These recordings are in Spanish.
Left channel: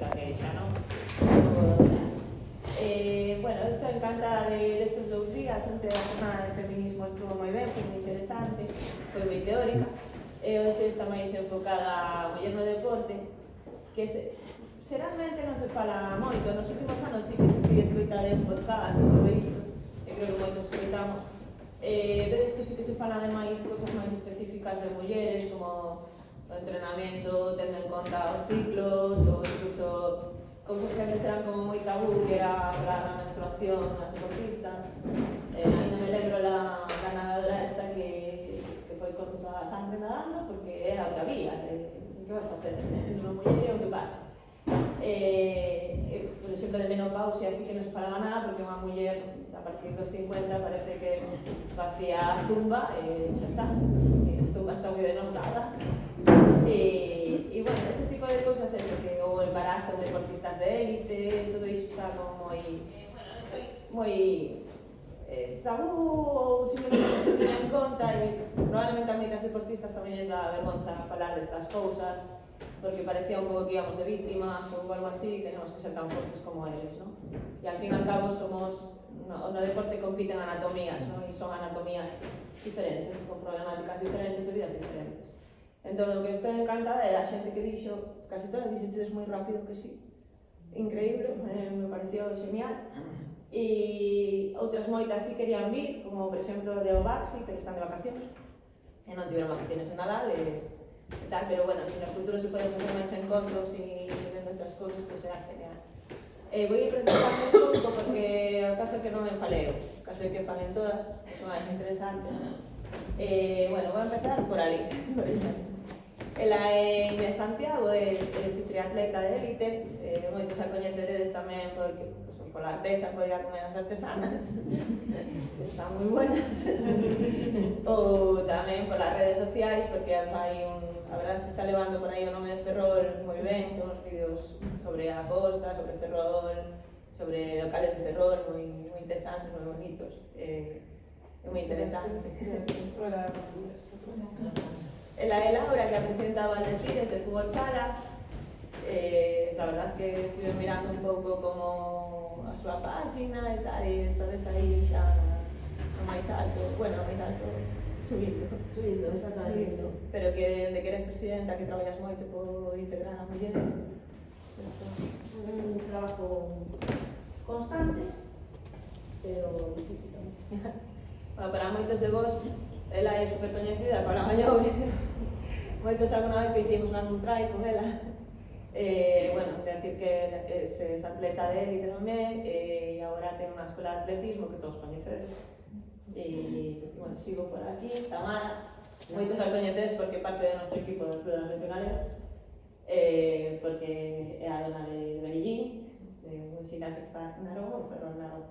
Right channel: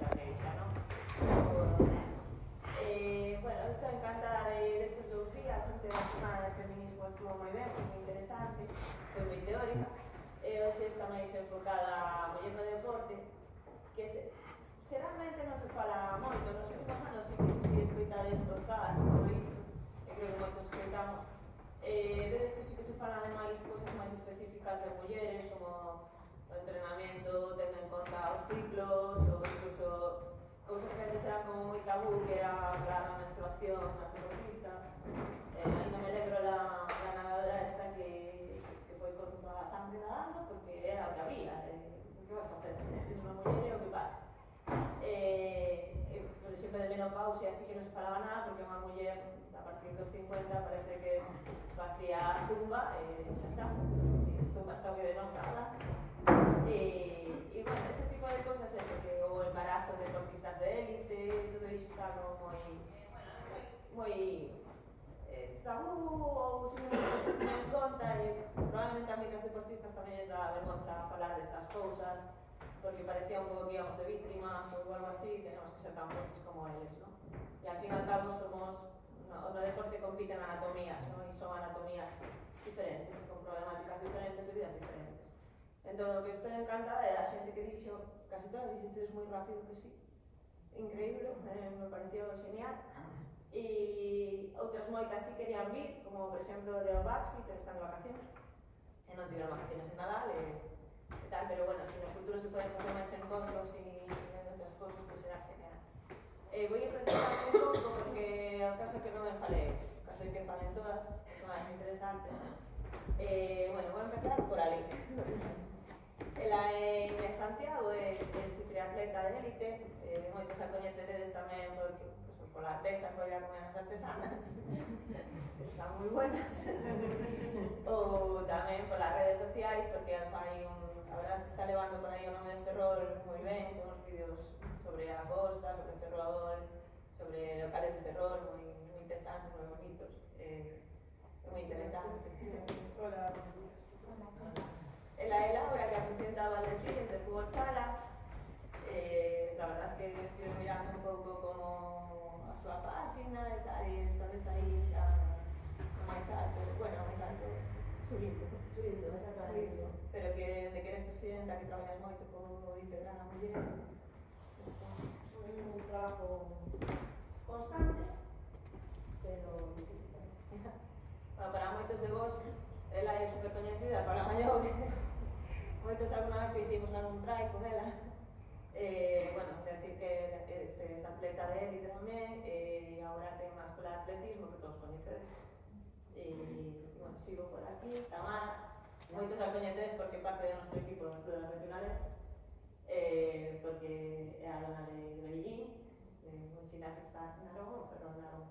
la queixa, non? Bueno, estou encantada destes 2 días, onte a semana de feminismo estuvo moi ben, foi moi interesante, foi moi teórica, e hoxe está máis enfocada a muller no deporte, que xeralmente non se fala moito, nos últimos anos sí que se sigue escoitades podcast e todo isto, e creo que moitos escoitamos, vedes que sí que se fala de máis cousas máis específicas de mulleres, como o entrenamento, tendo en conta os ciclos, ou incluso cousas que antes eran como moi tabú, que era a menstruación nas deportistas. Ainda me lembro la nadadora esta que foi con toda a sangre nadando, porque era o que había, que vai facer? Es unha muller, o que pasa? Por exemplo, de menopausia así que non se falaba nada, porque unha muller a partir dos 50 parece que facía zumba e xa está. Zumba está moi denostada. E bueno, ese tipo de cousas é que o embarazo de deportistas de élite, todo iso está como moi tabú, ou simplemente non se tiña en conta, e probablemente a moitas deportistas tamén les dá vergonza falar destas cousas, porque parecía un pouco que íbamos de víctimas ou algo así, tenemos que ser tan fortes como eles, ¿no? E al fin e al cabo somos, no deporte compiten anatomías, ¿no? E son anatomías diferentes, con problemáticas diferentes e vidas diferentes. Entón, o que estou encantada é a xente que dixo, casi todas dixenchedes moi rápido que sí, increíble, me pareció genial, e outras moitas sí querían vir, como por exemplo de Ovaxi, pero están de vacacións, e non tiveron vacaciones en Nadal, e tal, pero bueno, se no futuro se poden facer máis encontros e vendo outras cousas, pois será genial. Vou ir presentando un pouco porque o caso que non me faleo, o caso é que falen todas, son máis interesantes. Bueno, vou empezar por ali, por exemplo. Ela é Inés Santiago, é triatleta de élite, moitos a coñeceredes tamén porque pola artesa, por ir a comer as artesanas, están moi buenas, ou tamén polas redes sociais, porque fai a verdade é que está levando por aí o nome de Ferrol moi ben, todos os vídeos sobre a costa, sobre Ferrol, sobre locales de Ferrol, moi interesantes, moi bonitos, é moi interesante. Hola. Ela é Laura, que representa a Valdequires de Fútbol Sala. La verdad es que estuve mirando un pouco como a súa página e tal, e estades aí xa no máis alto, bueno, no máis alto, subindo, exactamente. subindo. Pero que de que eres presidenta, que traballas moito por integrar a muller. Un trabajo constante, pero difícil tamén. Bueno, para moitos de vos, ela é super coñecida para Mañobre. Moitos alguna vez que hicimos un trai con ela. Bueno, decir que es atleta de élite tamén, e agora ten unha escola de atletismo que todos coñecedes. E, bueno, sigo por aquí, Tamara. Moitos a coñecedes porque parte do noso equipo das pruebas regionales, porque é a dona de Berillín, de un xinasio que está en Narón, ou Ferrol Narón.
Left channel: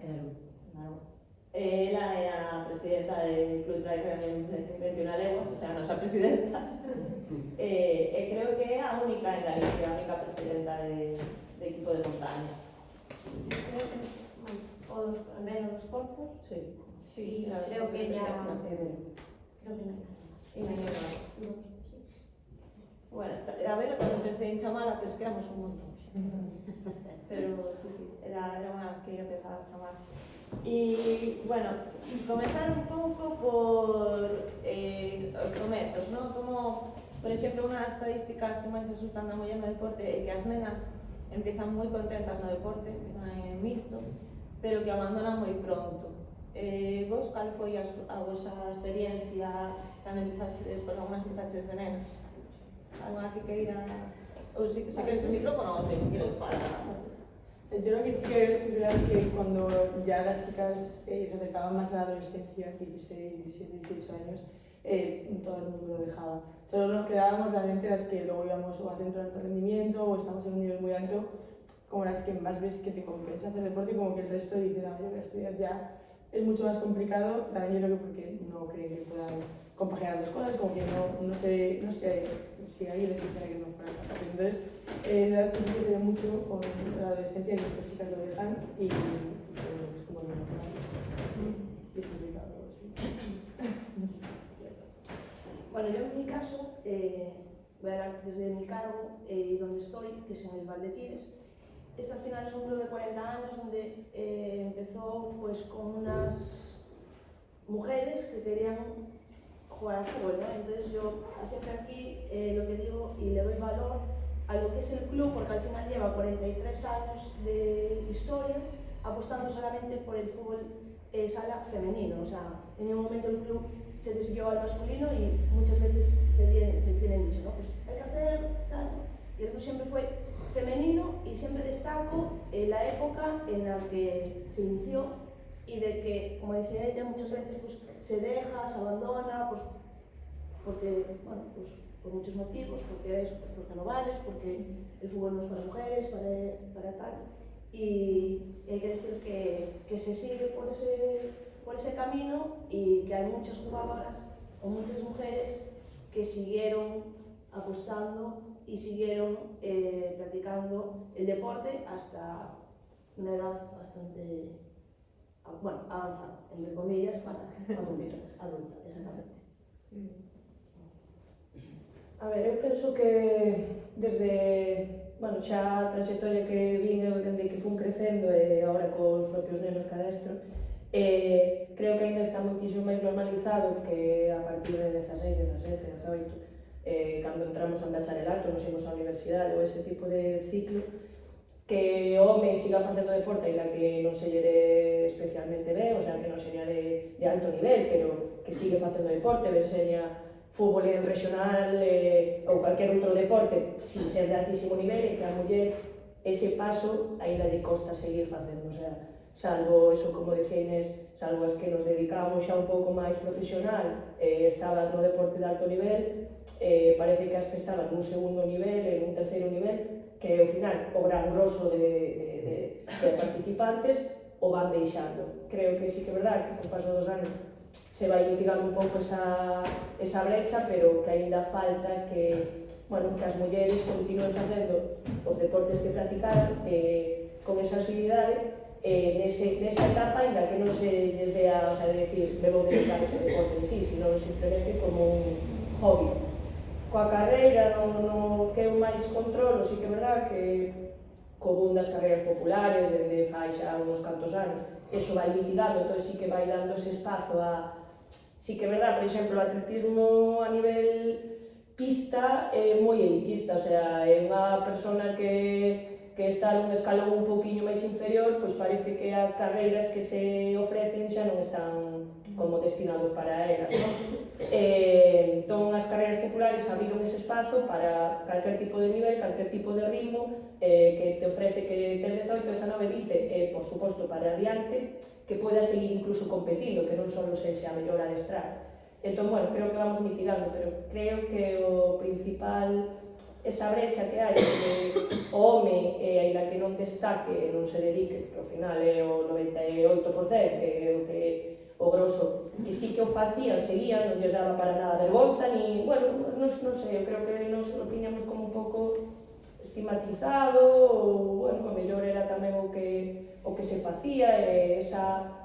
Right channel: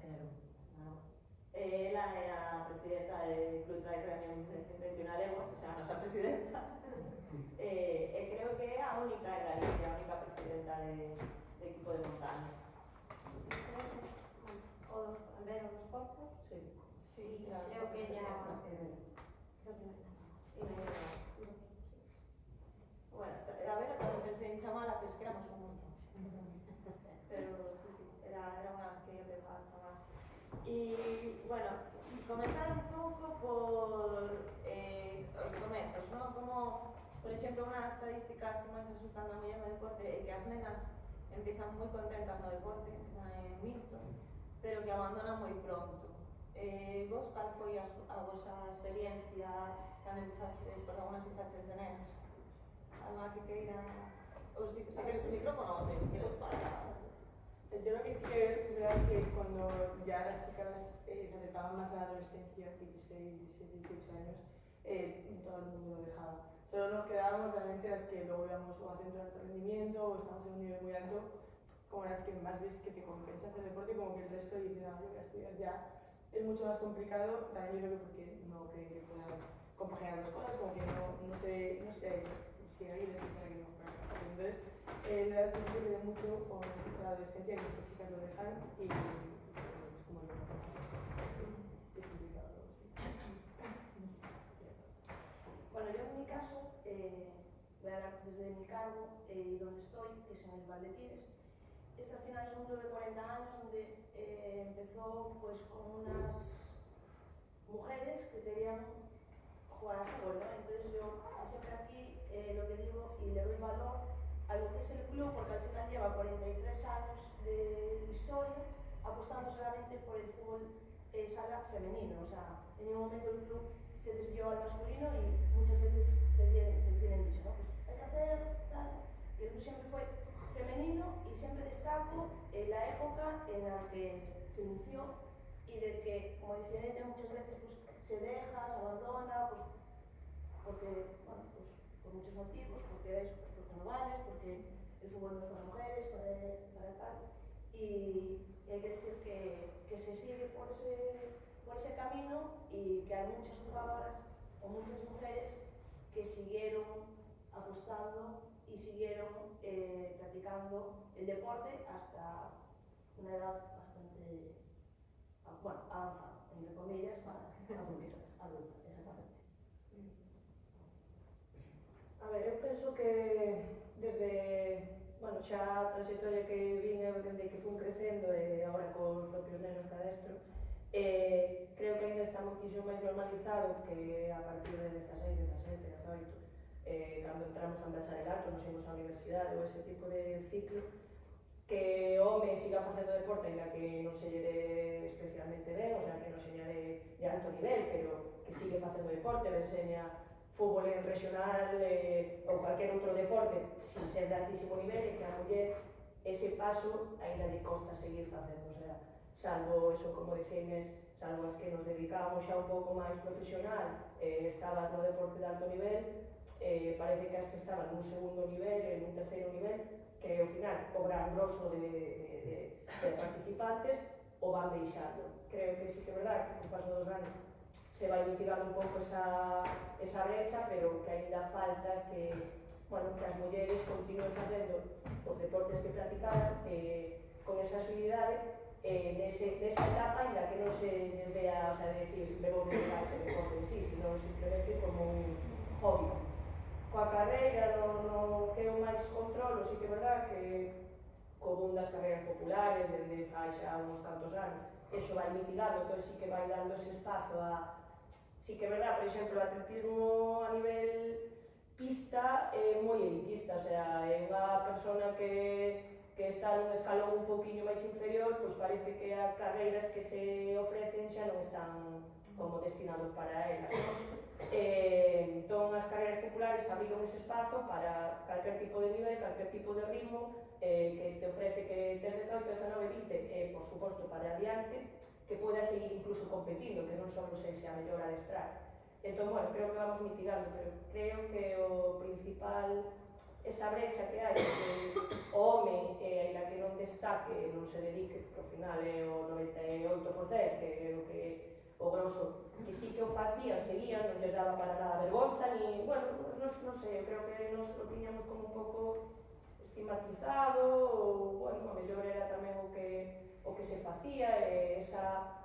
Narón. Ela é a presidenta del Club Trail en 21 leguas, o sea, a nosa presidenta. Creo que é a única en Galicia, a única presidenta de equipo de montaña. Creo que o Vero dos Porzos. Sí. Sí, creo que ella. Creo que no. Y Mañana. Bueno, a ver, tamén pensei en chamala, pero es que éramos un montón. Pero sí, era unha das que eu pensaba en chamar. E, bueno, comenzar un pouco por os comezos, non? Como, por exemplo, unha das estadísticas que máis asustan da muller no deporte é que as nenas empiezan moi contentas no deporte, empiezan en mixto, pero que abandonan moi pronto. Vos, cal foi a vosa experiencia cando empezaxedes, por algunas empezaxedes de nenas? Alguna que queira... Ou se queres el micrófono ou se queres falar? Yo lo que sí que veo es que es verdad que cuando ya las chicas se acercaban más a la adolescencia, 16, 17, 18 años, todo el mundo lo dejaba. Solo nos quedábamos realmente las que luego íbamos o a centro de alto rendimiento o estamos en un nivel muy alto, como las que más ves que te compensa hacer deporte, como que el resto dice, no, yo voy a estudiar ya. Es mucho más complicado, también yo creo que porque no creen que puedan compaginar dos cosas, como que no sé si alguien les dijera que no fueran capaces. Entonces, la verdad es que se ve mucho con la adolescencia que muchas chicas lo dejan y es como el mismo problema. Y es complicado, sí. Bueno, yo en mi caso voy a hablar desde mi cargo y donde estoy, que es en el Valdetires. Este al final es un club de 40 años donde empezó pues con unas mujeres que querían jugar al fútbol, ¿no? Entonces yo siempre aquí lo que digo y le doy valor a lo que es el club, porque al final lleva 43 años de historia apostando solamente por el fútbol sala femenino. O sea, en ningún momento el club se desvió al masculino y muchas veces te tienen dicho, ¿no? Pues hay que hacer tal. Y el club siempre fue femenino y siempre destaco la época en la que se inició y de que, como decía ella, muchas veces pues, se deja, se abandona, pues, porque, bueno, pues por muchos motivos, porque eso, pues porque no vales, porque el fútbol no es para mujeres, para tal. Y hay que decir que se sigue por ese camino y que hay muchas jugadoras o muchas mujeres que siguieron apostando y siguieron practicando el deporte hasta una edad bastante, bueno, avanzada, entre comillas, para adulta, exactamente. A ver, eu penso que desde, bueno, xa a trayectoria que vin eu dende que fun crecendo e agora cos propios nenos que adestro, creo que ainda está moitísimo máis normalizado que a partir de 16, 17, 18, cando entramos en bacharelato, nos imos á universidade ou ese tipo de ciclo, que o home siga facendo deporte ainda que non se lle dé especialmente ben, o sea, que non sería de alto nivel, pero que sigue facendo deporte, ben seña fútbol en regional ou calquer outro deporte sin ser de altísimo nivel, e que a muller ese paso ainda lle costa seguir facendo, o sea, salvo eso, como decía Inés, salvo as que nos dedicamos xa un pouco máis profesional, estabas no deporte de alto nivel, parece que as que estaban nun segundo nivel, en un terceiro nivel, que ao final o gran grosso de participantes o van deixando. Creo que sí que é verdade que co paso dos anos se vai mitigando un pouco esa brecha, pero que aínda falta que, bueno, que as mulleres continúen facendo os deportes que practicaran con esa axilidade nesa etapa, aínda que non se lles dea, o sea, de decir, me vou dedicar a ese deporte en sí, sino simplemente como un hobby. Coa carreira, no que eu máis controlo, sí que é verdade que co boom das carreiras populares, dende fai xa uns cantos anos, eso vai mitigando, entón sí que vai dando ese espazo a... Sí que é verdade, por exemplo, o atletismo a nivel pista é moi elitista, o sea, é unha persona que está nun escalón un pouquiño máis inferior, pois parece que as carreiras que se ofrecen xa non están como destinados para elas, non? Entón, as carreiras populares abriron ese espazo para calquer tipo de nivel, calquer tipo de ritmo, que te ofrece que tes 18, 19, 20, e, por suposto, para adiante, que podas seguir incluso competindo, que non só sexa a mellor adestrar. Entón, bueno, creo que vamos mitigando, pero creo que o principal, esa brecha que hai, que o home, aínda que non destaque, non se dedique, que ao final é o 98%, que é o que o grosso, que sí que o facían, seguían, non lles daba para nada vergonza, ni, bueno, non sei, eu creo que nos lo tiñamos como un pouco estigmatizado, ou, bueno, a mellor era tamén o que se facía, esa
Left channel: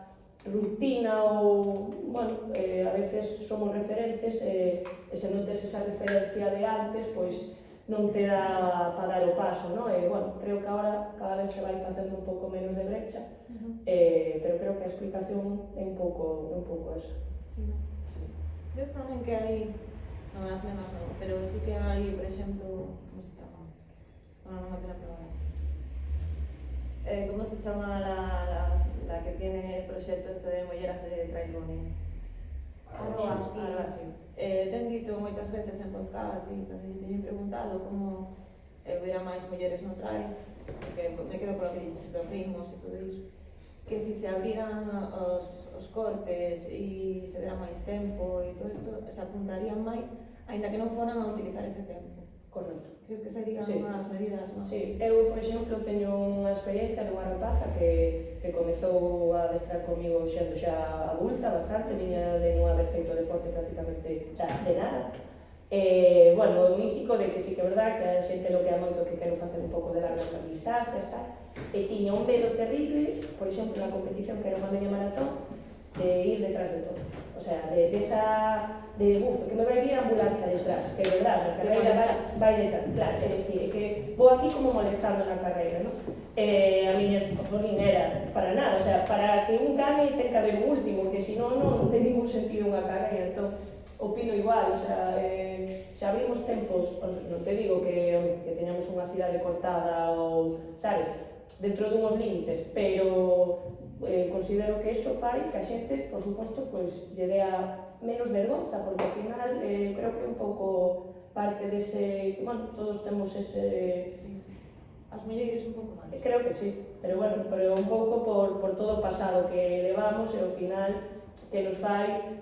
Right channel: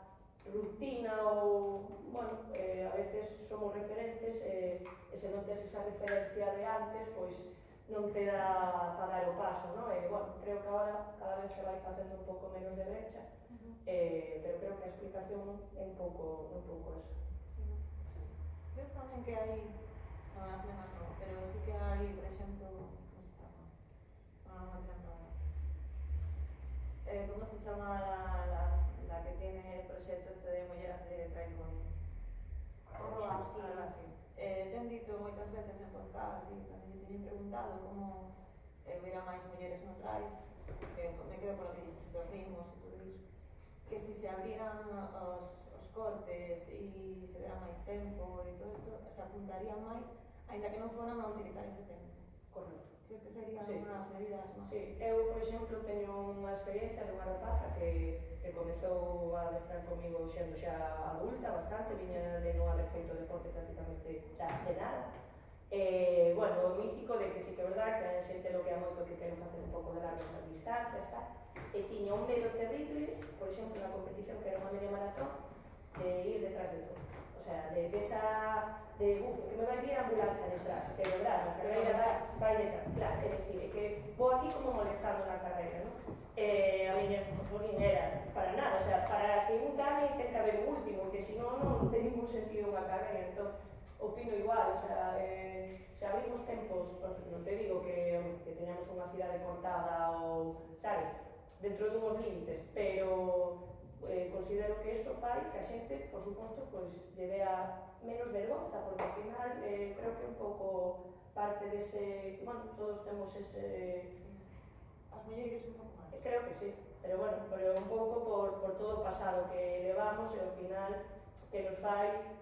rutina, ou, bueno, a veces somos referencias, e se non tes esa referencia de antes, pois non te dá para dar o paso, non? E, bueno, creo que agora cada vez se vai facendo un pouco menos de brecha, pero creo que a explicación é un pouco esa. Sí, no. Ves tamén que hai, non as menos non, pero sí que hai, por exemplo, como se chama? Non me quero probar. ¿Cómo se chama la que tiene el proxecto este de mulleras de trail running? Algo así. Ten dito moitas veces en podcast e tamén te teñen preguntado como hubiera máis mulleres no trail, porque me quedo con lo que dices dos ritmos e todo iso, que si se abriran os cortes e se dera máis tempo e todo isto, se apuntarían máis, aínda que non foran a utilizar ese tempo. Correcto. Crees que serían Sí. unhas medidas máis? Sí, eu, por exemplo, teño unha experiencia dunha rapaza que comezou a adestrar comigo xendo xa adulta bastante, viña de non haber feito deporte prácticamente de nada. Bueno, o mítico de que sí que é verdade que a xente lo que a moito que quero facer un pouco de largas distancias, tal, e tiña un medo terrible, por exemplo, na competición que era unha media maratón, de ir detrás de todo. O o sea, de que me vai vir a ambulancia detrás, que é verdade, a carreira vai detrás, claro, é dicir, que vou aquí como molestando na carreira, non? A miña non era para nada, o sea, para que un gane ten que haber un último, que senón non ten ningún sentido unha carreira, entón, opino igual, o sea, se abrimos tempos, non te digo que teñamos unha cidade cortada ou, sabes, dentro dunhos límites, pero considero que eso fai que a xente, por suposto, pois, lle dea menos vergonza, porque ao final creo que un pouco parte dese, bueno, todos temos ese... As mulleres un pouco máis. Creo que sí, pero bueno, pero un pouco por todo o pasado que levamos e ao final que nos fai,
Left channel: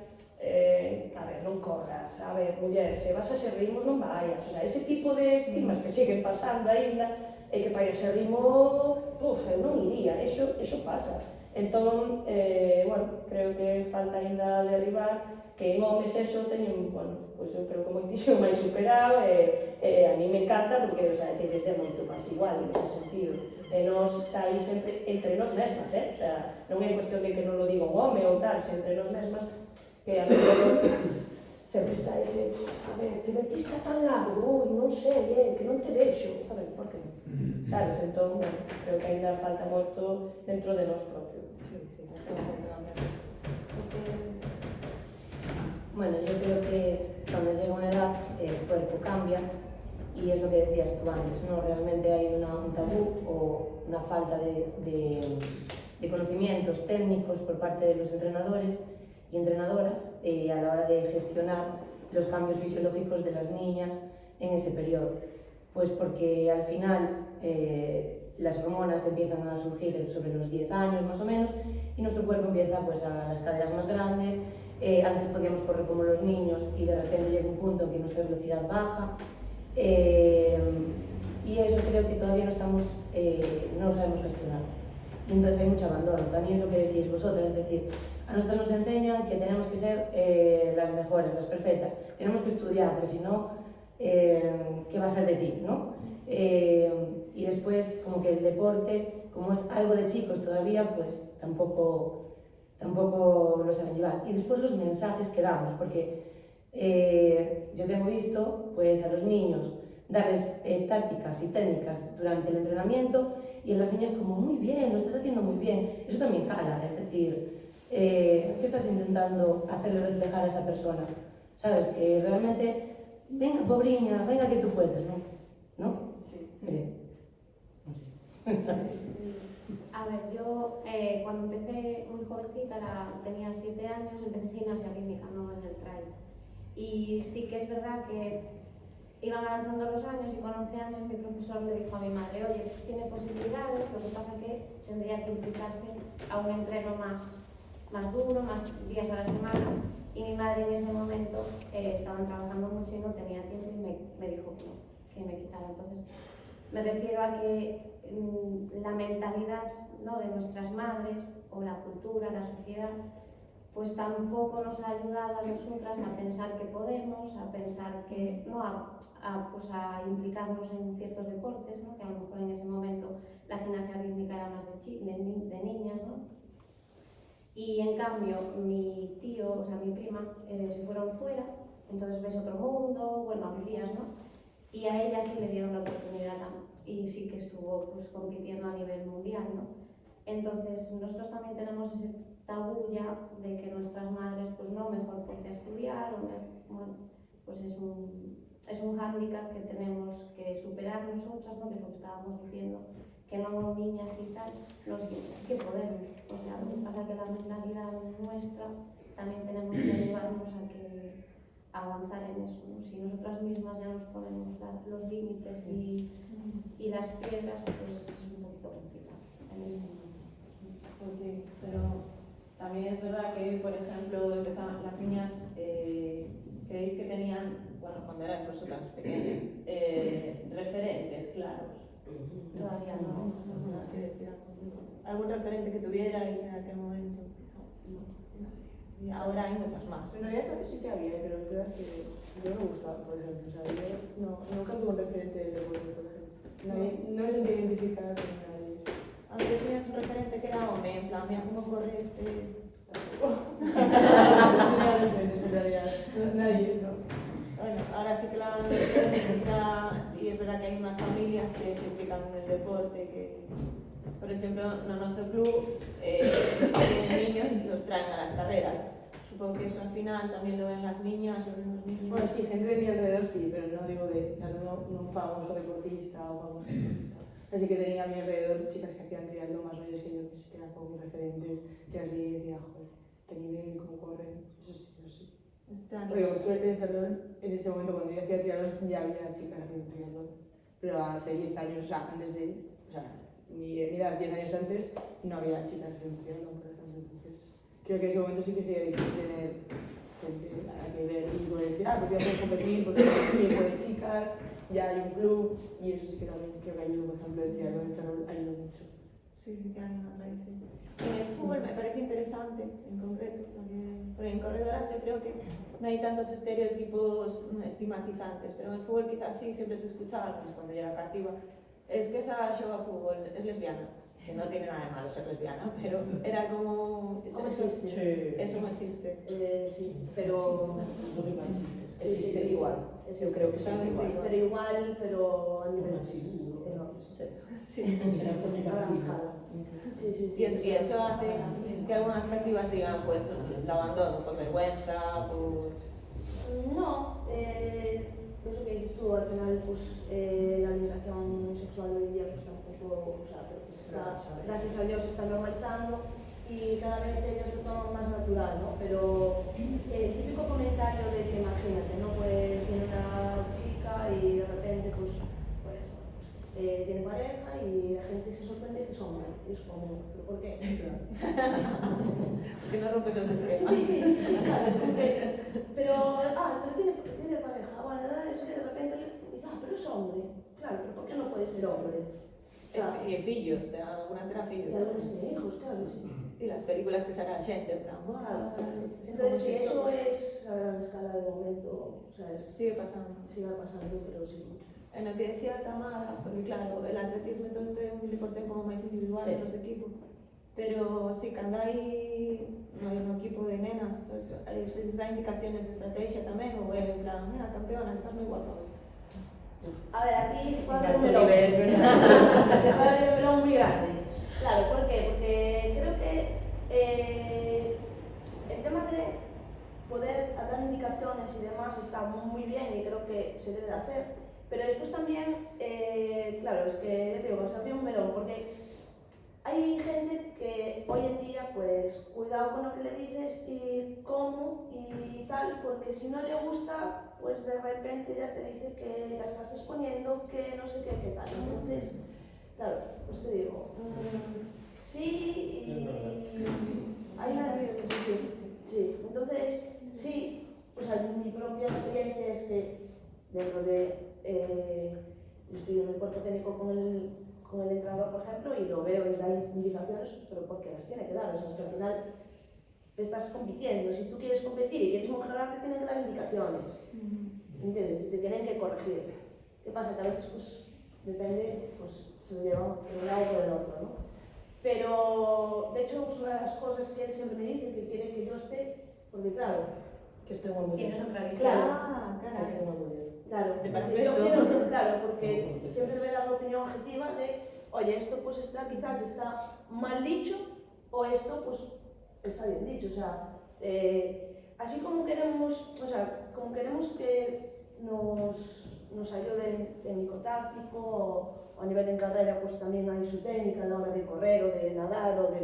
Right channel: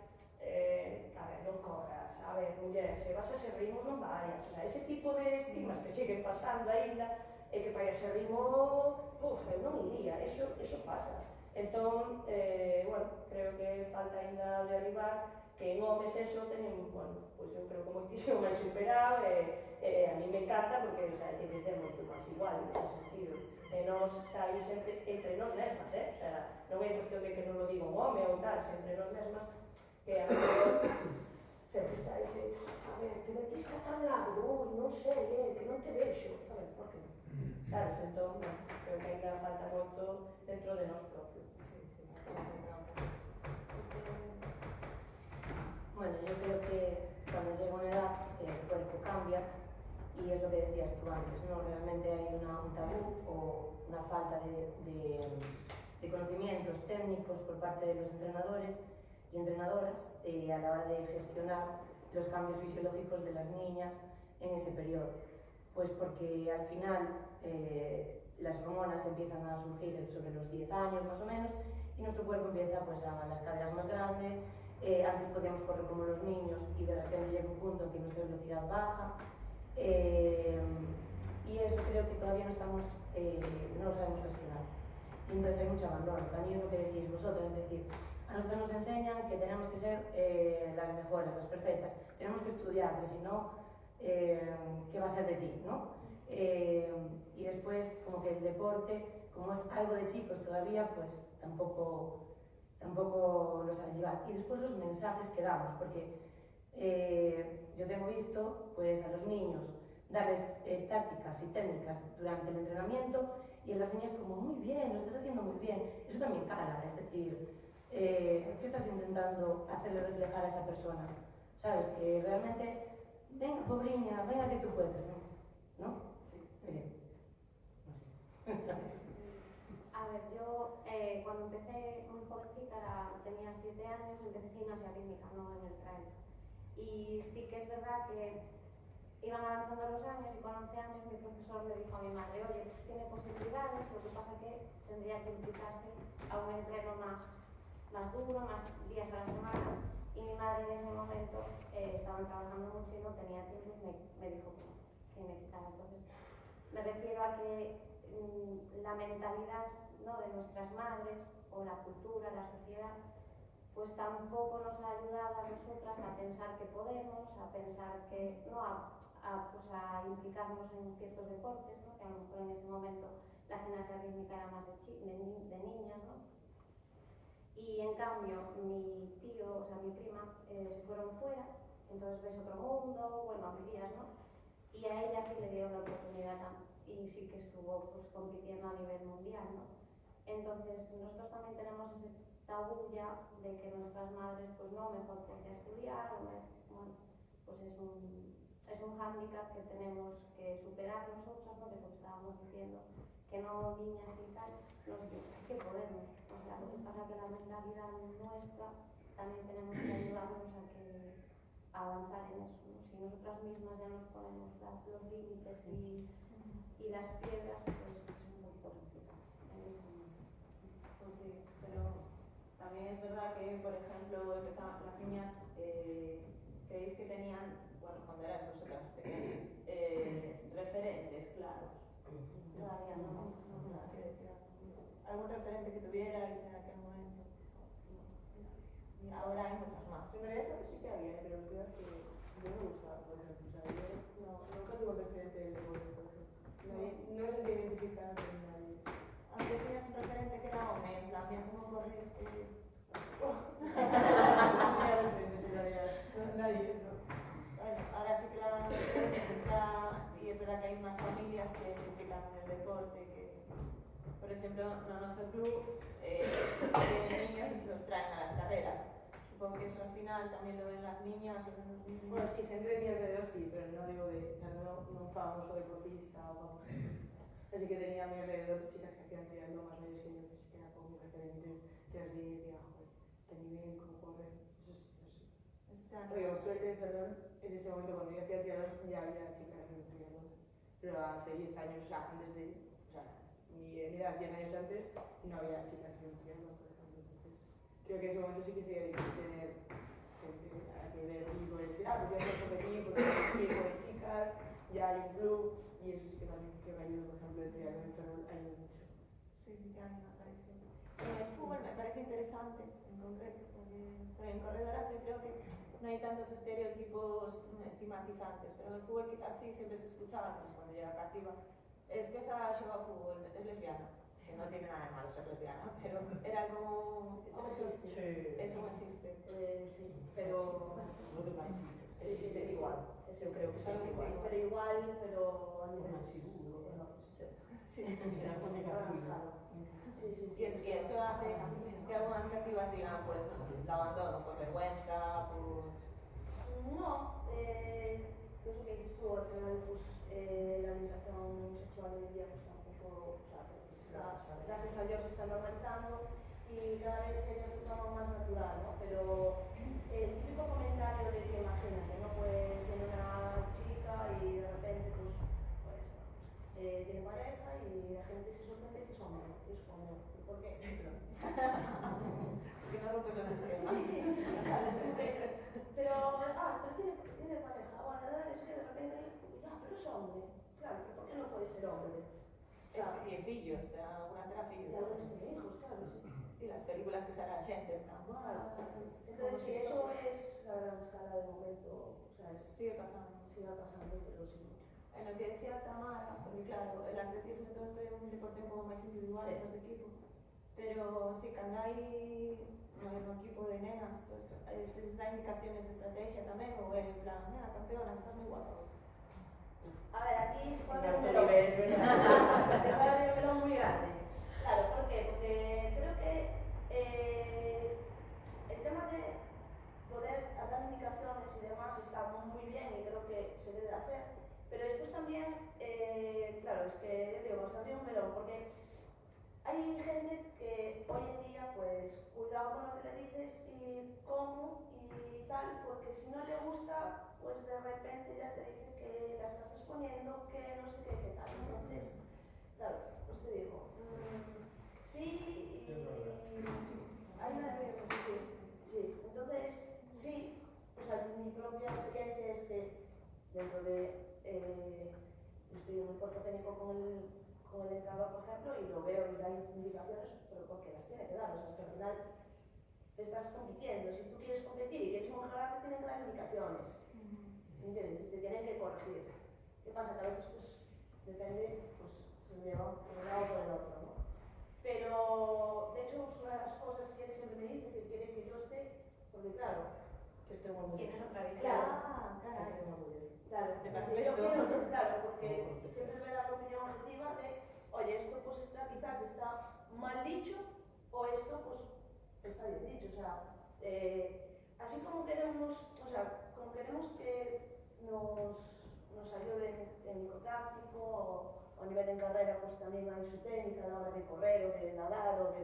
a ver, non corras, a ver, muller, se vas a ser ritmos non vayas, o sea, ese tipo de estigmas que siguen pasando aínda, e que para ese ritmo, eu non iría, eso pasa. Entón, bueno, creo que falta aínda derribar que en homes eso teñen, bueno, pois eu creo que moitísimo máis superado e a mí me encanta porque, o sea, que lles dé moito máis igual en ese sentido. E nos está aí sempre entre nós mesmas, o sea, non é cuestión de que non lo diga un home ou tal, sempre nós mesmas, que a mellor sempre está ese, a ver, te metiste tan largo, ui, non sei, que non te vexo, a ver, por que non? Sabes, entón, bueno, creo que ainda falta moito dentro de nós propio. Sí, Bueno, yo creo que cuando llega una edad el cuerpo cambia y es lo que decías tú antes, ¿no? Realmente hay un tabú o una falta de conocimientos técnicos por parte de los entrenadores y entrenadoras a la hora de gestionar los cambios fisiológicos de las niñas en ese periodo. Pues porque al final las hormonas empiezan a surgir sobre los 10 años más o menos y nuestro cuerpo empieza pues a las caderas más grandes. Antes podíamos correr como los niños y de repente llega un punto en que nuestra velocidad baja y eso creo que todavía no lo sabemos gestionar y entonces hay mucho abandono. También es lo que decís vosotras, es decir, a nosotros nos enseñan que tenemos que ser las mejores, las perfectas, tenemos que estudiar, porque si no, ¿qué va a ser de ti? ¿No? Y después como que el deporte, como es algo de chicos todavía, pues tampoco lo saben llevar. Y después los mensajes que damos, porque yo tengo visto pues, a los niños darles tácticas y técnicas durante el entrenamiento y a las niñas como, muy bien, lo estás haciendo muy bien. Eso también cala, es decir, ¿qué estás intentando hacerle reflejar a esa persona? ¿Sabes? Que realmente, venga, pobriña, venga que tú puedes, ¿no? ¿No? Sí. Creo. No sé. A ver, yo cuando empecé muy jovencita, tenía 7 años, empecé gimnasia rítmica, no en el trail. Y sí que es verdad que iban avanzando los años y con 11 años mi profesor le dijo a mi madre, oye, tiene posibilidades, lo que pasa que tendría que implicarse a un entreno más duro, más días a la semana. Y mi madre en ese momento estaban trabajando mucho y no tenía tiempo y me dijo que me quitara. Entonces, me refiero a que la mentalidad, ¿no?, de nuestras madres o la cultura, la sociedad, pues tampoco nos ha ayudado a nosotras a pensar que podemos, a pensar que, no, a implicarnos en ciertos deportes, ¿no?, que a lo mejor en ese momento la gimnasia rítmica era más de niñas, ¿no? Y en cambio mi tío, o sea mi prima, se fueron fuera, entonces ves otro mundo, bueno, amplías, ¿no? Y a ella sí le dieron la oportunidad y sí que estuvo pues compitiendo a nivel mundial, ¿no? Entonces nosotros también tenemos ese tabú ya de que nuestras madres, pues no, mejor ponte a estudiar, o bueno, pues es un hándicap que tenemos que superar nosotras, ¿no?, que es lo que estábamos diciendo, que no niñas y tal, que podemos, o sea, lo que pasa es que la mentalidad nuestra también tenemos que ayudarnos a avanzar en eso, ¿no? Si nosotras mismas ya nos ponemos los límites y las piedras, pues es un poquito complicado en este momento. Pues sí, pero también es verdad que, por ejemplo, empezaban las niñas, creéis que tenían, bueno, cuando eras vosotras pequeñas, referentes claros. Todavía no. ¿Algún referente que tuvierais en aquel momento? No. Y ahora hay muchas más. En realidad creo que sí que había, pero es verdad que yo me gustaba, por ejemplo. O sea, yo nunca tuve un referente de deporte, por ejemplo. No me sentía identificada con nadie. Aunque tenías un referente que era hombre, en plan, mira cómo corre este. No tenía deporte que, por exemplo, no noso club, los que tienen niños los traen a las carreras. Supongo que eso al final también lo ven las niñas, lo ven los niños. Bueno, sí, gente de mi alrededor sí, pero no digo de, o sea, no un famoso deportista o famoso deportista. Así que tenía a mi alrededor chicas que hacían triatlón más mayores que yo, que eran como mis referentes, que las veía y decía, joder, qué nivel, cómo corren, eso sí, eso sí. Están Porque por suerte en Ferrol, en ese momento cuando yo hacía triatlón ya había chicas haciendo triatlón, pero hace 10 años, o sea, antes de, o sea, mi edad, 10 años antes, no había chicas haciendo triatlón, por ejemplo, entonces creo que en ese momento sí que sería difícil tener gente a la que ver y poder decir, pues ya puedes competir porque hay un equipo de chicas, ya hay un club, y eso sí que también creo que ayuda, por ejemplo, el triatlón en Ferrol ayuda mucho. Sí, sí que hay una tradición. En el fútbol me parece interesante, en concreto, porque en corredoras yo creo que no hay tantos estereotipos estigmatizantes, pero en el fútbol quizás sí, siempre se escuchaba, pues cuando yo era cativa, es que esa juega fútbol, es lesbiana, que no tiene nada de malo ser lesbiana, pero era como... ¿Cómo existe? Eso no existe. Sí, pero... Existe sí, igual. Yo creo que existe igual. Pero igual, pero a niveles Sí. enormes. Sí. A gran escala. Sí, sí, sí. Y eso hace que algunas cativas digan, pues, la abandono por vergüenza, por... No, eso que dices tú, al final, pues la alimentación sexual hoy en día, pues tampoco, o sea, pues está, gracias a Dios se está normalizando y cada vez ellas lo toman más natural, ¿no? Pero el típico comentario de que imagínate, ¿no? Pues viene una chica y de repente, tiene pareja y la gente se sorprende que es hombre. Y es como, ¿pero por qué? Que no rompes los esquemas. Sí, claro, es como que, pero tiene pareja, bueno, eso que de repente dice, pero es hombre. Claro, pero ¿por qué no puede ser hombre? O sea, Y fillos, alguna terá fillos. y algunos tienen hijos, claro, sí. Y las películas que saca a xente, en plan, Claro. "Buah, Entonces, sí, como eso es a gran escala de momento, o sea, sigue pasando. sigue pasando, pero sí mucho. En lo que decía Tamara, porque claro, el atletismo y todo isto é un deporte como máis individual, Sí. los de equipo. Pero si cando hai no equipo de nenas, todo isto, se les dá indicaciones de estrategia tamén, ou é en plan, mira, campeona, que estás moi guapa. A ver, aquí se puede En abrir un alto melón. nivel, ¿verdad? Se puede abrir un melón muy grande. Claro, ¿por qué? Porque creo que el tema de poder dar indicaciones y demás está muy bien y creo que se debe hacer. Pero después también, claro, es que digo, se abrió un melón, porque hay gente que hoy en día, pues, cuidado con lo que le dices y cómo y tal, porque si no le gusta, pues de repente ya te dice que la estás exponiendo, que no sé qué tal. Entonces, claro, pues te digo, sí, y hay una... Sí, entonces, sí, pues mi propia experiencia es que dentro de... yo estoy en el cuerpo técnico con el entrenador, por ejemplo, y lo veo y da indicaciones, pero porque las tiene que dar. O sea, es que al final estás compitiendo. Si tú quieres competir y quieres mejorar, te tienen que dar indicaciones. ¿Entiendes? Y te tienen que corregir. ¿Qué pasa? Que a veces, pues, depende, pues, se lo llevan por un lado o por el otro, ¿no? Pero, de hecho, es una de las cosas que él siempre me dice, que quiere que yo esté, porque claro, Que estoy muy bien. Tienes otra visión. Claro. Carai. Estoy muy bien. claro, De yo perfecto. quiero que, claro, porque siempre me da una opinión objetiva de, oye, esto pues está, quizás está mal dicho, o esto pues está bien dicho, o sea, así como queremos, o sea, como queremos que nos ayuden técnico táctico o a nivel en carrera, pues también hay su técnica a la hora de correr o de nadar o de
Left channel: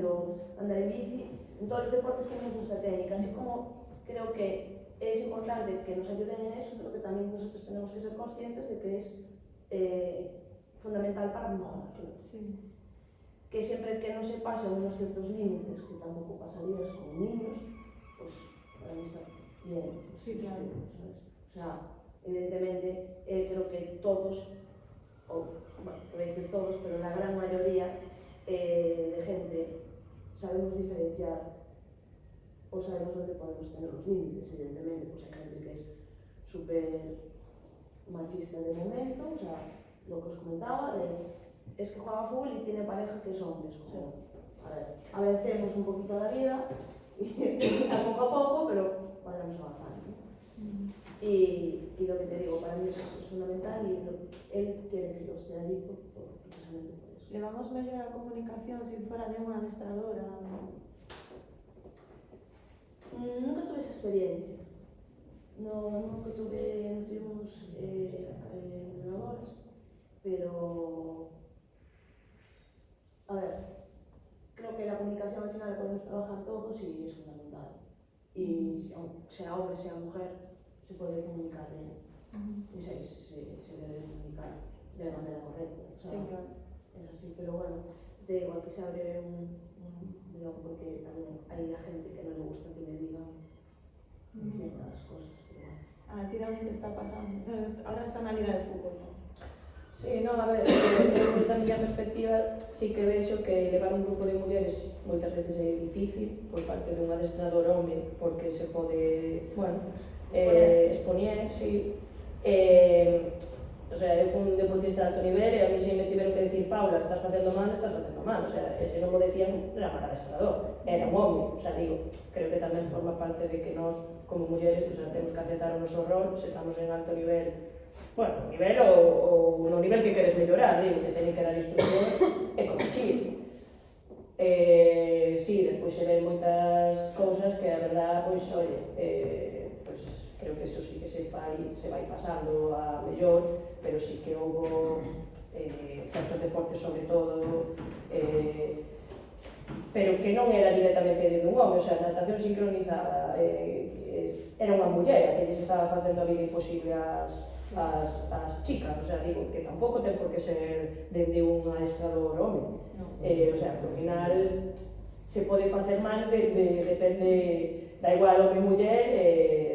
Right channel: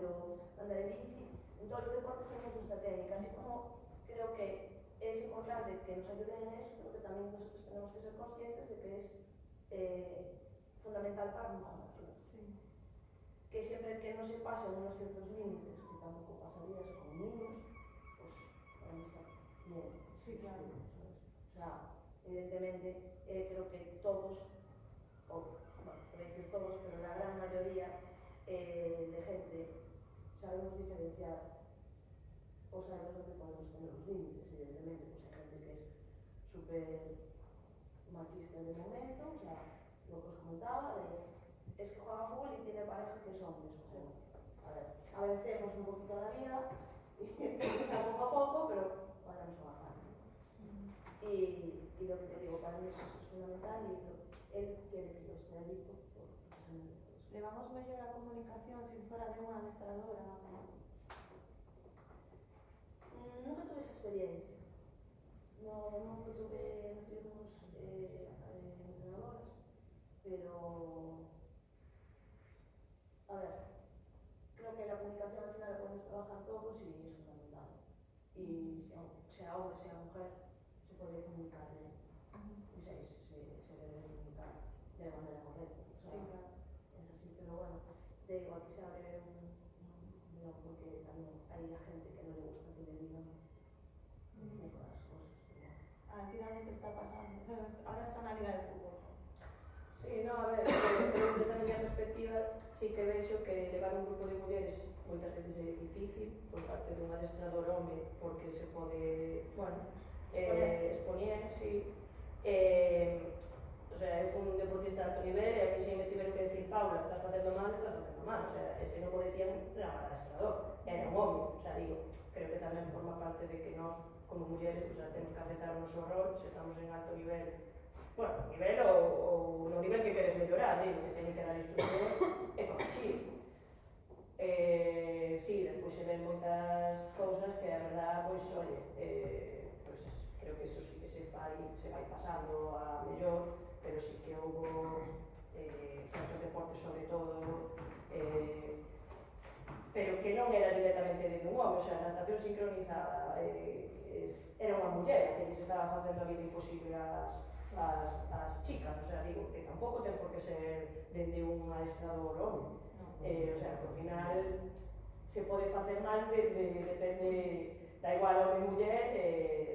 andar en bici. En todos los deportes tenemos nuestra técnica, así como creo que es importante que nos ayuden en eso, pero que también nosotros tenemos que ser conscientes de que es fundamental para mejorarlo. Sí. Que siempre que no se pasen unos ciertos límites, que tampoco pasarías con niños, pues para mí está bien. Sí, claro. ¿Sabes? O sea, evidentemente creo que todos, bueno, voy a decir todos, pero la gran mayoría de gente sabemos diferenciar o sabemos dónde podemos tener los límites. Evidentemente, pues hay gente que es súper machista de momento, o sea, lo que os comentaba, es que juega fútbol y tiene pareja que es hombre, es como, a ver, avancemos un poquito la vida, y poco a poco, pero vayamos avanzando, ¿no? Y lo que te digo, para mí es fundamental y él quiere que yo esté allí precisamente por eso. levamos mellor a comunicación se fora de unha adestradora? Nunca tuve esa experiencia. Nunca tuvimos entrenadoras, pero a ver, creo que la comunicación al final podemos trabajar todos y es fundamental. Y sea hombre, sea mujer, se puede comunicar bien. Y se debe comunicar de la manera correcta. O sea, Sí, claro. es así, pero bueno, da igual que se abre un blog porque también hay gente que no le gusta que le digan ciertas cosas, pero bueno. A ti tamén te está pasando. Ahora está na Liga de Fútbol, non? Sí, non, a ver, desde a miña perspectiva sí que vexo que levar un grupo de mulleres moitas veces é difícil por parte dun adestrador home porque se pode, bueno, expoñer, sí. O sea, eu fui un deportista de alto nivel e a mí se me tiveron que decir Paula, estás facendo mal, o sea, se non mo decían era mal adestrador, era un home, o sea, digo, creo que tamén forma parte de que nós como mulleres, o sea, temos que aceptar o noso rol, se estamos en alto nivel, bueno, nivel ou no nivel que queres mellorar, digo, que teñen que dar instruccións e corrixir. Sí, despois se ven moitas cousas que a verdad, pois, oye, pois, creo que eso sí que se vai pasando a mellor, pero sí que houbo certos deportes sobre todo, pero que non era directamente de un home, o sea, a natación sincronizada era unha muller que lles estaba facendo a vida imposible as chicas, o sea, digo que tampouco ten por que ser dende un adestrador home, o sea, que ao final se pode facer mal, depende, da igual home e muller,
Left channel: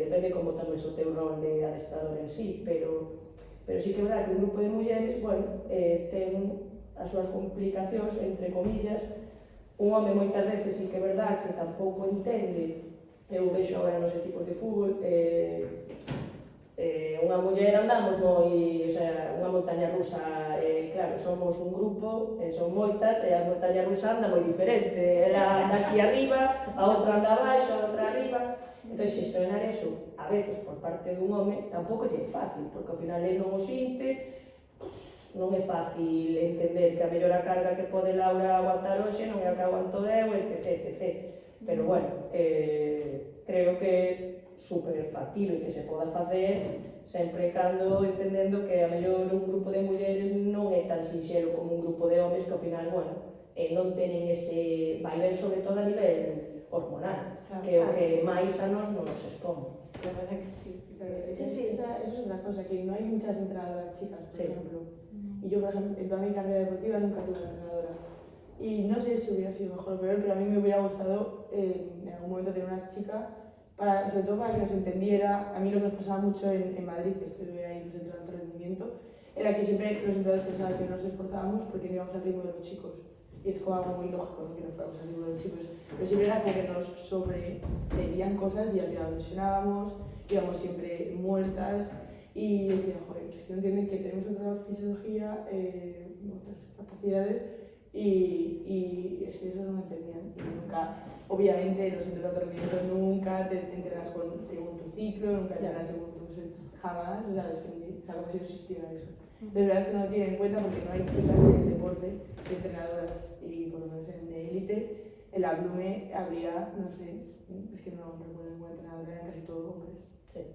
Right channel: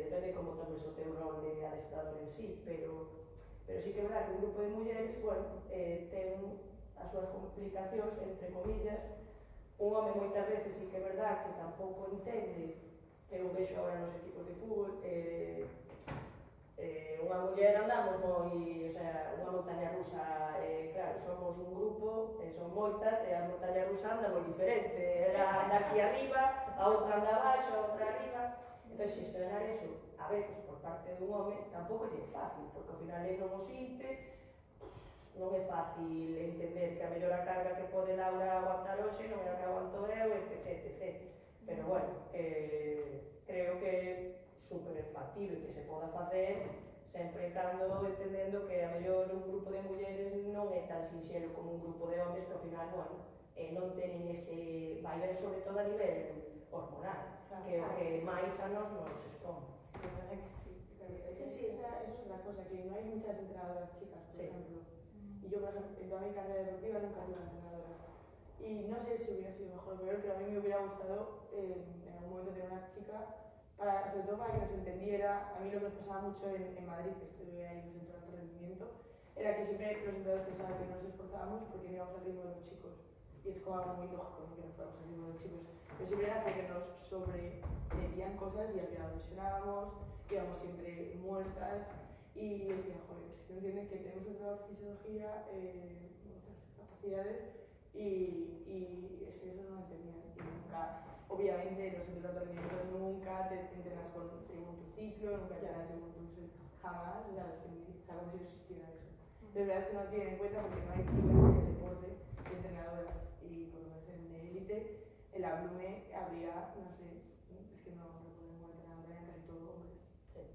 depende como tomes o teu rol de adestrador en sí, pero sí que é verdad que un grupo de mulleres, bueno, ten as súas complicacións, entre comillas. Un home moitas veces sí que é verdad que tampouco entende, eu vexo agora nos equipos de fútbol, unha muller andamos moi, o sea, unha montaña rusa, claro, somos un grupo, son moitas, e a montaña rusa anda moi diferente, ela anda aquí arriba, a outra anda abaixo, a outra arriba, entón xestionar eso, a veces por parte dun home, tampouco é fácil, porque ao final ele non o sinte, non é fácil entender que a mellor a carga que pode Laura aguantar hoxe non é a que aguanto eu, etc. Pero bueno, creo que é super factible que se poda facer sempre cando entendendo que a mellor un grupo de mulleres non é tan sinxelo como un grupo de homes que ao final, bueno, non tenen ese vaivén, sobre todo a nivel hormonal, claro, que é o que máis a nós non nos expón. Sí, la verdad que sí. Sí, eso es otra cosa, que no hay muchas entrenadoras chicas, por ejemplo. Y yo, por ejemplo, en toda mi carrera deportiva nunca tuve entrenadora. Y no sé si hubiera sido mejor o peor, pero a mí me hubiera gustado en algún momento tener una chica, sobre todo para que nos entendiera. A mí lo que nos pasaba mucho en Madrid, que estuve ahí en el centro de alto rendimiento, era que siempre los entrenadores pensaban que no nos esforzábamos porque no íbamos al ritmo de los chicos. Y es como algo muy lógico, ¿no? Que no fuéramos al ritmo de los chicos. Pero siempre era como que nos sobreveían cosas y al final lesionábamos, íbamos siempre muertas. Y decía, joder, es que no entienden que tenemos otra fisiología, otras capacidades, y es que eso no lo entendían. Y nunca, obviamente, los centros de alto rendimiento nunca te entrenas según tu ciclo, nunca entrenas según tus jamás, o sea, como si no existiera eso. De verdad que no lo tienen en cuenta porque no hay chicas en el deporte, entrenadoras, y por lo menos en de élite, en la Blume habría, no sé, es que no recuerdo ninguna entrenadora, eran casi todos hombres. Sí.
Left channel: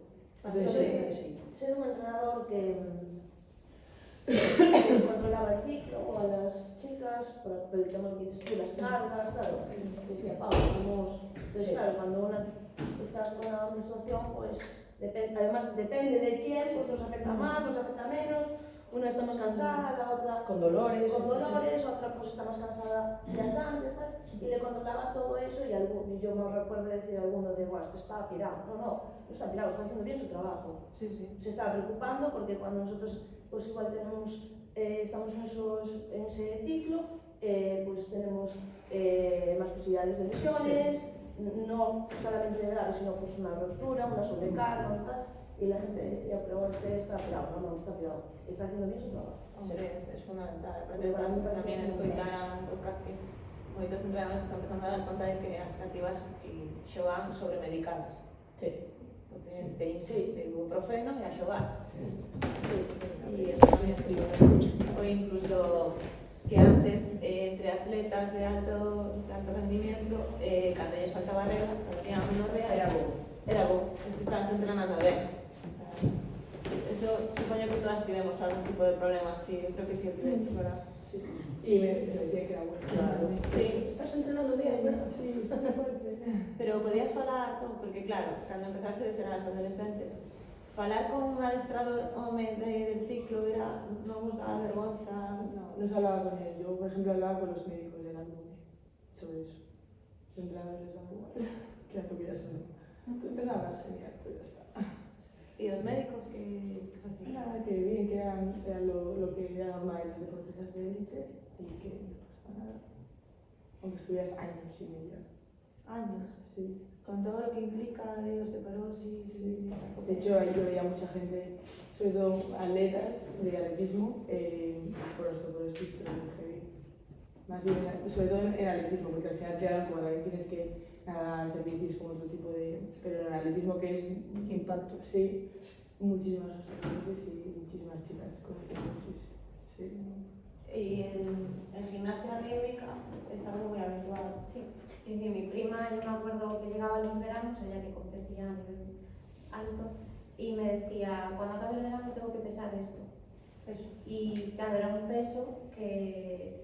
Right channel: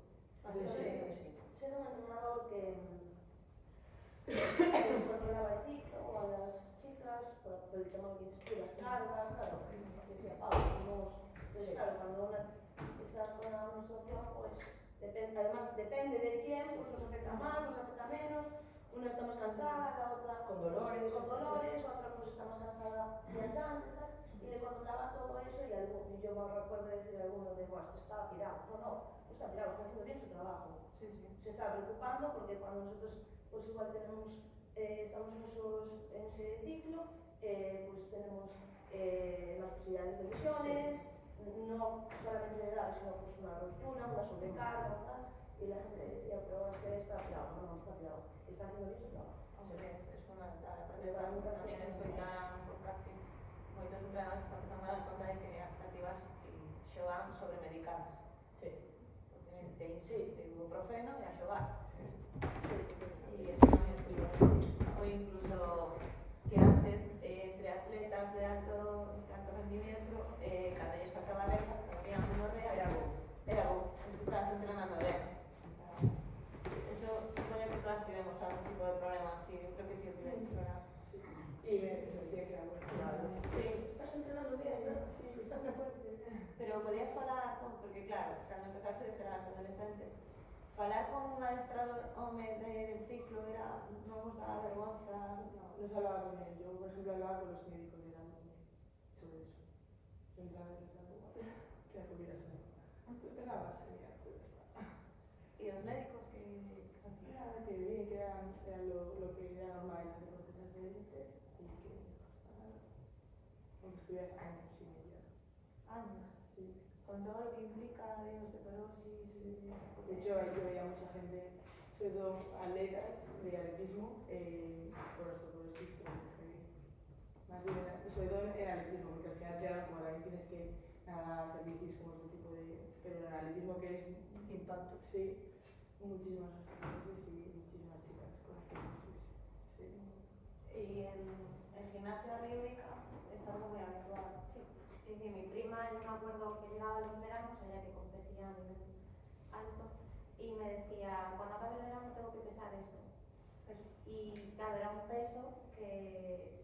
Entonces, ser un entrenador que controlaba el ciclo a las chicas, por el tema que dices tú, las cargas, claro, decía Pablo, entonces claro, cuando una está con una menstruación, pues además depende de quién, pues nos afecta más, nos afecta menos, una está más cansada, la otra con dolores, otra pues está más cansada días antes, tal, y le controlaba todo eso y yo me recuerdo decir a alguno de, guau, esto está pirado, no está pirado, está haciendo bien su trabajo. Sí. Se estaba preocupando porque cuando nosotros pues igual tenemos, estamos en ese ciclo, pues tenemos más posibilidades de lesiones, no solamente de grave, sino pues una ruptura, una sobrecarga, tal, y la gente decía, pero está pirado, no está pirado, está haciendo bien su trabajo. Hombre, es fundamental. Tamén escoitar un podcast que moitos entrenadores están empezando a dar conta de que as cativas xogan sobremedicadas. Sí. Te ibuprofeno e a xogar. Sí. E eso tamén foi. Ou incluso que antes entre atletas de alto rendimiento, cando lles faltaba regla, cando tenían menorrea, era bo, es que estabas entrenando ben. Eso supoño que todas tivemos algún tipo de problema así, eu creo que tío tivemos, ¿verdad? Sí. Y me decía que era bueno. Claro. Sí, Estás entrenando bien, ¿verdad? Sí, está muy fuerte. pero podías falar, porque claro, cando empezaste a ser as adolescentes, falar con un adestrador home del ciclo era, non vos daba vergonza. No se hablaba con él. Yo, por ejemplo, hablaba con los médicos del alumno sobre eso. Los entrenadores les daba igual. Que la tuvieras o no. Tú entrenabas genial, pues ya está. E os médicos que facían? Nada, que bien, que era lo que era normal en los deportistas de élite y que no pasaba nada. Aunque estuvieras años sin ella. Años, Sí. con todo lo que implica de osteoporosis y esa cosa. De hecho, ahí yo veía mucha gente, sobre todo atletas de atletismo, por osteoporosis, pero muy heavy. Más bien, sobre todo en atletismo, porque al final te dan como también tienes que nadar, hacer bicis, como otro tipo de... Pero en atletismo que es impacto, sí, muchísimas osteoporosis y muchísimas chicas con osteoporosis. Sí. Y en gimnasia rítmica es algo muy habitual. Sí, mi prima, yo me acuerdo que llegaba en los veranos, ella que competía a nivel alto, y me decía, cuando acabe el verano tengo que pesar esto. Y claro, era un peso que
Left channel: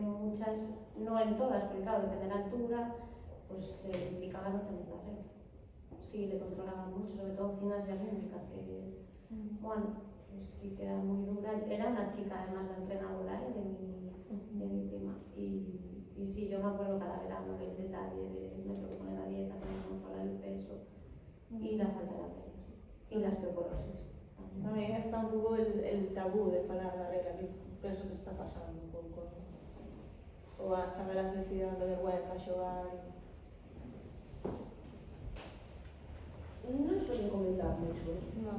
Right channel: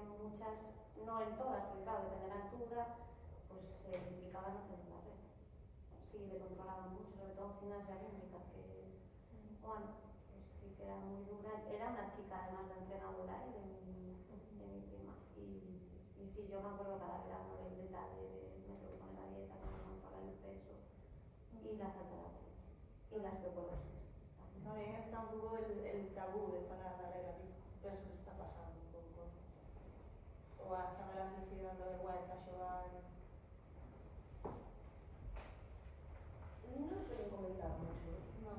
muchas, no en todas, porque claro, depende de la altura, pues se implicaba no tener la regla. Sí, le controlaban mucho, sobre todo en gimnasia rítmica, que bueno, pues sí que era muy dura. Era una chica además la entrenadora de mi prima. Y sí, yo me acuerdo cada verano del detalle de me tengo que poner la dieta, tengo que controlar el peso y la falta de la regla. Y la osteoporosis. También está un pouco el tabú de falar da regla, que penso que está pasando un pouco. Ou as chavelas que se dando vergüenza xogar. Non suelen comentar mucho. Non.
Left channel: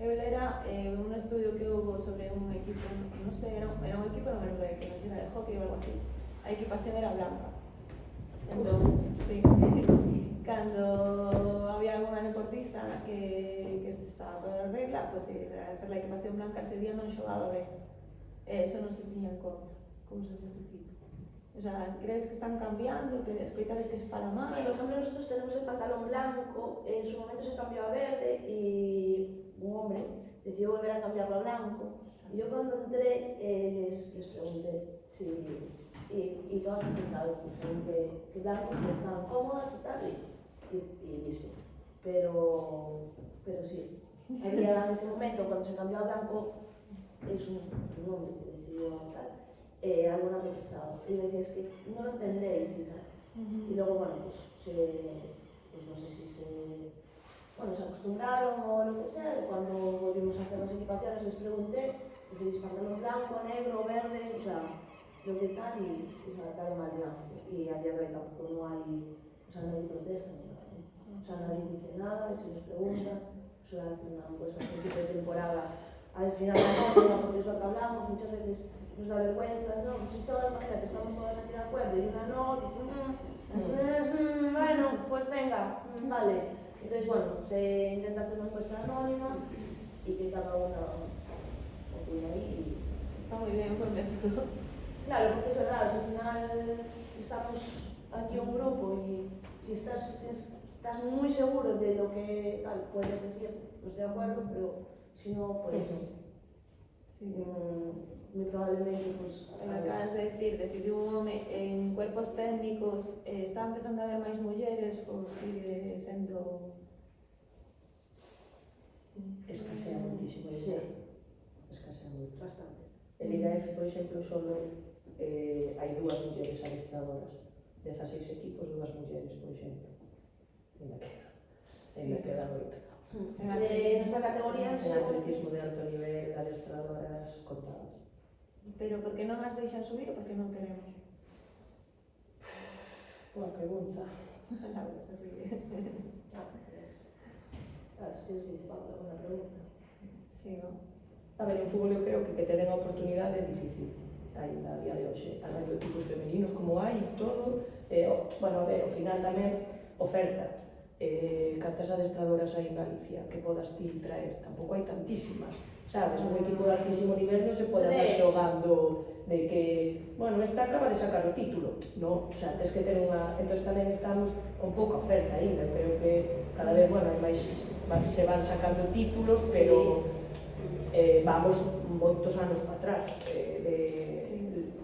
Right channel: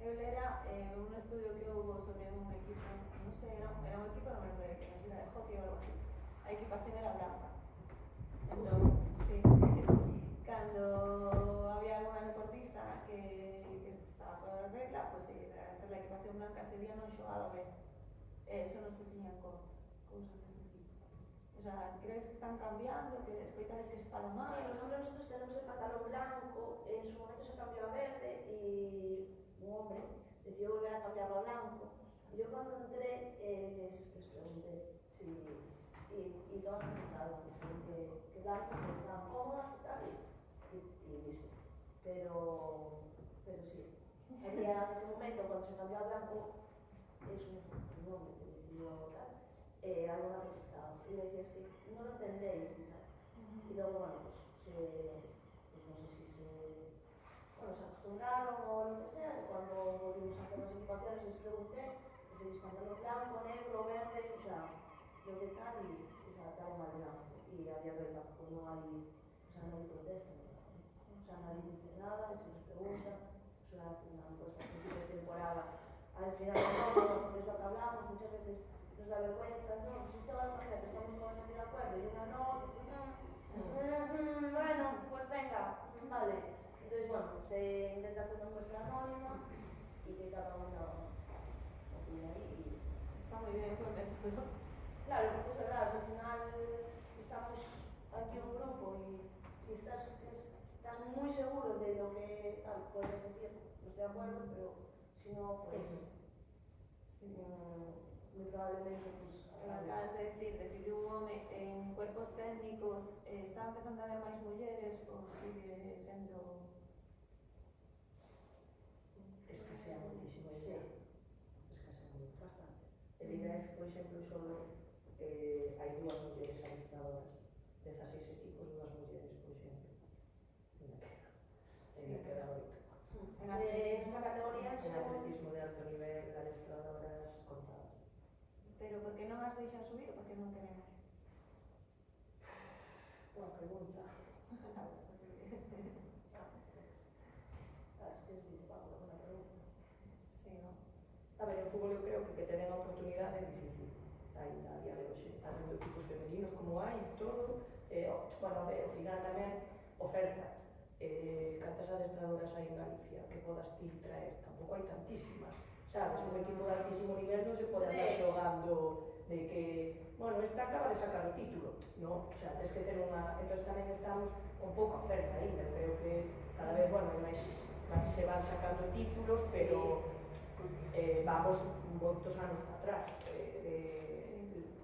Eu lera un estudio que houve sobre un equipo, non sei, era un equipo de Noruega, que non sei, era de hockey ou algo así. A equipación era blanca. Entón, sí, cando había alguna deportista que estaba toda a regla, pois pues, era ser la equipación blanca ese día non xogaba ben. Eso non se tiña en conta, cousas dese tipo. O sea, crees que están cambiando, que escoitades que se fala máis? Sí, por ejemplo, nosotros tenemos el pantalón blanco, en su momento se cambió a verde y un hombre decidió volver a cambiarlo a blanco. Y yo cuando entré les pregunté si... Y todas han aceptado, que blanco, que estaban cómodas y tal, y listo. Pero sí, había en ese momento, cuando se cambió a blanco, es un hombre que decidió tal. Alguna protestado y me decía, es que no lo entendéis y tal. Y luego, bueno, pues no sé si se acostumbraron o lo que sea. Cuando volvimos a hacer las equipaciones les pregunté, ¿preferís pantalón blanco, negro, verde? O sea, lo que tal, y se adaptaron al blanco. Y a día de hoy tampoco no hay protesta ni nada, ¿no? O sea, nadie dice nada, se les pregunta, suelen hacer una encuesta al principio de temporada, al final de la temporada, porque es lo que hablamos, muchas veces nos da vergüenza, no, pues si todas, imagina que estamos todas aquí de acuerdo y una no, dice, bueno, pues venga, vale. Entonces, bueno, se intenta hacer una encuesta anónima y que cada una opine ahí. Está muy bien por método. Claro, porque es verdad, si al final estamos aquí un grupo y si estás muy seguro de lo que tal, puedes decir, no estoy de acuerdo, pero si no, pues... Sí. Muy probablemente, pues... Acabas de decir un home en cuerpos técnicos, está empezando a haber máis mulleres ou sigue sendo... Escasea muitísimo. Sí. Escasea moito. Bastante. En IGF, por exemplo, solo hai dúas mulleres adestradoras. 16 equipos, dúas mulleres, por exemplo. Ainda queda moito. En esta categoría, En atletismo de alto nivel, adestradoras contadas. Pero por que non as deixan subir ou por que non queremos? Boa pregunta. Laura se ríe. es que es difícil, una pregunta. Sí, ¿no? A ver, en fútbol eu creo que te den a oportunidade é difícil ainda a día de hoxe. Tanto equipos femeninos como hai, todo. Bueno, a ver, ao final tamén oferta. Cantas adestradoras hai en Galicia que podas ti traer? Tampouco hai tantísimas. sabes? Un equipo de altísimo nivel non se pode andar xogando de que, bueno, esta acaba de sacar o título, no, o sea, tens que ter unha... Entón tamén estamos con pouca oferta ainda, creo que cada vez, bueno, hai máis, se van sacando títulos, pero vamos moitos anos para atrás,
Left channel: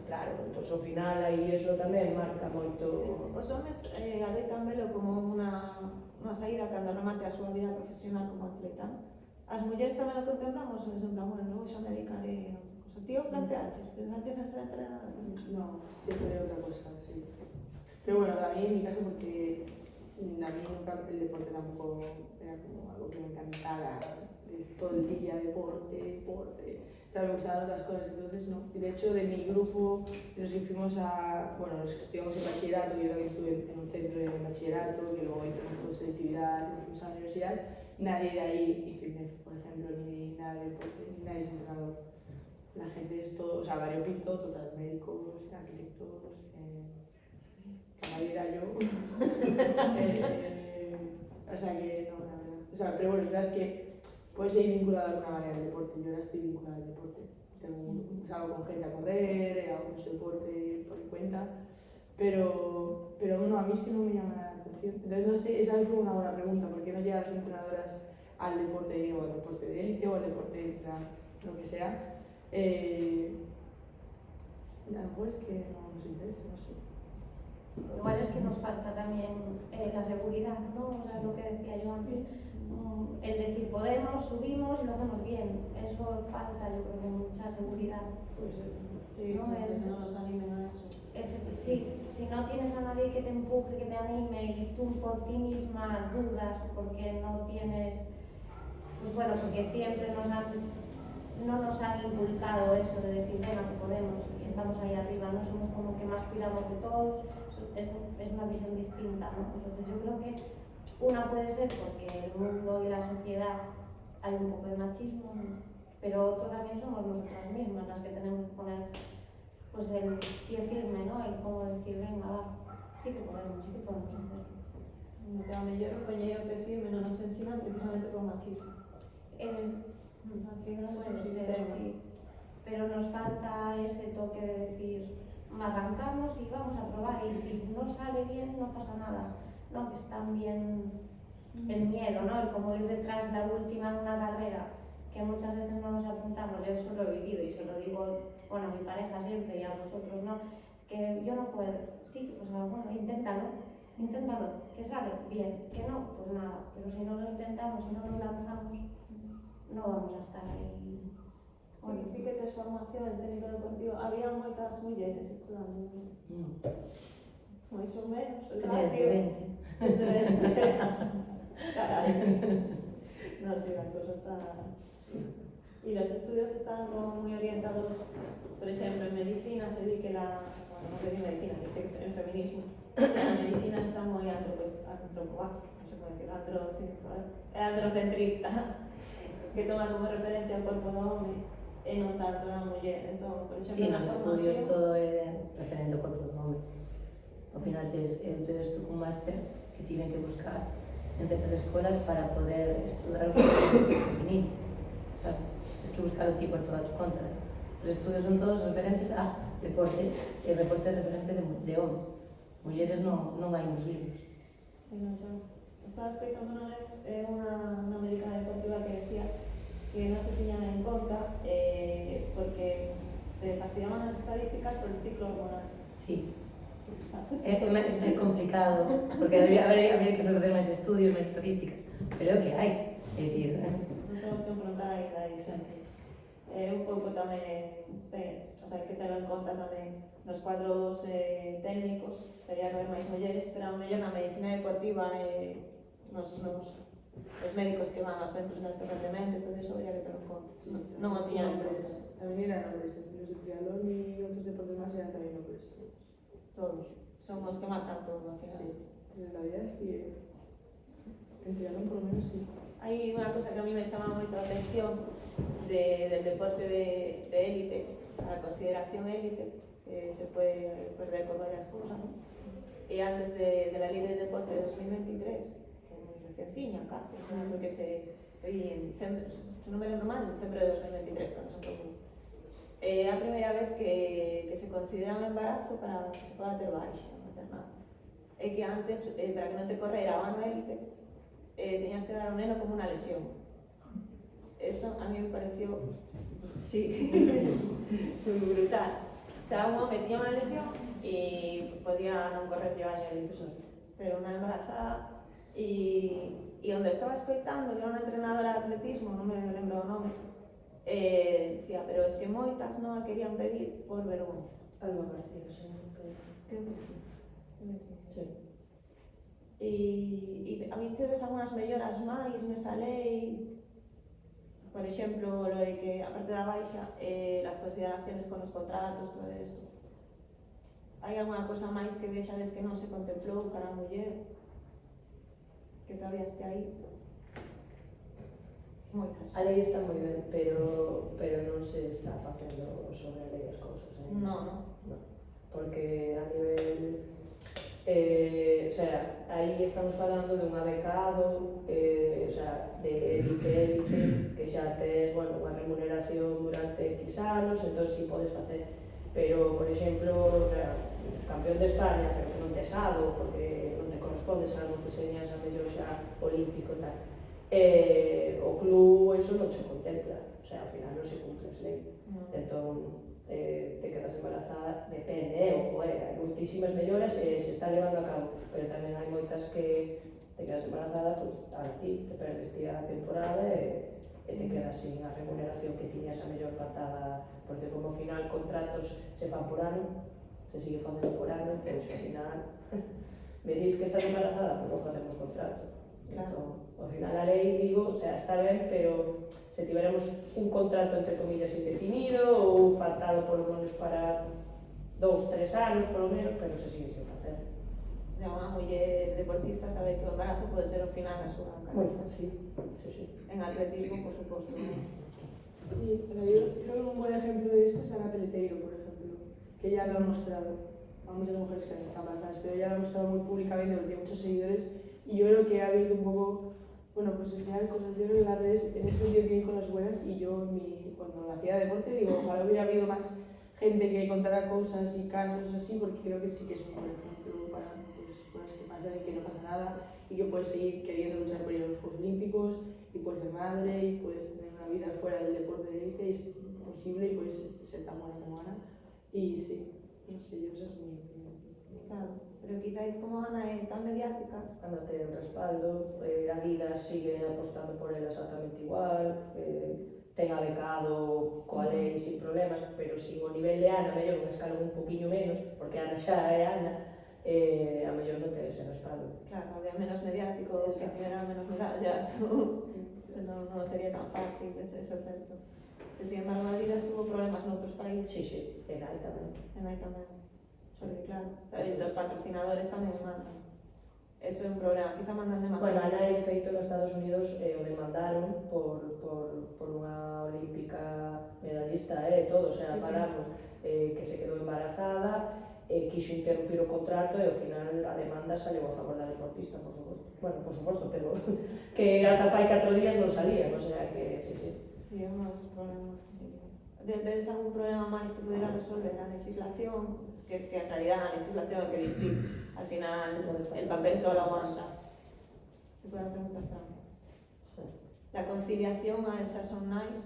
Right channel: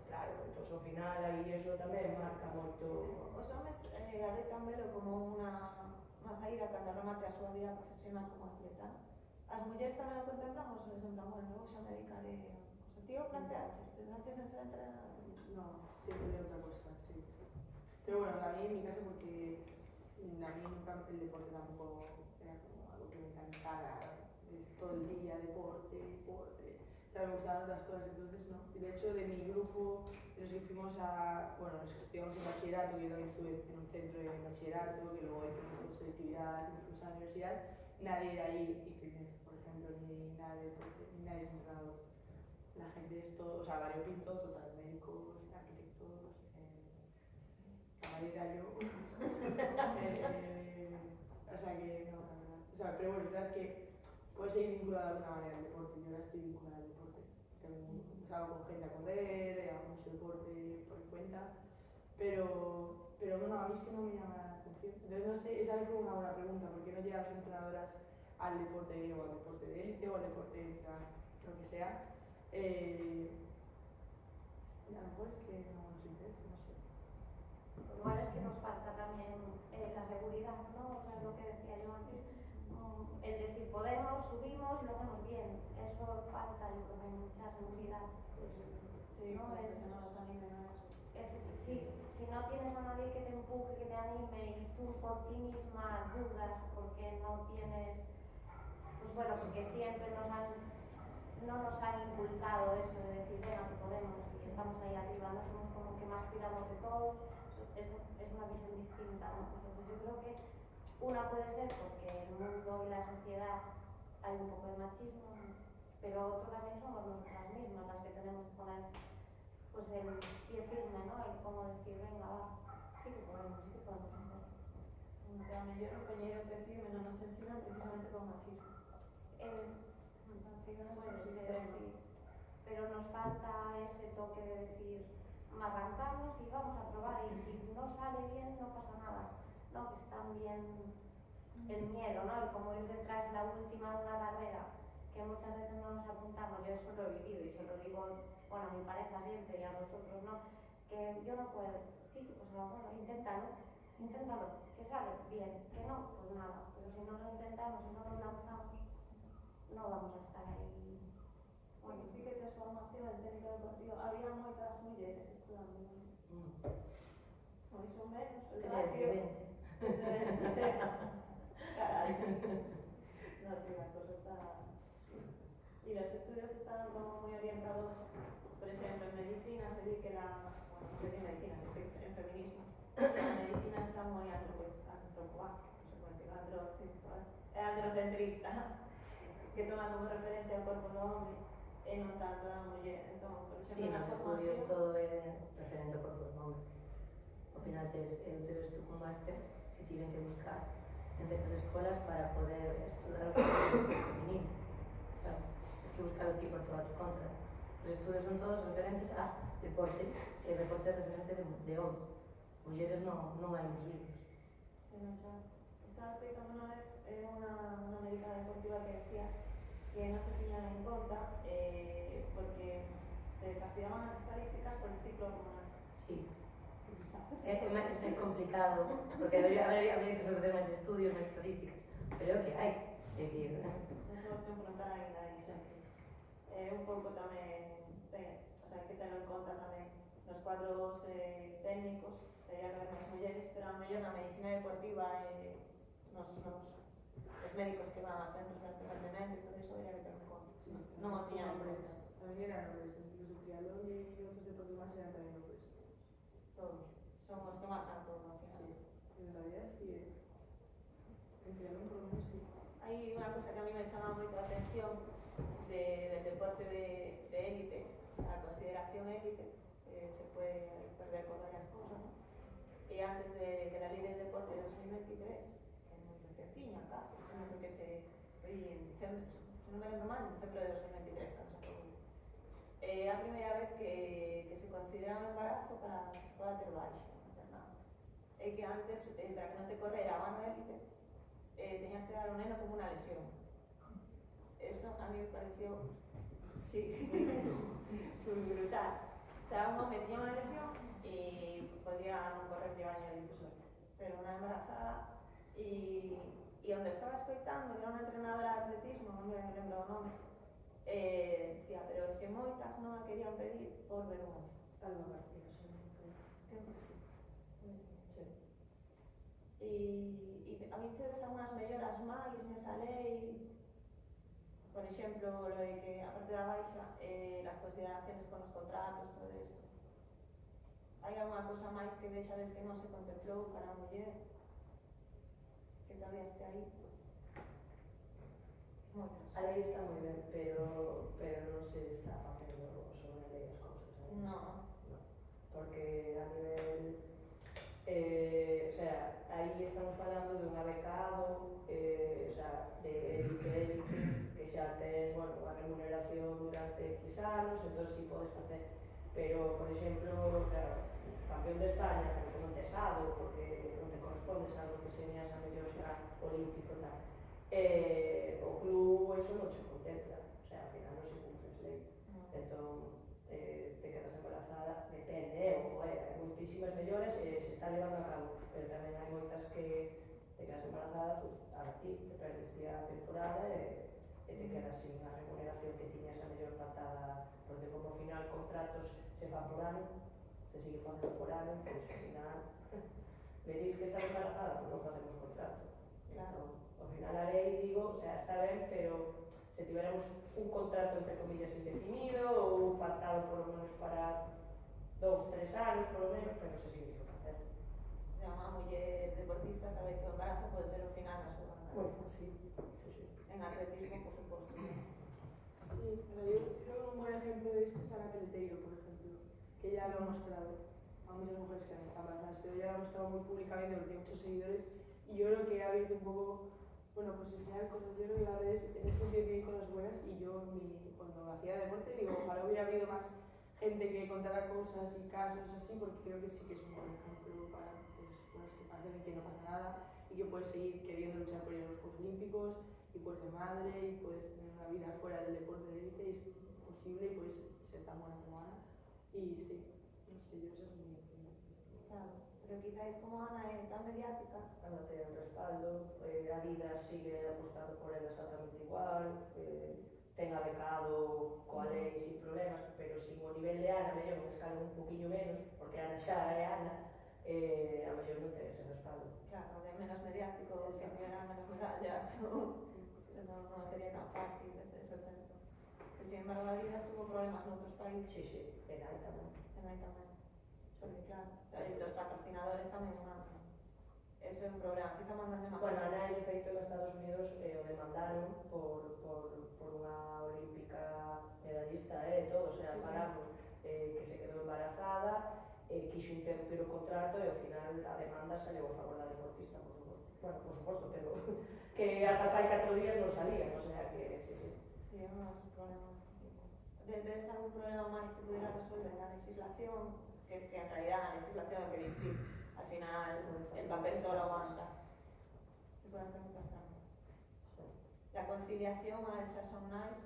claro, entón ao final aí eso tamén marca moito... Os homes adoitan velo como unha saída cando remate a súa vida profesional como atleta. As mulleres tamén o contemplamos, ou en plan, bueno, logo xa me dedicaré a outra cosa. Tío, planteaches en ser entrenador? No, siempre otra cosa, sí. Pero bueno, a mí en mi caso porque a mí nunca el deporte tampoco era como algo que me encantara, todo el día deporte. O sea, me gustaban otras cosas, entonces no. Y de hecho de mi grupo, de los que fuimos bueno, los que estudiamos en bachillerato, yo también estuve en un centro de bachillerato, que luego hicimos toda selectividad, y fuimos a la universidad, nadie de ahí hizo INEF, por ejemplo, ni nada de deporte, ni nadie es entrenador. La gente es todo, o sea, variopinto, total, médicos, arquitectos, camarera yo. O sea que no, la verdad. O sea, pero bueno, es verdad que puedes seguir vinculado de alguna manera al deporte. Yo ahora estoy vinculada al deporte. Salgo con gente a correr, hago mucho deporte por mi cuenta. Pero bueno, a mí es que no me llama la atención. Entonces no sé, esa es una buena pregunta. ¿Por qué no llegan las entrenadoras al deporte o al deporte de élite o al deporte extra, lo que sea? A lo mejor es que no nos interesa, no sé. Igual es que nos falta también la seguridad, ¿no? O sea, lo que decía yo antes. El decir podemos, subimos y lo hacemos bien. Eso falta, yo creo que mucha seguridad. Sí, ¿no? pues no nos animen a eso. Sí, si no tienes a nadie que te empuje, que te anime y tú por ti misma dudas porque no tienes, pues bueno, porque siempre no nos han inculcado eso de decir, venga, que podemos y estamos ahí arriba, no somos como que más cuidamos de todos, es una visión distinta, ¿no? Entonces yo creo que una puede ser porque el mundo y la sociedad hay un poco de machismo, ¿no? Pero otro también somos nosotras mismas las que tenemos que poner pues el pie firme, ¿no? El cómo decir, venga, va, sí que podemos hacerlo. Que a mellor o coñeiro que firme non nos ensinan precisamente por machismo. Al final Puede es un ser, sistema. sí. Pero nos falta ese toque de decir, arrancamos y vamos a probar y si no sale bien no pasa nada, ¿no? Que es también el miedo, ¿no? El como ir detrás de la última en una carrera, que muchas veces no nos apuntamos. Yo eso lo he vivido y se lo digo, bueno, a mi pareja siempre y a vosotros, ¿no? Que yo no puedo. Sí, pues bueno, inténtalo, que sale bien, que no, pues nada. Pero si no lo intentamos, si no nos lanzamos, no vamos a estar ahí. Bueno, sí que tes formación en técnico deportivo, había moitas mulleres estudando. Máis ou menos, o Desde 20. Desde 20. Carai. No, sí, la cosa está... Sí. Y los estudios están como muy orientados, por ejemplo, en medicina se dice que bueno, no sé si en medicina, se dice en feminismo, la medicina está muy androcentrista, que toma como referencia o corpo do home e non tanto a muller. Entón, por exemplo, Sí, nos estudios todo é referente ao corpo do home. Ao final tes tú un máster que tiven que buscar en certas escolas para poder estudar o corpo femenino, sabes? Tens que buscar o ti por toda tu conta. Os estudios son todos referentes a deporte, e deporte é referente de homes. Mulleres non hai nos libros. Sí, non sei. Estaba escoitando unha vez unha médica deportiva que decía que non se tiñan en conta porque fastidiaban as estadísticas por el ciclo hormonal. Sí. É complicado, porque habría que fazer máis estudios, máis estadísticas, pero é o que hai. É dicir, non temos que enfrontar a iso. Un pouco tamén, o sea, hai que ter en conta tamén nos cuadros técnicos, debería haber máis mulleres, pero a mellor na medicina deportiva os médicos que van aos centros de alto rendemento e todo iso debería que ter en conta. Sí, non o tiñan en conta. También eran hombres, los de triatlón y otros deportes más eran también hombres. Todos. Son os que marcan todo, al final. Sí, en realidad sí. En triatlón por lo menos sí. Hai unha cosa que a mí me chama moito a atención del deporte de élite, o sea, a consideración élite, se puede perder por varias cosas, ¿no? Y antes de la ley del deporte de 2023, que muy recentiña casi, ¿no? Porque en diciembre, non me lembro mal, en febreiro de 2023, cando se aprobou. É a primeira vez que se considera un embarazo para que se poda ter baixa maternal. É que antes, para que non te correra o ano élite, teñas que dar ao neno como unha lesión. Eso a mí me pareció, sí, brutal. O sea, un home tiña unha lesión e podía non correr o año élite, pero unha embarazada e onde estaba escoitando, que era unha entrenadora de atletismo, non me lembro o nome, decía, pero es que moitas non a querían pedir por vergonza. Algo parecido, sí. Creo que sí. Sí. E a mí chedes algunhas melloras máis nesa lei, por exemplo, lo de que, aparte da baixa, las consideraciones con los contratos, todo isto. Hai alguna cosa máis que vexades que non se contemplou para a muller? Que todavía este aí? Moitas. A lei está moi ben, pero non se está facendo sobre a lei as cousas, No. porque a nivel o sea, aí estamos falando dun becado, o sea, de élite, que xa tes, bueno, unha remuneración durante X anos, entón si podes facer, pero, por exemplo, o sea, campeón de España, pero que non tes algo, porque non te correspondes algo que señas a mellor xa olímpico e tal. O club eso non se contempla, o sea, ao final non se cumple as lei. Entón, te quedas embarazada, depende, ojo, hai moitísimas melloras e se está levando a cabo, pero tamén hai moitas que te quedas embarazada, pues, a ti, te perdes a temporada e te quedas sin a remuneración que tiñas a mellor patada, porque como ao final contratos se fan por ano, se sigue facendo por ano, pois ao final me dis que estás embarazada, pois non facemos contrato. Entón, ao final a lei, digo, o sea, está ben, pero se tiveramos un contrato entre comillas indefinido ou pactado polo menos para 2-3 anos, polo menos, pero se sigue sin facer. O sea, unha muller deportista sabe que o embarazo pode ser o final da súa Moi carreira. fácil, sí. En atletismo, por suposto. Sí, pero yo creo que un buen ejemplo de esto es Ana Peleteiro, por ejemplo, que ella lo ha mostrado. Hay muchas mujeres que están embarazadas, pero ella lo ha mostrado muy públicamente porque tiene muchos seguidores y yo creo que ha abierto un poco, bueno, pues enseñar cosas. Yo creo que las redes en ese sentido tienen cosas buenas y yo cuando hacía deporte digo, ojalá hubiera habido más gente que contara cosas y casos así, porque creo que sí que es un buen ejemplo para pues, cosas que pasan y que no pasa nada y que puedes seguir queriendo luchar por ir a los Juegos Olímpicos y puedes ser madre y puedes tener una vida fuera del deporte de élite y es posible y puedes ser tan buena como Ana. Y sí, no sé, yo esa es mi opinión. Claro, pero quizáis como Ana é tan mediática. Ana ten respaldo, Adidas sigue apostando por ela exactamente igual, ten a becado coa lei sin problemas, pero sin o nivel de Ana, mellor un escalón un poquinho menos, porque Ana xa é Ana, a mellor non ten ese respaldo. Claro, había menos mediático, que tivera menos medallas, non sería tan fácil, eso é certo. Pero, sin embargo, Adidas tuvo problemas noutros países. Sí, en aí tamén. En aí tamén. Porque, claro, los patrocinadores tamén mandan. Eso é un problema, quizá mandan demasiado. Bueno, Ana, en feito, nos Estados Unidos o demandaron por unha olímpica medallista, todo, o sea, Sí, paramos, que se quedou embarazada, quixo interrumpir o contrato e ao final a demanda saleu a favor da deportista, por suposto. Bueno, por suposto, pero que ata fai 4 días non salían, o sea que, sí. Sí, é un dos problemas. Ves algún problema máis que pudera resolver a legislación? Que en realidad la legislación que distingue, al final el papel solo aguanta. Se pueden hacer muchas trampas. Sí. La conciliación a esas son nice.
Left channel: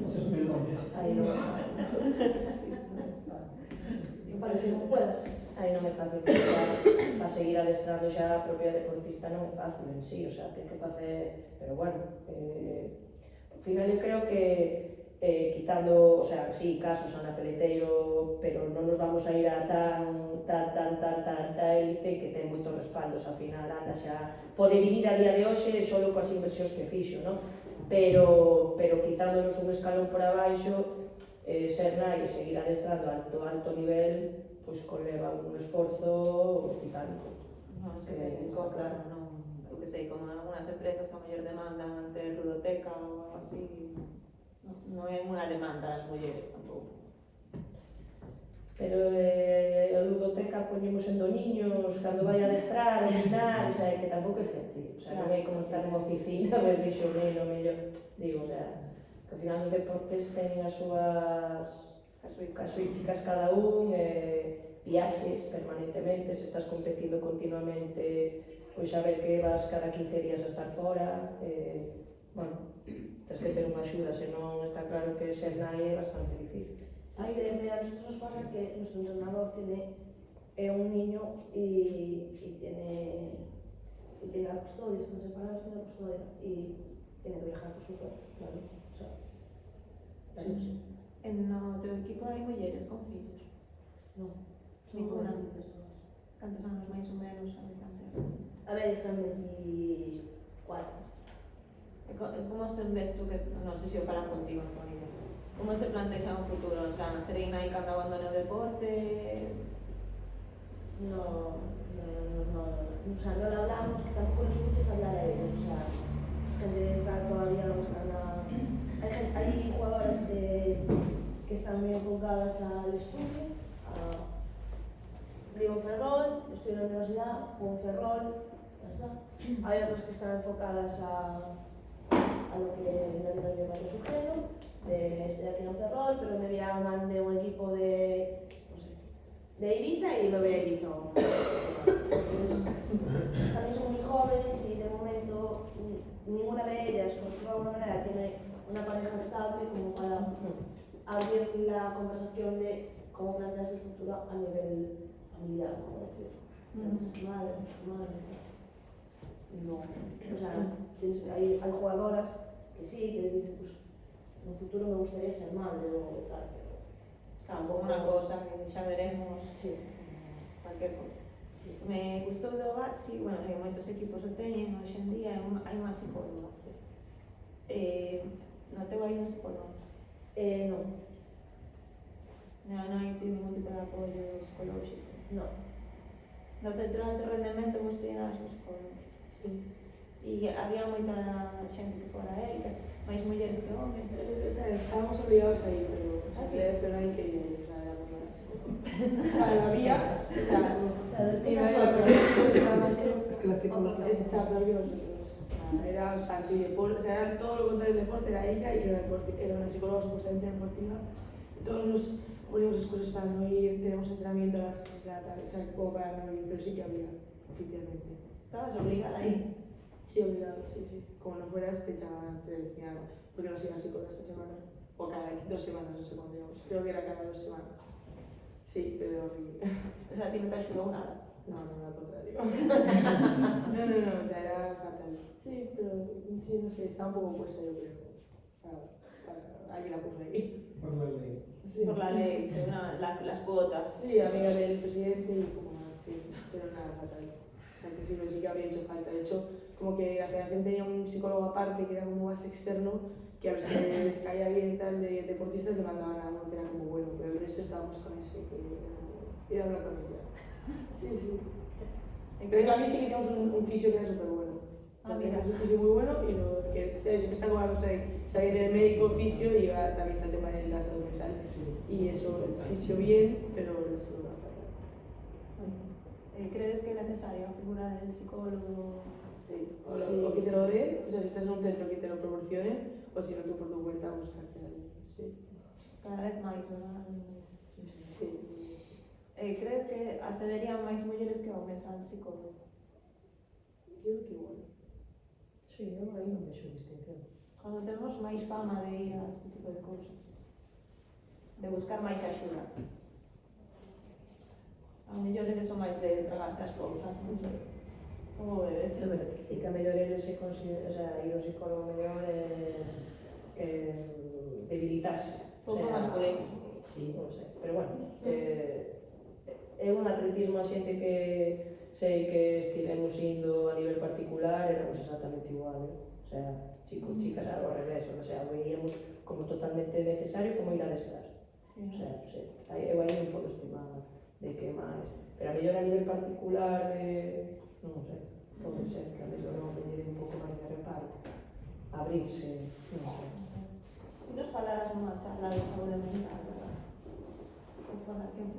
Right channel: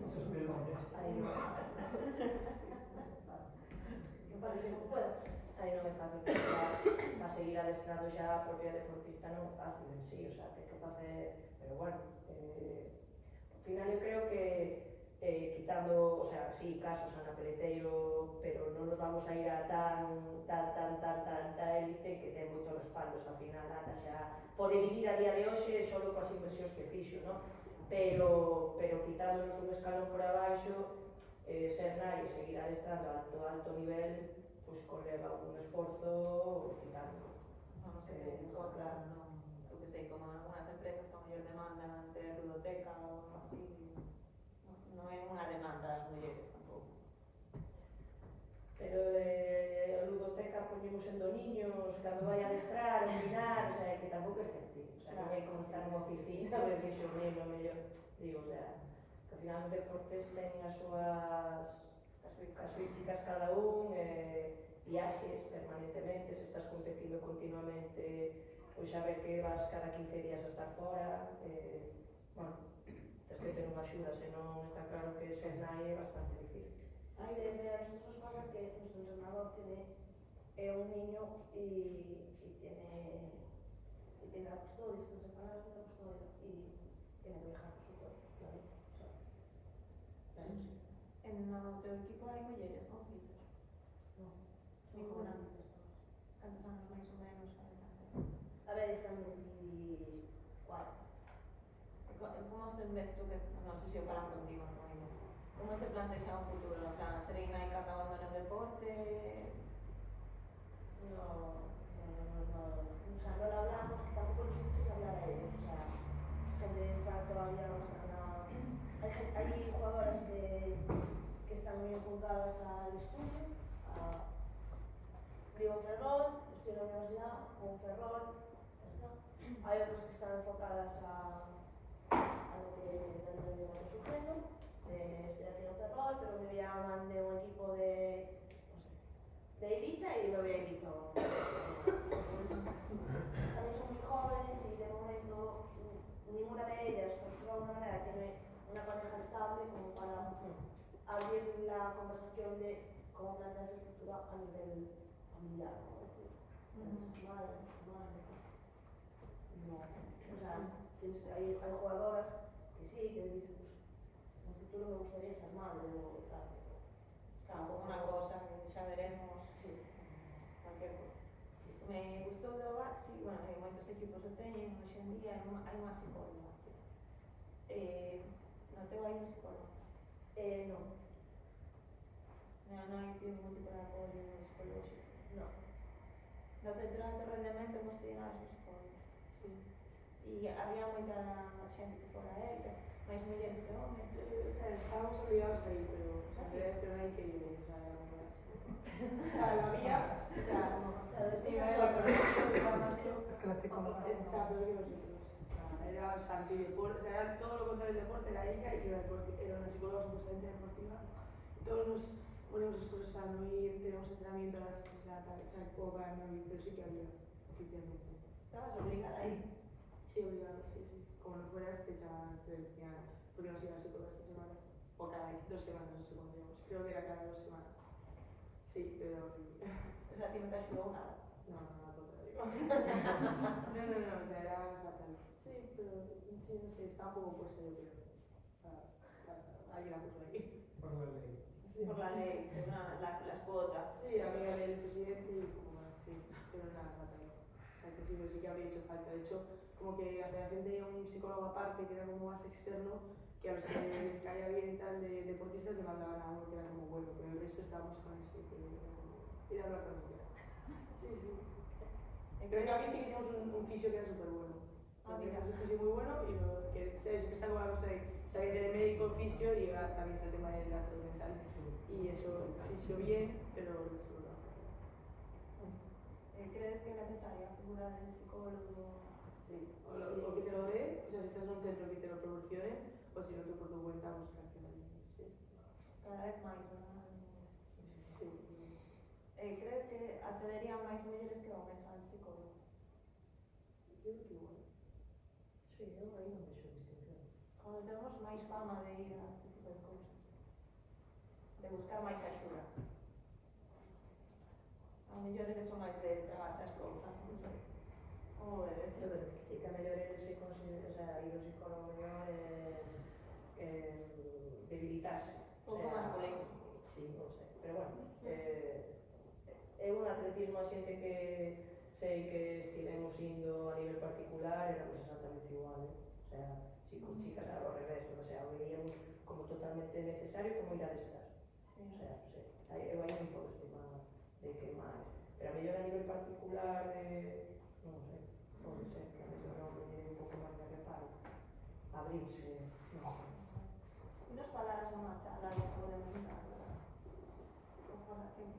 Muchos melones. Aí non é fácil. Parece que non puedas. Aí non é fácil, para seguir adestrando xa a propia deportista non é fácil en sí, o sea, ten que facer, pero bueno, ao final eu creo que quitando, o sea, sí, casos Ana Peleteiro, pero non nos vamos a ir a tanta élite que ten moitos respaldos, ao final Ana xa pode vivir a día de hoxe só coas inversións que fixo, non? Pero quitándonos un escalón por abaixo, ser nai e seguir adestrando alto nivel, pois conleva un esforzo titánico. No se puede encontrar, eu que sei, como algunas empresas que a mellor demandan ter ludoteca ou algo así, non é unha demanda das mulleres tampouco. Pero a ludoteca está poñemos sendo niños, cando vai a adestrar, a minar, o sea, que tampouco é fértil, o sea, non é como estar nunha oficina, ver vexo neno, mellor, digo, o sea, que ao final os deportes teñen as súas casuísticas cada un, viaxes permanentemente, se estás competindo continuamente, pois a ver que vas cada 15 días a estar fora, bueno, tens que ter unha axuda, senón está claro que ser nai é bastante difícil. A nosotros nos pasa que nuestro entrenador tiene un niño y tiene la custodia, están separados, tiene la custodia y tiene que viajar por su cuenta, claro. O sea, claro, sí. En no teu equipo hai mulleres con fillos? No, Ninguna. jovencitas todas. Cantos anos máis ou menos hai de canter? A ver, están 24. Como se ves tú que, non sei se o falan contigo, Antonio, como se plantexa un futuro? En plan, serei nai cando abandone o deporte? No, o sea, no lo hablamos, que tampoco los escuches hablar a ellos, o sea, es gente está todavía no está nada. Hay jugadoras que están muy enfocadas al estudio, vivo en Ferrol, estoy en la universidad, juego en Ferrol, ya está. Hay otras que están enfocadas a lo que le lleva su género, estoy aquí en Ferrol, pero me llaman de un equipo de Ibiza y me voy a Ibiza. Entonces, también son muy jóvenes y de momento ninguna de ellas, por decirlo de alguna manera, tiene una pareja estable como para abrir la conversación de cómo plantearse el futuro a nivel familiar, como decir. Madre. No. O sea, hay jugadoras que sí, que dicen, pues en un futuro me gustaría ser madre o tal, pero Tampoco unha cosa que xa veremos, sí. cualquier cosa. Me gustou do Baxi, bueno, moitos equipos o teñen hoxe en día, hai unha psicóloga. No teu hai unha psicóloga? No. Non hai ningún tipo de apoio psicolóxico? No. No centro de alto rendemento vos tiñas os psicólogos? Sí. E había moita xente que fora élite, máis mulleres que homes? O sea, estábamos obligados a ir, pero hay que ir, o sea, éramos más. O sea, lo había, o sea, Claro, es que mi esa madre es otra. más que Es que la psicóloga está peor que nosotros. Era, o sea, antideporte, o sea, era todo lo contrario del deporte, era ella y era una psicóloga supuestamente deportiva. Y todos nos poníamos excusas para no ir, tenemos entrenamiento a las 3 de la tarde, o sea, como para no ir, pero sí que había, oficialmente. Estabas obligada a ir? Sí, obligado, sí. Como no fueras, te echaban, te decían, ¿por qué no has ido a psicóloga esta semana? O cada 2 semanas, no sé cuándo íbamos. Creo que era cada 2 semanas. Sí, pero horrible. O sea, a ti non te axudou nada? No, al contrario. No, o sea, era fatal. Sí, pero sí, no sé, estaba un poco puesta, yo creo. Alguien la puso ahí. por la ley. Sí. Por la ley, según las cuotas. Sí, amiga del presidente y como más, sí, pero nada, fatal. O sea, que sí, pero sí que habría hecho falta. De hecho, como que la federación tenía un psicólogo aparte que era como más externo, que a los que les caía bien y tal de deportistas le mandaban a uno que era como bueno, pero el resto estábamos con ese que era como ir a hablar con ella. Sí. Pero en cambio sí que teníamos un fisio que era súper bueno. Teníamos un fisio muy bueno y lo que siempre está con la cosa de está bien el médico, fisio y también está el tema de la salud mental. Y eso, el fisio bien, pero el resto no. ¿Crees que es necesaria la figura del psicólogo? Sí, o que te lo den, o sea, si estás en un centro que te lo proporcionen, o si no tú por tu cuenta buscarte a alguien. Sí. Cada vez máis, ¿verdad? Sí. ¿Crees que accederían máis mulleres que homes al psicólogo? Yo creo que igual. Sí, eu aí non vexo distinción. Cuando temos máis fama de ir a este tipo de cousas, de buscar máis axuda. A mellor eles son máis de tragarse as cousas, non sei. Como vedes? Eu creo que sí, que a mellor eles se considera, o sea, ir ao psicólogo mellor debilitarse. Pouco masculino. Sí, non sei, pero bueno, é un atletismo a xente que sei que estivemos indo a nivel particular, éramos exactamente igual, o sea, chicos, chicas, ao revés, o sea, veíamos como totalmente necesario como ir a adestrar. Sí. O sea, sí, eu aí non podo estimar de que máis, pero a mellor a nivel particular, non sei, pode ser que a mellor non lle un pouco máis de reparo, abrirse, non sei. E nos falaras nunha charla de saúde mental, verdad?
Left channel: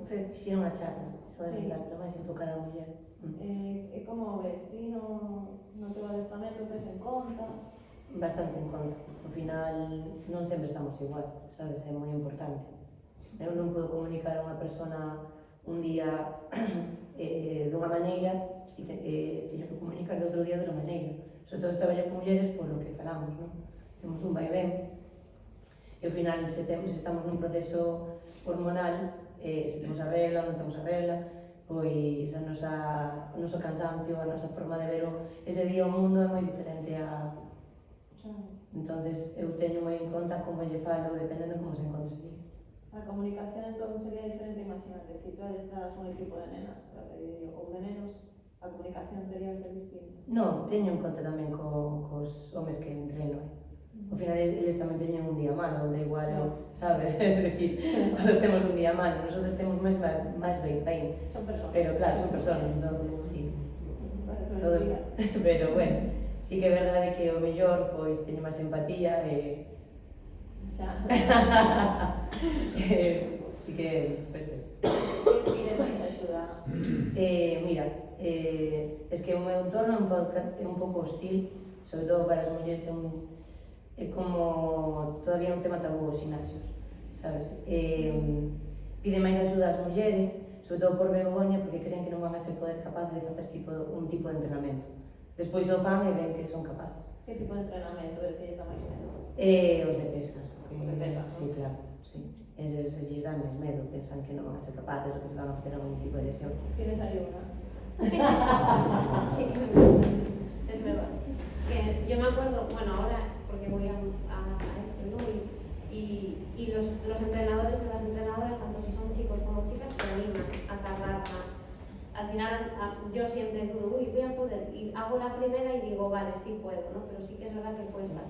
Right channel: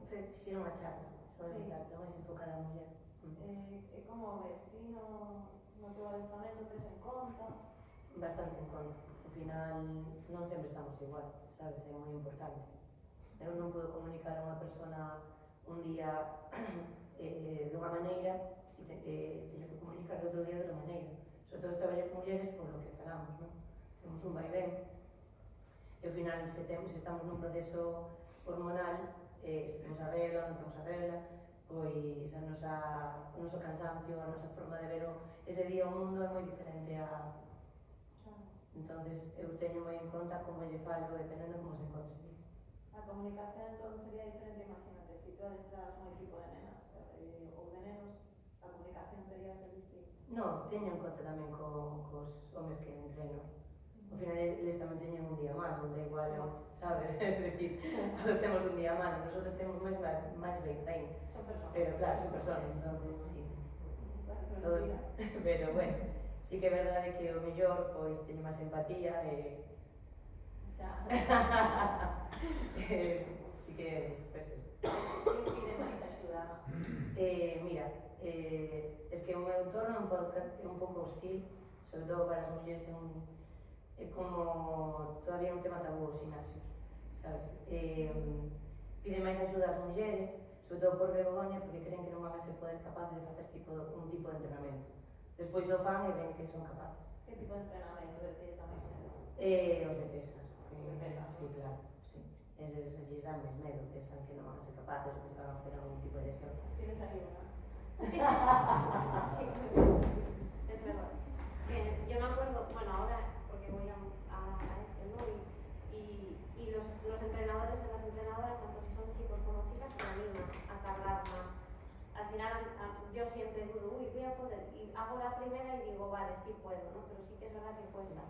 Fixeron a charla, Só dedicar, pero máis enfocada á muller. E como ves, ti no teu adestramento tes en conta? Bastante en conta. Ao final non sempre estamos igual, sabes? É moi importante. Eu non podo comunicar a unha persona un día dunha maneira e teño que comunicar de outro día de outra maneira. Sobre todo traballar con mulleres por lo que falamos, non? Temos un vaivén e ao final se estamos nun proceso hormonal, se temos a regla ou non temos a regla, pois o noso cansancio, a nosa forma de ver ese día o mundo é moi diferente a... Entonces eu teño moi en conta como lle falo dependendo como se encontre ese día. A comunicación entón sería diferente, imagínate, se tú adestras un equipo de nenas ou de nenos, a comunicación tería que ser distinta. Non, teño en conta tamén cos homes que entreno. Ao final eles tamén teñen un día malo, onde igual, sabes? É dicir, todos temos un día malo, nosotros temos máis pain. Son personas. Pero claro, son personas, entonces, sí. Todos. Pero bueno, sí que é verdade que o mellor, pois, teño máis empatía e... Xa. Sí que, pois, eso. Pide máis axuda. Mira, es que o meu entorno é un pouco hostil, sobre todo para as mulleres, é como todavía un tema tabú os gimnasios, sabes? Pide máis axuda ás mulleres, sobre todo por vergoña, porque creen que non van a ser capaces de facer un tipo de entrenamento. Despois o fan e ven que son capaces. Que tipo de entrenamento ves que lles dá máis medo? Os de pesas. Os de pesas, sí, ¿no? claro, sí. Eses lles dan máis medo, pensan que non van a ser capaces ou que se van a facer algún tipo de lesión. Tienes ayuda. Sí, es verdad. Que yo me acuerdo, bueno, ahora, porque voy a este, ¿no? Y los entrenadores y las entrenadoras, tanto si son chicos como chicas, te animan a tardar más. Al final, yo siempre dudo, uy, voy a poder, y hago la primera y digo, vale, sí puedo, ¿no? Pero sí que es verdad que cuesta.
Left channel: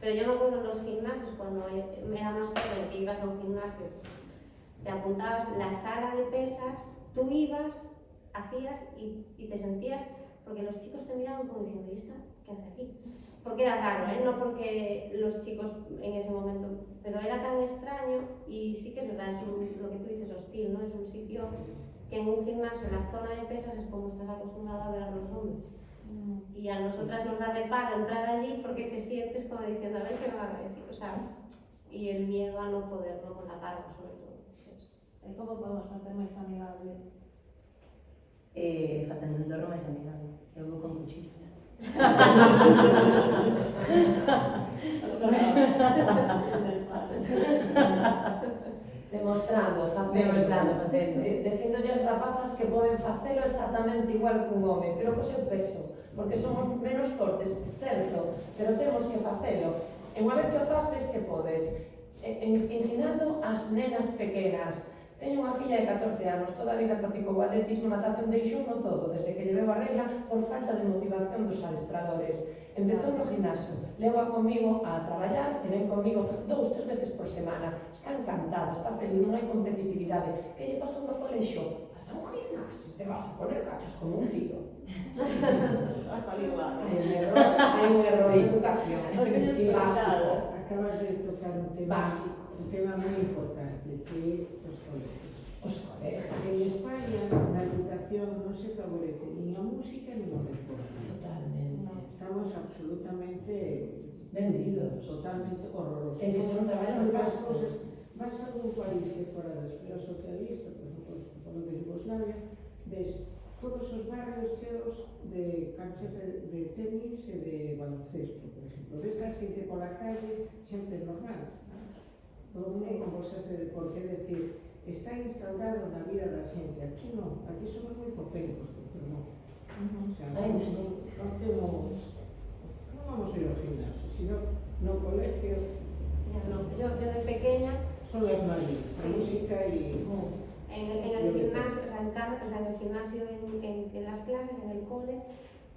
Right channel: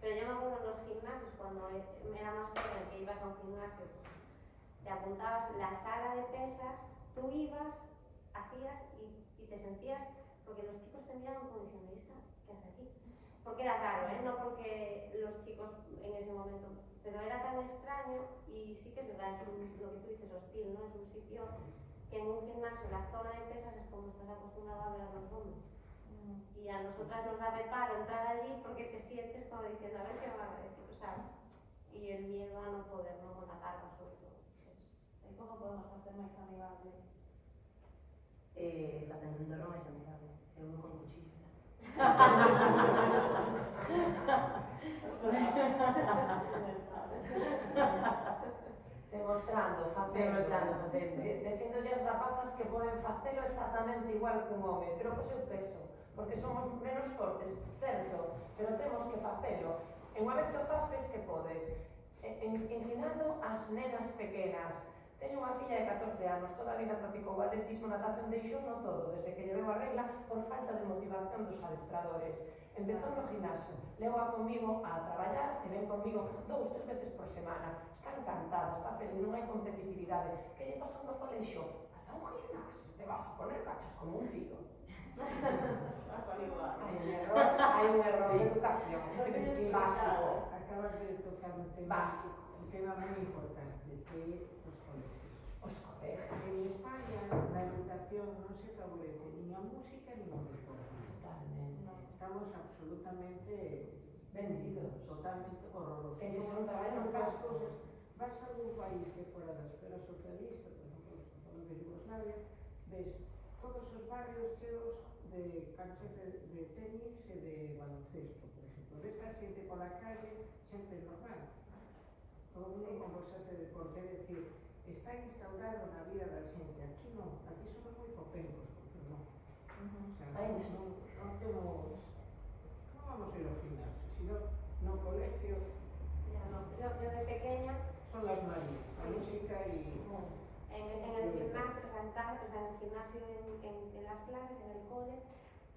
Pero yo me acuerdo en los gimnasios, cuando era más joven, que ibas a un gimnasio, pues, te apuntabas la sala de pesas, tú ibas, hacías y te sentías, porque los chicos te miraban como diciendo, ¿y esta qué hace aquí? Porque era raro, no porque los chicos en ese momento, pero era tan extraño y sí que es verdad, es lo que tú dices, hostil, ¿no? Es un sitio que en un gimnasio, en la zona de pesas, es como estás acostumbrado a ver a los hombres. Y a nosotras nos da reparo entrar allí porque te sientes como diciendo, a ver qué me van a decir, o sea, y el miedo a no poder, no con la carga sobre todo. ¿Cómo podemos hacer máis amigable? Facendo un entorno máis amigable. Eu vou con cuchillo. Demostrando, facendo. Dicíndolle as rapazas que poden facelo exactamente igual que un home, pero co seu peso, porque somos menos fortes, certo, pero temos que facelo. E unha vez que o faz, ves que podes. Ensinando as nenas pequenas. Teño unha filla de 14 anos, toda a vida practicou atletismo, natación, deixou no todo, desde que lle veu a regla por falta de motivación dos adestradores. Empezou no gimnasio, leva comigo a traballar e ven comigo 2-3 veces por semana. Está encantada, está feliz, non hai competitividade. Que lle pasou no colexio? Vas a un gimnasio, te vas a poner cachas como un tiro. Ha salido mal. Hai un error de educación básico. Acabas de tocar un tema Básico. Un tema moi importante, que é os colegios. Os colegios. En España, na educación non se favorece nin a música nin o deporte. Totalmente. Estamos absolutamente Vendidos. totalmente horrorosos. E se non traballan Son más as cosas. Vas a algún país que fora da esfera socialista, por exemplo, de Yugoslavia, ves todos os barrios cheos de canchas de tenis e de baloncesto, por exemplo. Ves a xente pola calle, xente normal. Todo mundo con bolsas de deporte, é dicir, está instaurado na vida da xente. Aquí non, aquí somos moi zopencos, porque non. O sea, non temos... Non vamos a ir ao gimnasio, sino no colegio... Yo desde pequeña, Son las manías, la música y... en el gimnasio, o sea, en el gimnasio, en las clases, en el cole,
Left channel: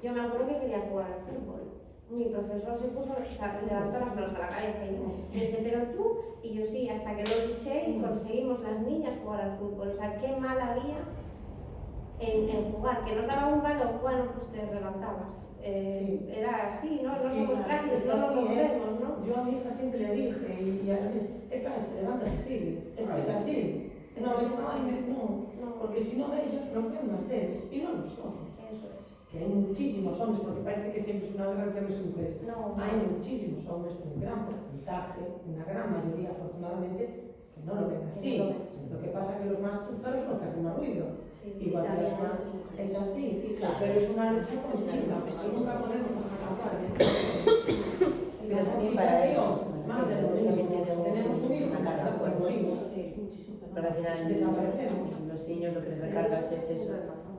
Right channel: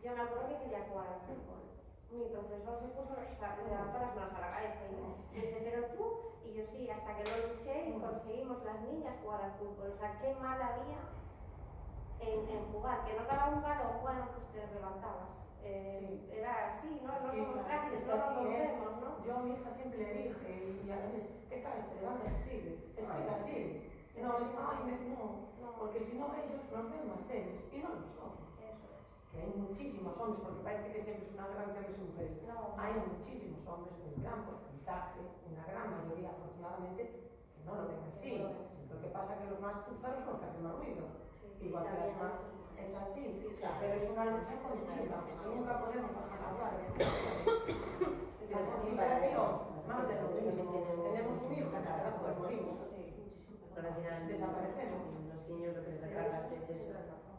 yo me acuerdo que quería jugar al fútbol. Mi profesor se puso, o sea, le levantó las manos a la cabeza y me dice, pero tú, y yo sí, hasta que lo luché y conseguimos las niñas jugar al fútbol. O sea, qué mal había en jugar, que nos daba un balón, bueno, pues te levantabas. Era así, ¿no? No somos frágiles, no nos rompemos, ¿no? Yo a mi hija siempre le dije, y a mí, te caes, te levantas y sigues. Es que es así. Si no, les, ay, no, porque si no ellos no mujeres, y no lo son. Eso es. Que hay muchísimos hombres, porque parece que siempre es una guerra entre hombres y mujeres. No, Hay muchísimos hombres, un gran porcentaje, una gran mayoría, afortunadamente, que no lo ven así. Lo que pasa es que los más cruzados son los que hacen más ruido. sí. Igual que También las hay más. muchas mujeres. Es así, Sí, claro. pero es una lucha continua. Nunca podemos acabar. Pero también para ellos, Más de lo que mismo. también Tenemos un hijo, una carga pues morimos. Sí, muchísimo. Pero al final Desaparecemos. los niños lo que les recargas es eso,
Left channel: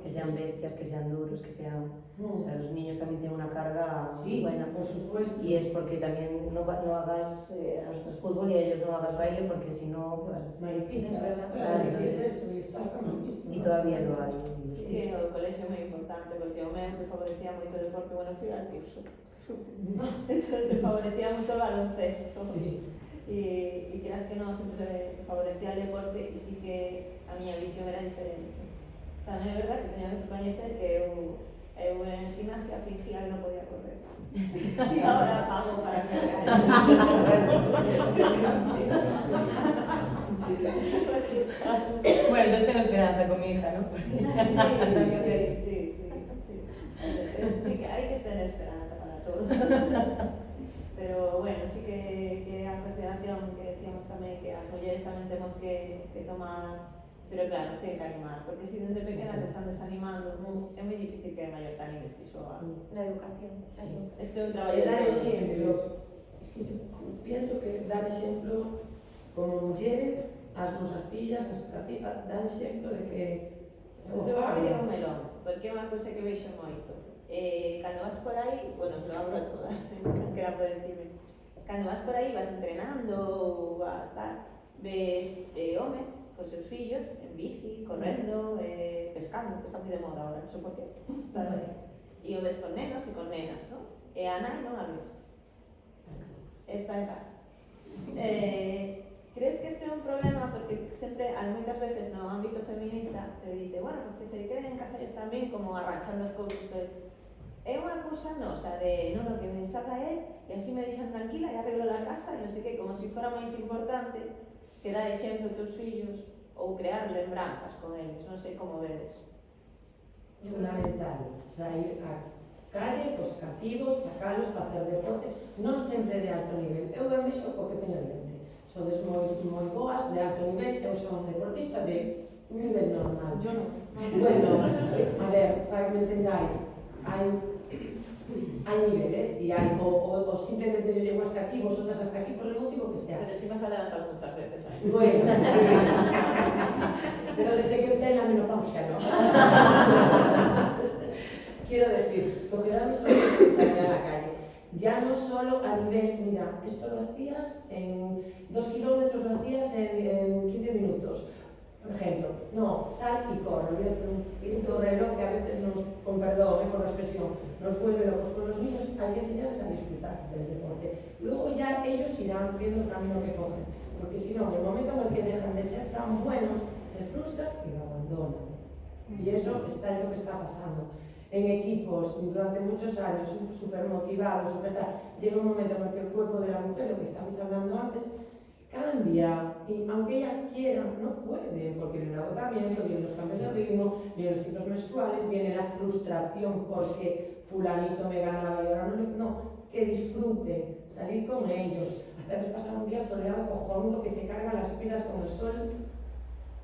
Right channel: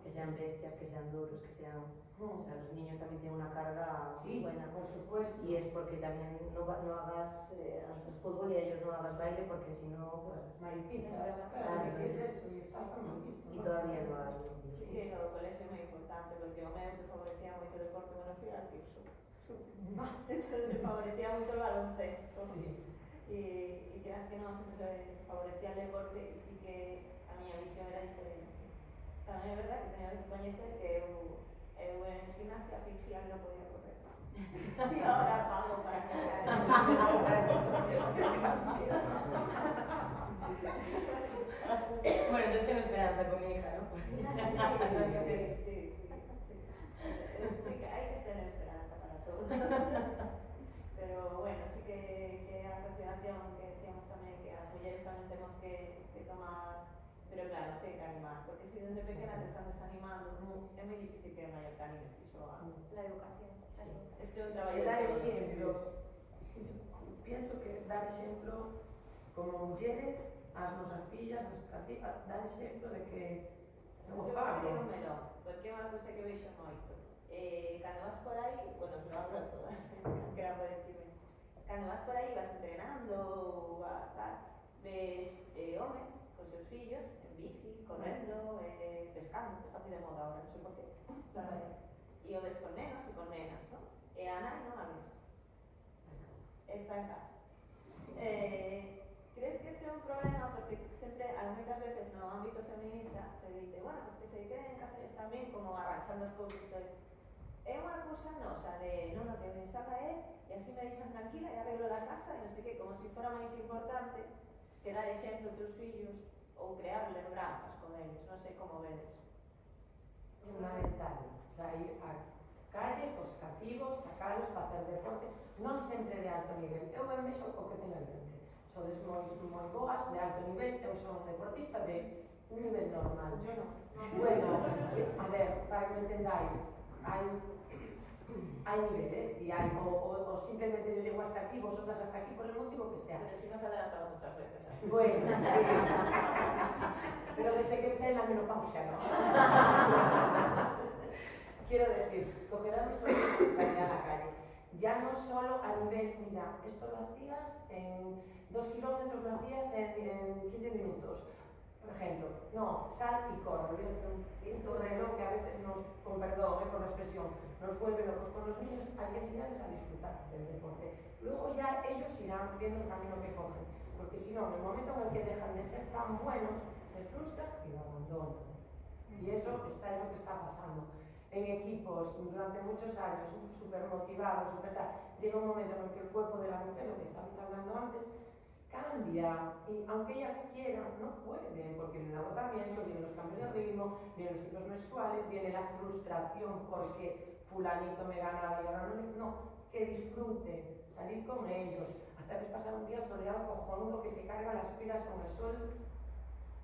que sean bestias, que sean duros, que sean... O sea, los niños también tienen una carga Sí, buena. por supuesto. Y es porque también no hagas a nosotros fútbol y a ellos no hagas baile porque si no, ¿qué vas a hacer? Mariquitas, Es verdad. claro, es que es eso, y está hasta mal visto. Y todavía lo hay. Sí, que o colexio é moi importante, porque o meu que favorecía moito o deporte, bueno, fui al Tirso. Entonces se favorecía mucho el baloncesto. Sí. Y quieras que no, siempre se favorecía el deporte e sí que a miña visión era diferente. Tamén é verdad que teña que coñecer que eu en gimnasia fingía que non podía correr. E agora pago para correr. Bueno, entonces tengo esperanza con mi hija, ¿no? Sí. Sí que hai que tener esperanza para todo. Pero bueno, sí que a consideración que decíamos tamén que as mulleres tamén temos que tomar, pero claro, nos ten que animar, porque se desde pequena te están desanimando, é moi difícil que de maior te animes iso a... La educación. Este é un traballo E dar de todos. exemplos. Pienso que dar exemplo como mulleres ás nosas fillas, ás fillas, dar exemplo de que O teu barrio é un melón, porque é unha cousa que veixo moito. Cando vas por aí, bueno, lo abro a todas, calquera pode dicirme. Cando vas por aí, vas entrenando ou vas tal, ves homes con seus fillos en bici, correndo, pescando, que está moi de moda agora, non sei por qué. E o ves con nenos e con nenas, non? E a nai non a ves. Está en casa. Crees que isto é un problema? Porque sempre, moitas veces no ámbito feminista se dice, bueno, pues que se queden en casa ellos tamén como arranchando as cousas. Entonces, é unha cousa nosa de, non, que me saca él e así me deixan tranquila e arreglo la casa e non sei que, como se fora máis importante que dar exemplo a teus fillos ou crear lembranzas con eles, non sei como vedes. fundamental sair á calle, cos cativos, sacalos, facer deporte, non sempre de alto nivel. Eu ben vexo o que teño diante. Sodes moi boas, de alto nivel, eu son deportista de nivel normal. Yo no. Bueno, a ver, para que me entendáis, hai niveles e hai o simplemente yo llego hasta aquí, vosotras hasta aquí por el motivo que sea. Pero si me has adelantado muchas veces, ¿eh? Bueno, pero desde que entré en la menopausia, ¿no? Quiero decir, cogerá mis cosas y salir a la calle. Ya no solo a nivel, mira, esto lo hacías en 2 kilómetros, lo hacías en 15 minutos. Por ejemplo, no, sal y corre, olvídate de un reloj que a veces nos, con perdón por la expresión, nos vuelve locos. Con los niños hay que enseñarles a disfrutar del deporte. Luego ya ellos irán viendo el camino que cogen, porque si no, en el momento en el que dejan de ser tan buenos, se frustran y lo abandonan. Y eso es lo que está pasando. En equipos, durante muchos años, súper motivados, llega un momento en el que el cuerpo de la mujer, lo que estabais hablando antes, cambia, y aunque ellas quieran, no pueden, porque viene el agotamiento, vienen los cambios de ritmo, vienen los ciclos menstruales, viene la frustración porque fulanito me ganaba y ahora no, que disfruten, salir con ellos, hacerles pasar un día soleado cojonudo, que se cargan las pilas con el sol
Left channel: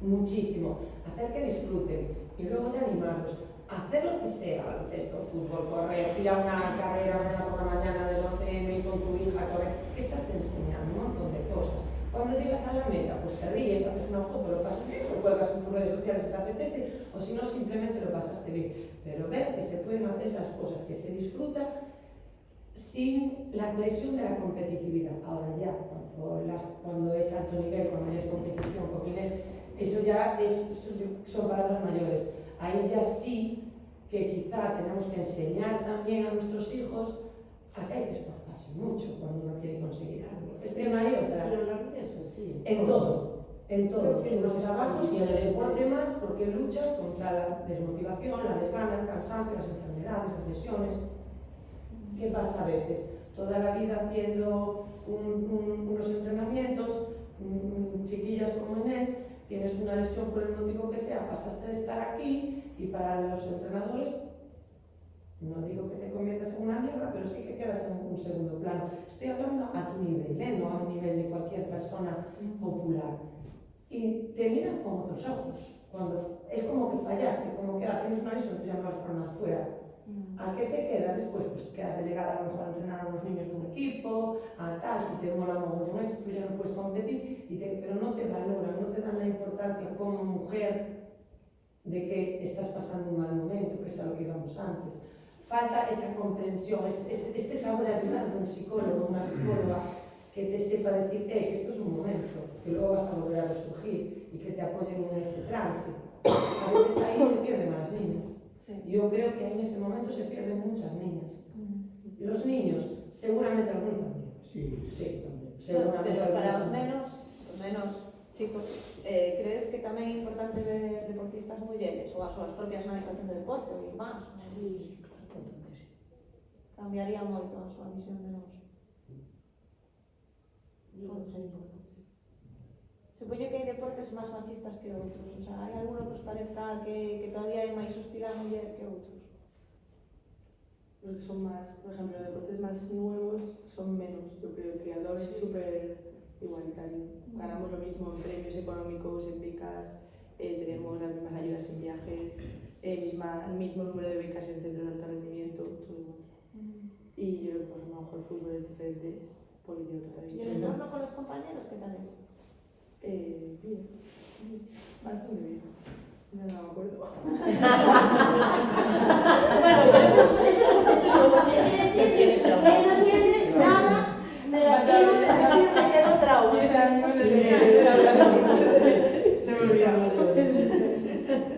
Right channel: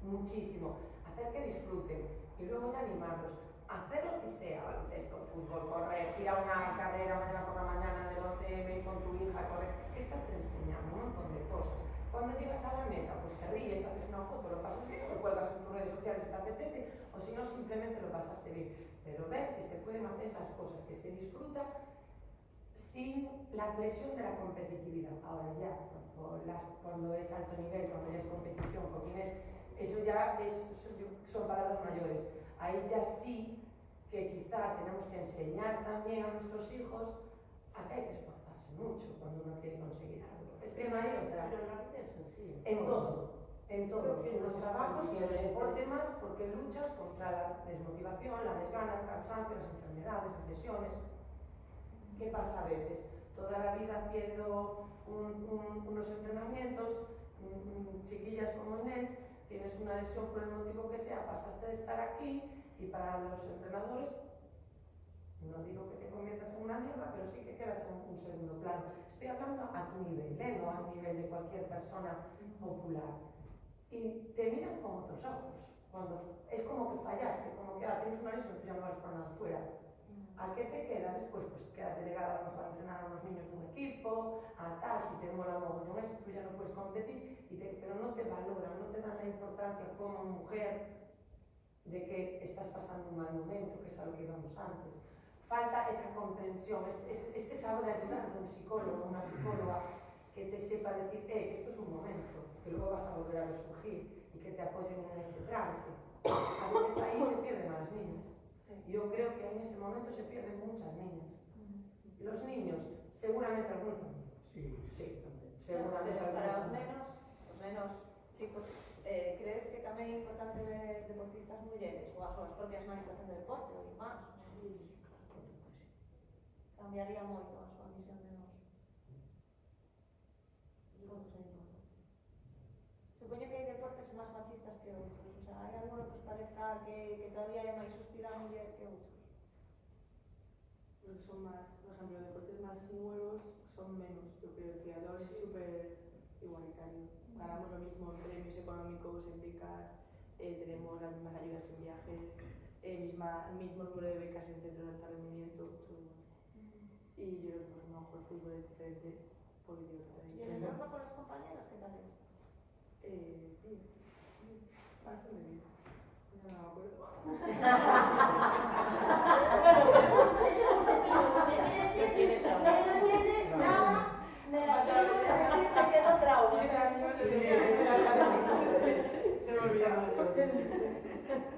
muchísimo, hacer que disfruten y luego ya animarlos. Hacer lo que sea, baloncesto, fútbol, correr, ir a una carrera por la mañana del 11M con tu hija, correr, que estás enseñando un montón de cosas. Cuando llegas a la meta, pues te ríes, te haces una foto, lo pasas bien, lo cuelgas en tus redes sociales si te apetece, o si no, simplemente lo pasaste bien. Pero ver que se pueden hacer esas cosas, que se disfrutan sin la presión de la competitividad. Ahora ya, cuando es alto nivel, cuando ya es competición, eso ya son palabras mayores. Ahí ya sí que quizá tenemos que enseñar también a nuestros hijos a que hay que esforzarse mucho cuando uno quiere conseguir algo. Es que no hay otra. Pero la vida es así. En todo, en los trabajos y en el deporte más, porque luchas contra la desmotivación, la desgana, el cansancio, las enfermedades, las lesiones. ¿Qué pasa a veces? Toda la vida haciendo unos entrenamientos, chiquillas como Inés, tienes una lesión por el motivo que sea, pasaste de estar aquí Y para los entrenadores, no digo que te conviertas en una mierda, pero sí que quedas en un segundo plano. Estoy hablando a tu nivel, no a un nivel de cualquier persona popular. Y te miran con otros ojos. Cuando es como que fallaste, como que tienes una lesión, tú ya no vas para nada fuera. ¿A qué te queda después? Pues quedas delegada a lo mejor a entrenar a unos niños de un equipo, a tal, si te mola mogollón eso, tú ya no puedes competir, pero no te valoran, no te dan la importancia como mujer de que estás pasando un mal momento, que es a lo que íbamos antes. Falta esa comprensión, este saber de ayudar de un psicólogo, una psicóloga, que te sepa decir, que esto es un momento, que luego vas a volver a resurgir y que te apoyen en ese trance. A veces ahí se pierden a las niñas. Yo creo que en ese momento se pierden muchas niñas. Los niños, seguramente algunos también. Sí, tamén. Seguramente Pero para os algunos. nenos chicos, crees que tamén é importante ver deportistas mulleres ou as súas propias nai facendo deporte ou máis? Cambiaría moito a súa visión de nós. Supoño que hai deportes máis machistas que outros, o sea, hai alguno que os parezca que todavía hai máis hostil á muller que outros. Los que son más, por ejemplo, deportes más nuevos son menos. Yo creo que el triatlón es súper igualitario. Ganamos lo mismo en premios económicos, en becas, tenemos las mismas ayudas en viajes, el mismo número de becas en centros de alto rendimiento, todo igual. Y yo creo que pues, a lo mejor el fútbol es diferente porque tiene otra ¿Y el tradición. entorno con los compañeros qué tal es? Bien, bastante bien. No me acuerdo. Bueno, pero eso es positivo, porque quiere decir que no sientes nada negativo de decir que quedó trauma. Se me olvidaba.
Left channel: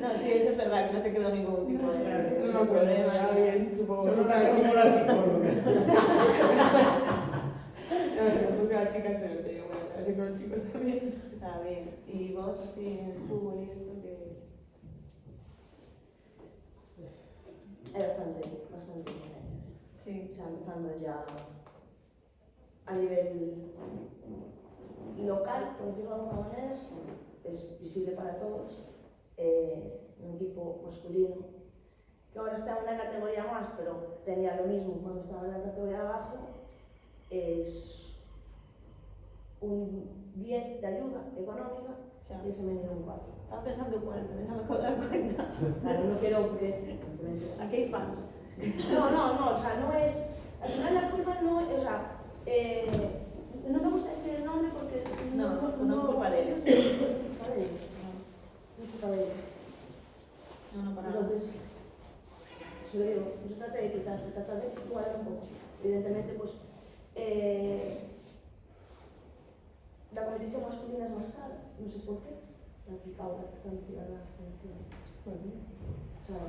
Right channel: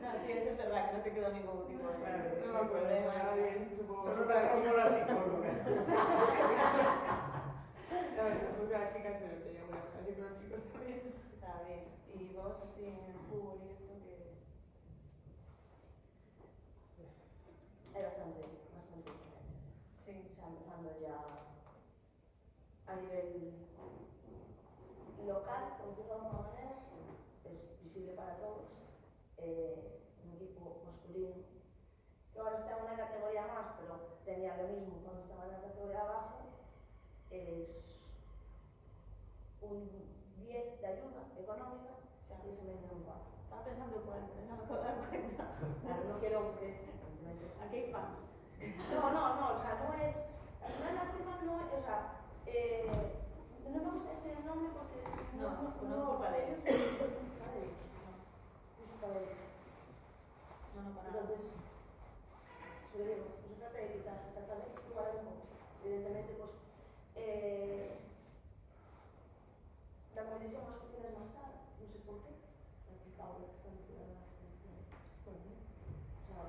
No, sí, eso es verdad, que no te quedó ningún tipo de No me acuerdo, problema. ya bien, supongo. Solo como la psicóloga. No, supongo que las chicas se lo tenía bueno, así con los chicos también. Está bien. ¿Y vos así en el fútbol y esto que...? Hay bastante diferencias. Sí. O sea, empezando ya a nivel local, por decirlo de alguna manera, es visible para todos. Un equipo masculino que ahora está en una categoría más, pero tenía lo mismo cuando estaba en la categoría de abajo, es un 10 de ayuda económica y el femenino un 4. Estaba pensando cuál, pero no me acabo de dar cuenta. Claro, no quiero porque... Aquí hay fans. No, o sea, no es... Al final la culpa no es... O sea, no me gusta decir el nombre porque... No es culpa de ellos. No es culpa de ellos. No es culpa de ellos. No, para nada. Entonces, se lo digo, no se trata de quitar, se trata de igualar un poco. Evidentemente, pues... la competición masculina es más cara, no sé por qué. La chica ahora que está metida en la selección. O sea,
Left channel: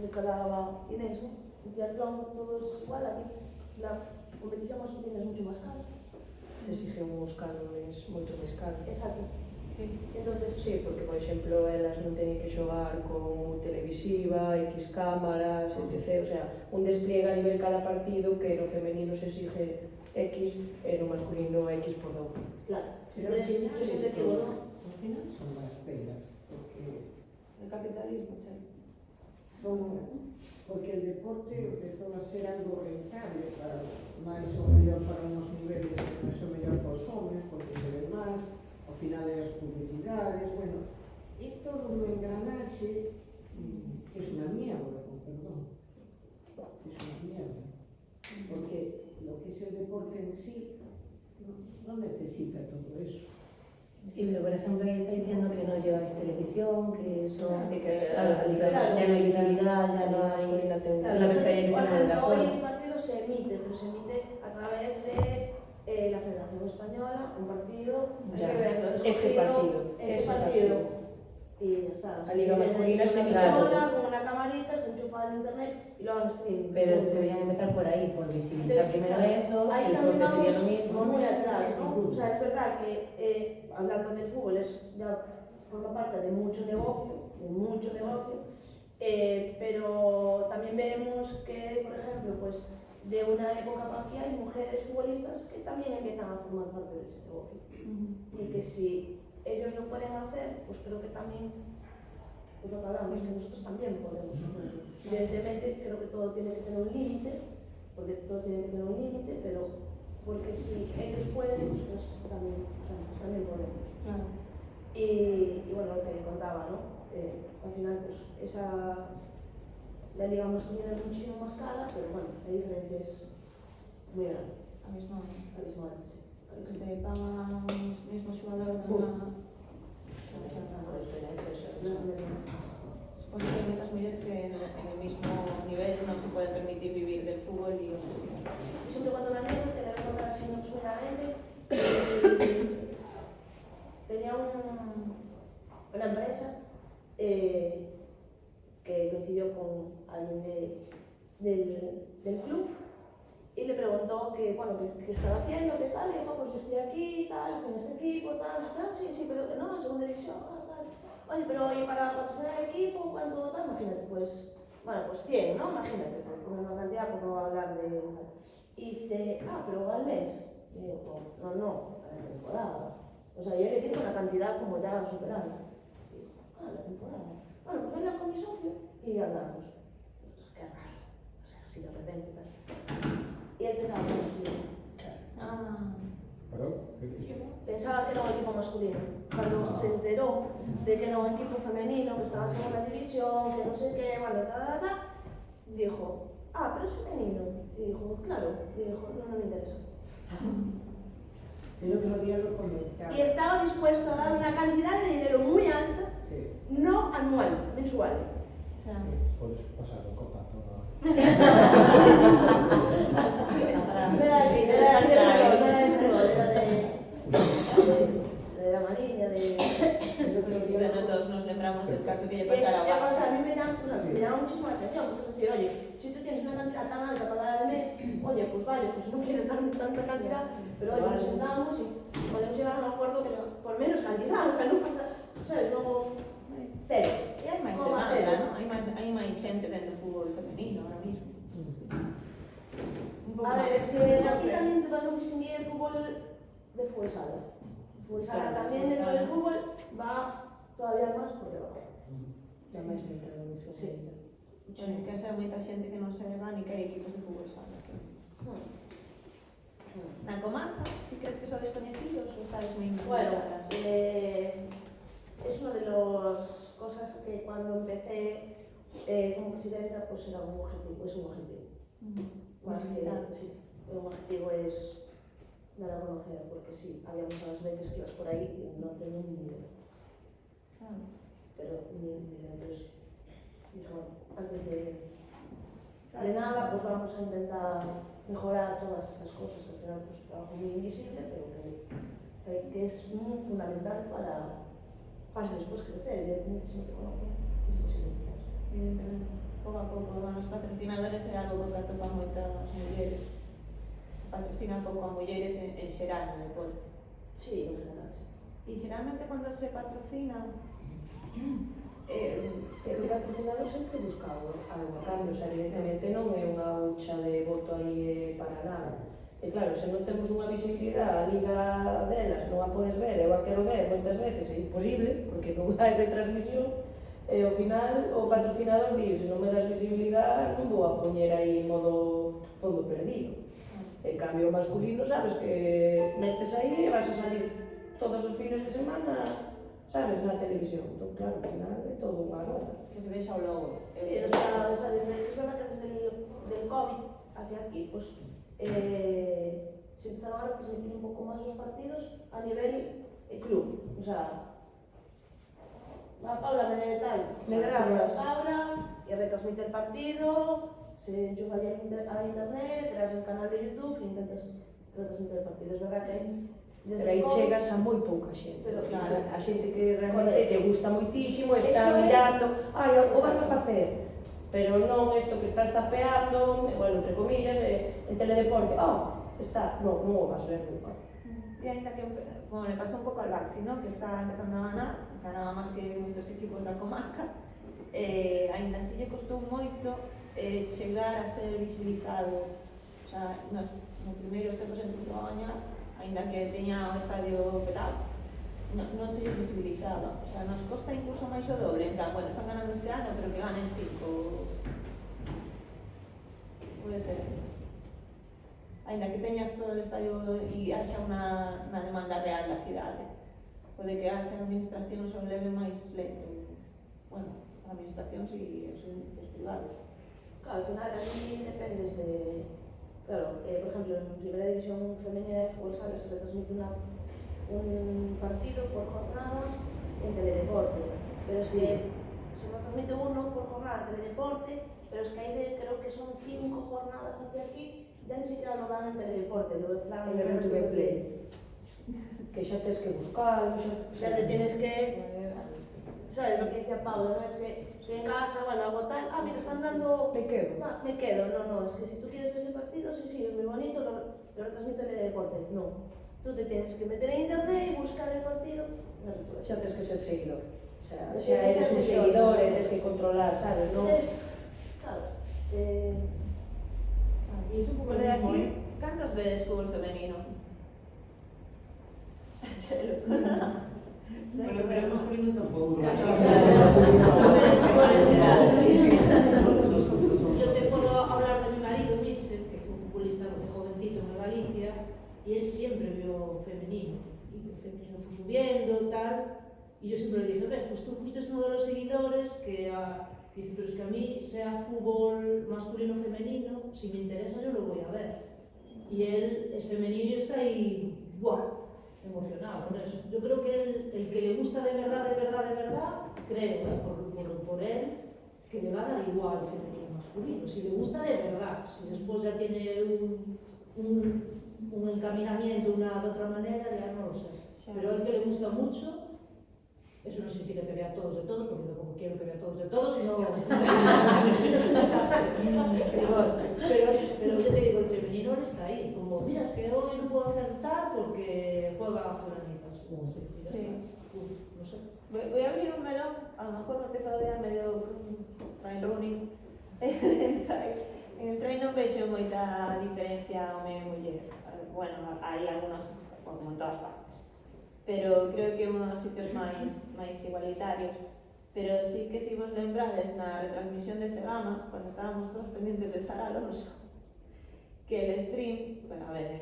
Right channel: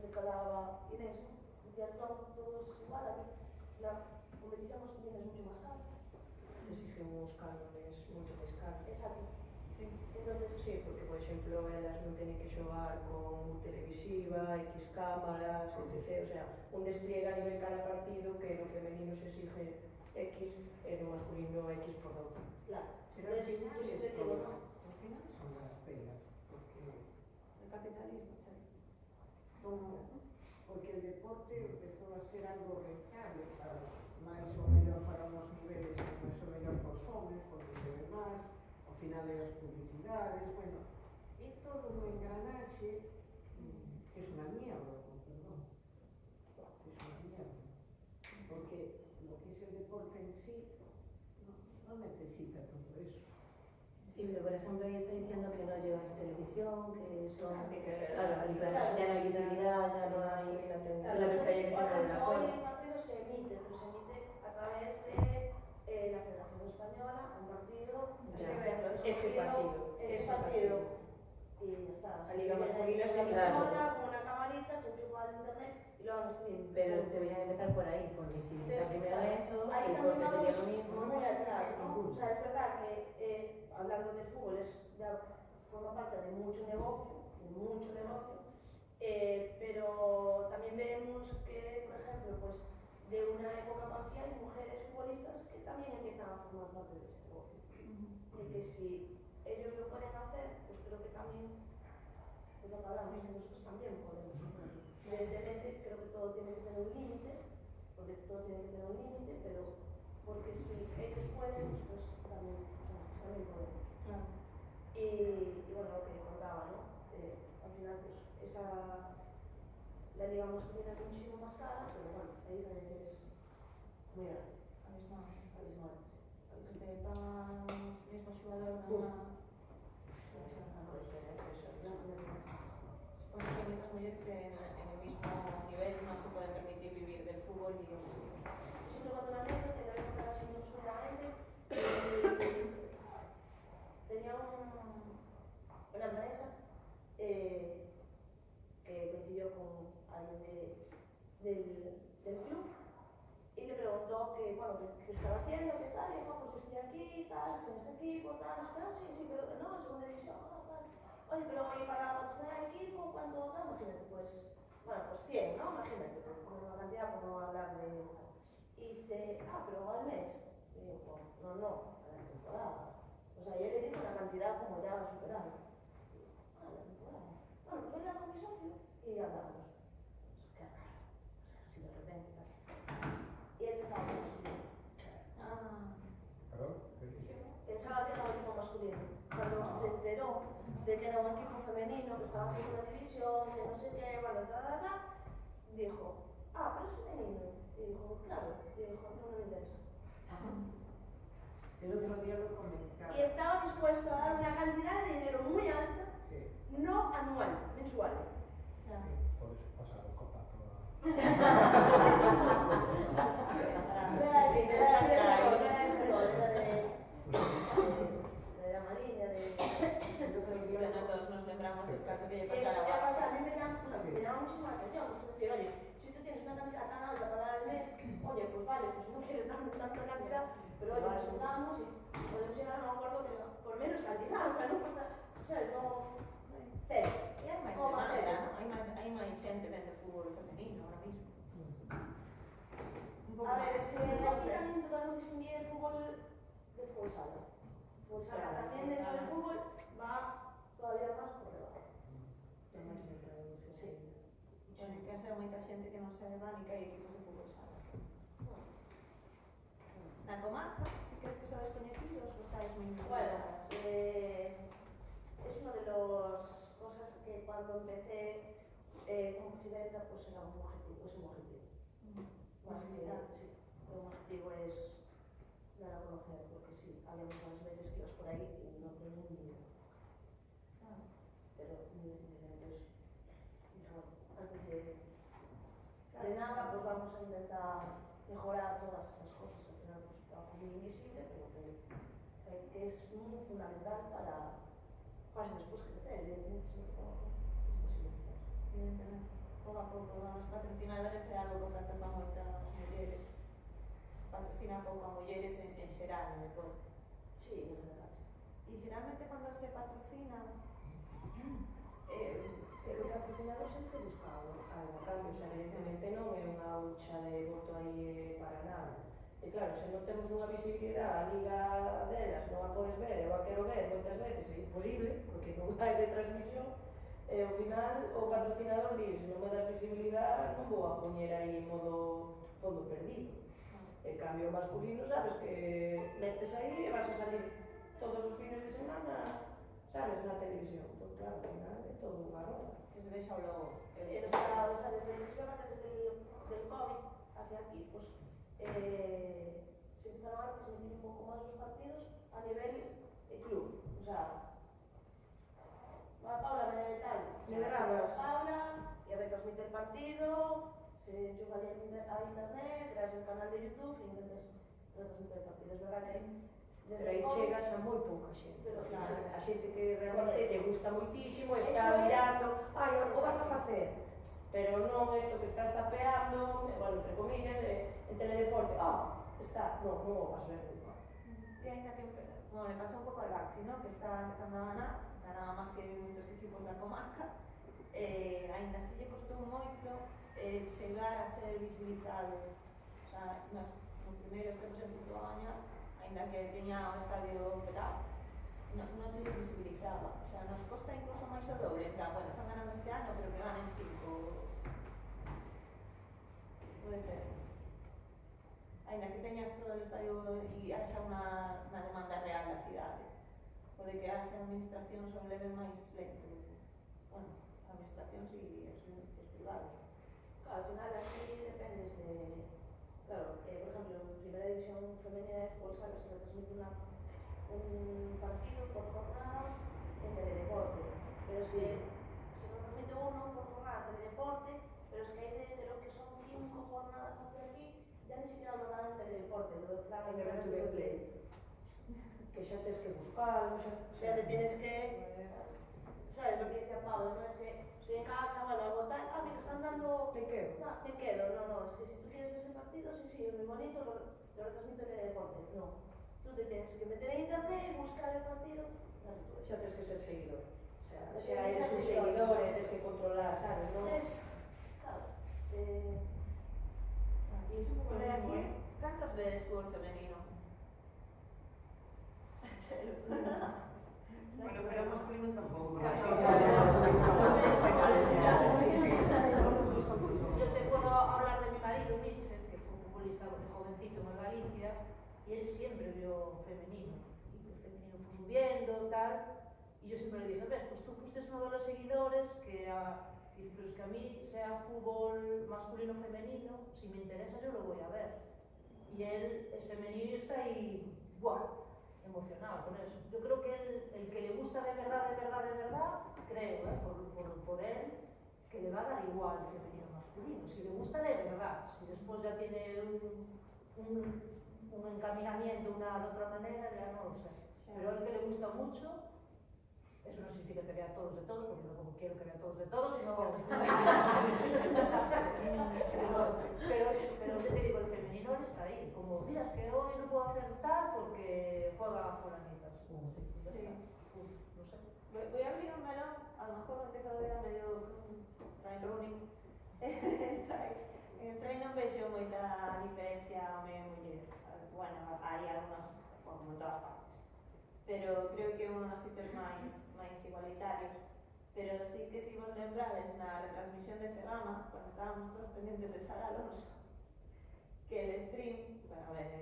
me calaba Inés, ¿no? En triatlón todo es igual, aquí la competición masculina es mucho más cara. Se exigen uns cánones moito máis caros. Exacto. Sí. Entonces, Sí, porque, por exemplo, elas non teñen que xogar con televisiva, X cámaras, etc. O sea, un despliega a nivel cada partido que no femenino se exige X e no masculino X por 2. claro. Pero al Entonces, final yo siempre esto, digo, ¿no? al final son las penas, porque El capitalismo, sí. porque el deporte empezou a ser algo rentable para máis ou mellor para unos niveles máis ou mellor para os homens, porque se ve máis, ao final de as publicidades, bueno, e todo un engranaxe que es una mierda, con perdón, es una mierda, porque lo que es el deporte en sí no necesita todo eso. Sí, pero por ejemplo ahí está diciendo que no lleváis televisión, que eso... Y que Claro, la ya no hay visibilidad, ya no hay... masculina ten Es la vez que hay que por ser de ejemplo, hoy acuerdo. el partido se emite, pero se emite a través de la Federación Española, un partido, hay Ya, que verlo, ese escogido, partido, ese ese partido. Y ya está. La liga masculina se se emite claro. sola, con una camarita, se enchufa al internet y lo hagan streaming. Pero deberían empezar por ahí, por visibilizar Entonces, primero claro, eso, ahí el también coste sería lo vamos mismo. muy atrás, ¿no? O sea, es verdad que hablando del fútbol ya forma parte de mucho negocio, pero también vemos que, por ejemplo, pues de una época para aquí hay mujeres futbolistas que también empiezan a formar parte de ese negocio. Y que si ellos lo pueden hacer, pues creo que también es lo que hablamos, que nosotros también podemos hacerlo. Evidentemente, creo que todo tiene que tener un límite, pero porque si ellos pueden, nosotros también, nosotros también podemos. Claro. Y bueno, lo que contaba, ¿no? Al final, pues la liga masculina es muchísimo más cara, pero bueno, la diferencia es muy grande. Abismal. Que Que se pagan os mesmos xogadores Supongo que hay moitas mulleres que en el mismo nivel non se pueden permitir vivir del fútbol y otras sí. Yo siempre cuando la anécdota, te la voy a contar así muy sueltamente, tenía una empresa que coincidió con alguien del club y le preguntó que, bueno, qué estaba haciendo, qué tal, y dijo, pues yo estoy aquí, tal, estoy en este equipo, tal, sí, pero no, en segunda división, tal. Oye, pero ¿y para patrocinar el equipo cuánto tal? Imagínate, pues, bueno, pues 100, ¿no? Imagínate, pues poner una cantidad por no hablar de tal. Y dice, pero al mes. Y digo, no, a la temporada. O sea, ya le digo una cantidad como ya superada. Y digo, la temporada. Bueno, pues venga con mi socio y hablamos. O sea, qué raro. O sea, así de repente, tal. Y él pensaba que era masculino. ¿Perdón? ¿Qué dices? Pensaba que era un equipo masculino. Cuando se enteró de que era un equipo femenino, que estaba en segunda división, que no sé qué, bueno, dijo, pero es femenino. Y dijo, claro. Y dijo, no me interesa. El otro día lo comentaba. Y estaba dispuesto a dar una cantidad de dinero muy alta, Sí. no anual, mensual. O sea, Puedes pasar el contacto a... De la Mariña, bueno, todos nos lembramos del caso que lle Es, pasara a o sea, a Barça. mí me llama muchísimo la atención, pues es decir, oye, si tú tienes una cantidad tan alta para dar al mes, oye, pues vale, pues no quieres darme tanta cantidad, pero oye, nos sentamos y podemos llegar a un acuerdo que por menos cantidad, o sea, no pasa, ¿sabes? No, cero. E hai máis Coma demanda, cero. non? Hai máis xente vendo fútbol femenino ahora mismo. Un pouco A ver, máis. es que aquí también te podemos distinguir el fútbol de fútbol sala. El fútbol sala Claro, también fútbol dentro sala. del fútbol va todavía más por debajo. Ya máis mercado no femenino. Bueno, que hai moita xente que non se va ni que hai equipos de fútbol sala. Na comarca, ti crees que sois descoñecidos ou estáis moi Bueno, involucradas? es una de las cosas que cuando empecé como presidenta pues era un objetivo, es un objetivo. Más que, sí, un objetivo es dar a conocer, porque sí, había muchas veces que ibas por ahí y no tenía ni idea. Claro. Pero ni idea, entonces dije, bueno, antes de nada, pues vamos a intentar mejorar todas estas cosas, que al final pues es un trabajo muy invisible, pero que es muy fundamental para después crecer. Evidentemente, si no te conocen, es imposible crecer. Evidentemente. Pouco a pouco, os patrocinadores é algo que atopan moitas mulleres. Se patrocinan pouco a mulleres en xeral no deporte. Sí, en general, sí. E xeralmente cando se patrocina O patrocinador sempre buscado algo a cambio, o sea, evidentemente non é unha hucha de voto aí para nada. E claro, se non temos unha visibilidade, a liga delas non a podes ver, eu a quero ver moitas veces, é imposible, porque non hai retransmisión, e ao final o patrocinador di, se non me das visibilidade non vou a poñer aí modo fondo perdido. En cambio, o masculino, sabes que metes aí e vas a salir todos os fines de semana, sabes, na televisión. Entón, claro, ao final é todo unha roda. que se vexa o logo. Sí, es verdad que desde el COVID hacia aquí, pues se empezaron a retransmitir un poco más los partidos a nivel club. O sea, va Paula de tal, Me grabas. Paula y retransmite el partido, se enchufa ya a internet, creas el canal de YouTube y intentas retransmitir el partido. Es verdad que hay desde Pero aí el COVID, chegas a moi pouca xente. Pero, Claro, sí. a xente que realmente Correcto. lle gusta moitísimo, está Eso es. mirando, o van a facer. Pero non isto que estás tapeando, bueno, entre comillas, en teledeporte, está, non o vas ver nunca. E ainda que, como le pasou un pouco al Baxi, ¿no? Que está empezando a ganar, ganaba máis que moitos equipos da comarca, ainda así lle costou moito chegar a ser visibilizado. O sea, nos primeiros tempos empezou a gañar, ainda que teña o estadio petado. non se lles visibilizaba. O sea, nos costa incluso máis o doble, en plan, bueno, están ganando este ano, pero que ganen 5. Pode ser. Ainda que teñas todo o estadio e haxa unha demanda real da cidade, pode que haxa administracións o leve máis lento. Bueno, administracións e os privados. Claro, al final aquí dependes de... Claro, por ejemplo, en Primera División Femenina de Fútbol Sala se retransmite un partido por jornada en Teledeporte, pero es que se retransmite uno por jornada en Teledeporte, pero es que hay creo que son 5 jornadas hacia aquí, ya ni siquiera lo dan en Teledeporte, lo dan En el RTV Play. Que xa tens que buscarlo, xa te tienes que... ¿Sabes lo que decía Pablo? No es que estoy en casa, bueno, hago tal, mira, están dando... Me quedo. No, me quedo, no, es que si tú quieres ver ese partido, sí, es muy bonito, lo retransmite el deporte, no. Tú te tienes que meter en internet, buscar el partido, Xa tens que ser seguidor. O sea, Tienes xa que eres ser un seguidor. seguidor, tens que controlar, sabes, non? Claro, Y es un poco Por lo de mismo, aquí, ¿eh? cantos vedes fútbol femenino? Chelo. Bueno, pero hemos venido tampoco. Yo te puedo hablar de mi marido, Mitchell, que fue futbolista jovencito en Galicia, y él siempre vio femenino, y el femenino fue subiendo, tal, y yo siempre le dije, ves, pues tú fuiste uno de los seguidores que dice, pero es que a mí, sea fútbol masculino o femenino, si me interesa yo lo voy a ver. Y él es femenino y está ahí, ¡buah!, emocionado con eso. Yo creo que el que le gusta de verdad, creo, por él, que le va a dar igual femenino o masculino. Si le gusta de verdad, si después ya tiene un encaminamiento de otra manera, ya no lo sé. Pero a él que le gusta mucho, eso no significa que vea todos de todos, porque tampoco quiero que vea todos de todos, sino es un desastre. Pero yo te digo, el femenino está ahí, como, mira, es que hoy no puedo hacer tal porque juega fulanitas. Sí. No sé. Voy a abrir un melón, a lo mejor no te cabe medio train running. En el train non vexo moita diferencia home e muller. Bueno, hai algunos, como en todas partes, pero creo que unos sitios máis igualitarios. Pero sí que si vos lembrades na retransmisión de Cegama, cuando estábamos todos pendientes de Sara Alonso, que el stream, bueno, a ver,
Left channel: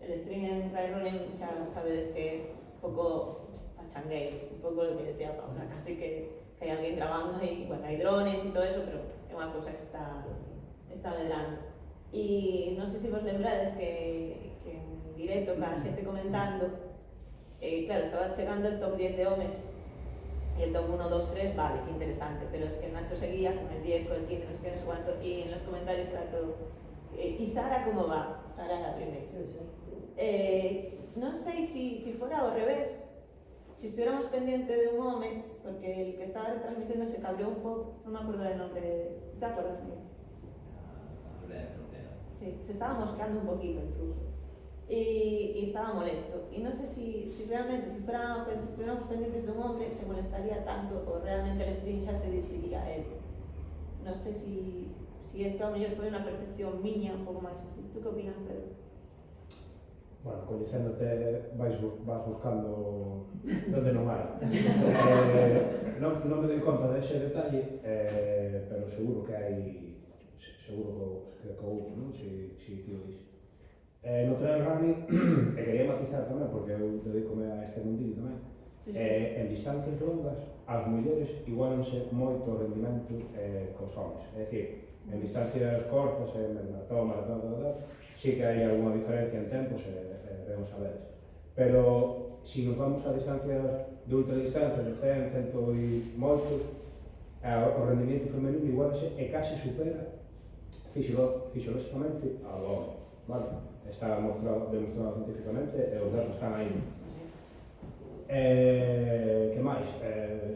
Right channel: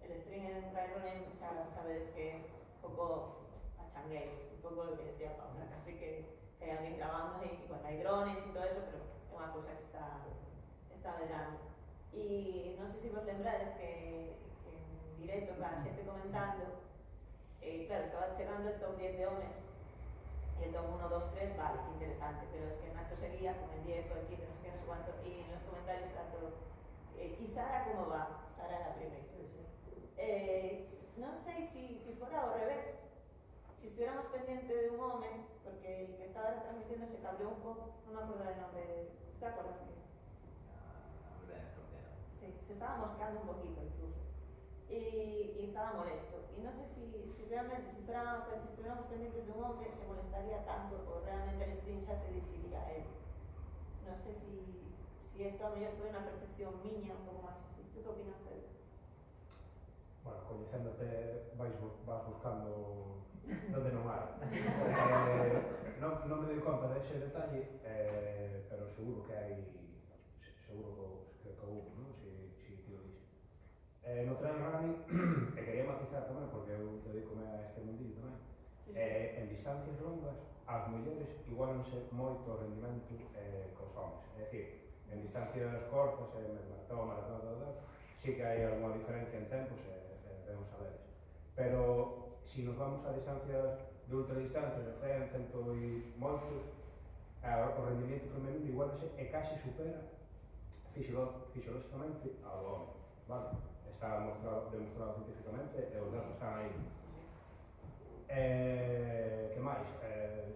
el stream en train running xa sabedes que un pouco pachangueiro, un pouco lo que decía Paula, casi que hai alguén grabando aí, bueno, hai drones e todo eso, pero é unha cousa que está medrando. E non sei se vos lembrades que en directo, cara, xente comentando, claro, estaba chegando el top 10 de homes, y el top 1, 2, 3, vale, qué interesante, pero es que Nacho seguía con el 10, con el 15, no sé qué, no sé cuánto, y en los comentarios era todo. ¿Y Sara cómo va? Sara la primera. No sé si fuera al revés, si estuviéramos pendientes de un hombre, porque el que estaba retransmitiendo se cabreó un poco, no me acuerdo del nombre, ¿te acuerdas? Sí, se estaba moscando un poquito incluso. Y estaba molesto. Y no sé si realmente, si estuviéramos pendientes de un hombre, se molestaría tanto o realmente el stream ya se dirigiría a él. No sé si esto a lo mejor fue una percepción miña un poco más así. ¿Tú qué opinas, Pedro? Bueno, coñecéndote vas buscando donde non hai. Non me doy conta dese detalle, pero seguro que hai, seguro que houve, non? Si ti o dis. No trail running, e quería matizar tamén, porque eu dedícome a este mundillo tamén, en distancias longas, as mulleres igualanse moito o rendimento cos homens. É dicir, en distancias cortas, en maratón, sí que hai alguna diferencia en tempos, vemos a veces. Pero, se nos vamos a distancias de ultradistancia, de 100, 100 e moitos, o rendimento femenino igualanse e case supera fisiolóxicamente ao home, vale? Está demostrado científicamente e os datos están aí. Que máis?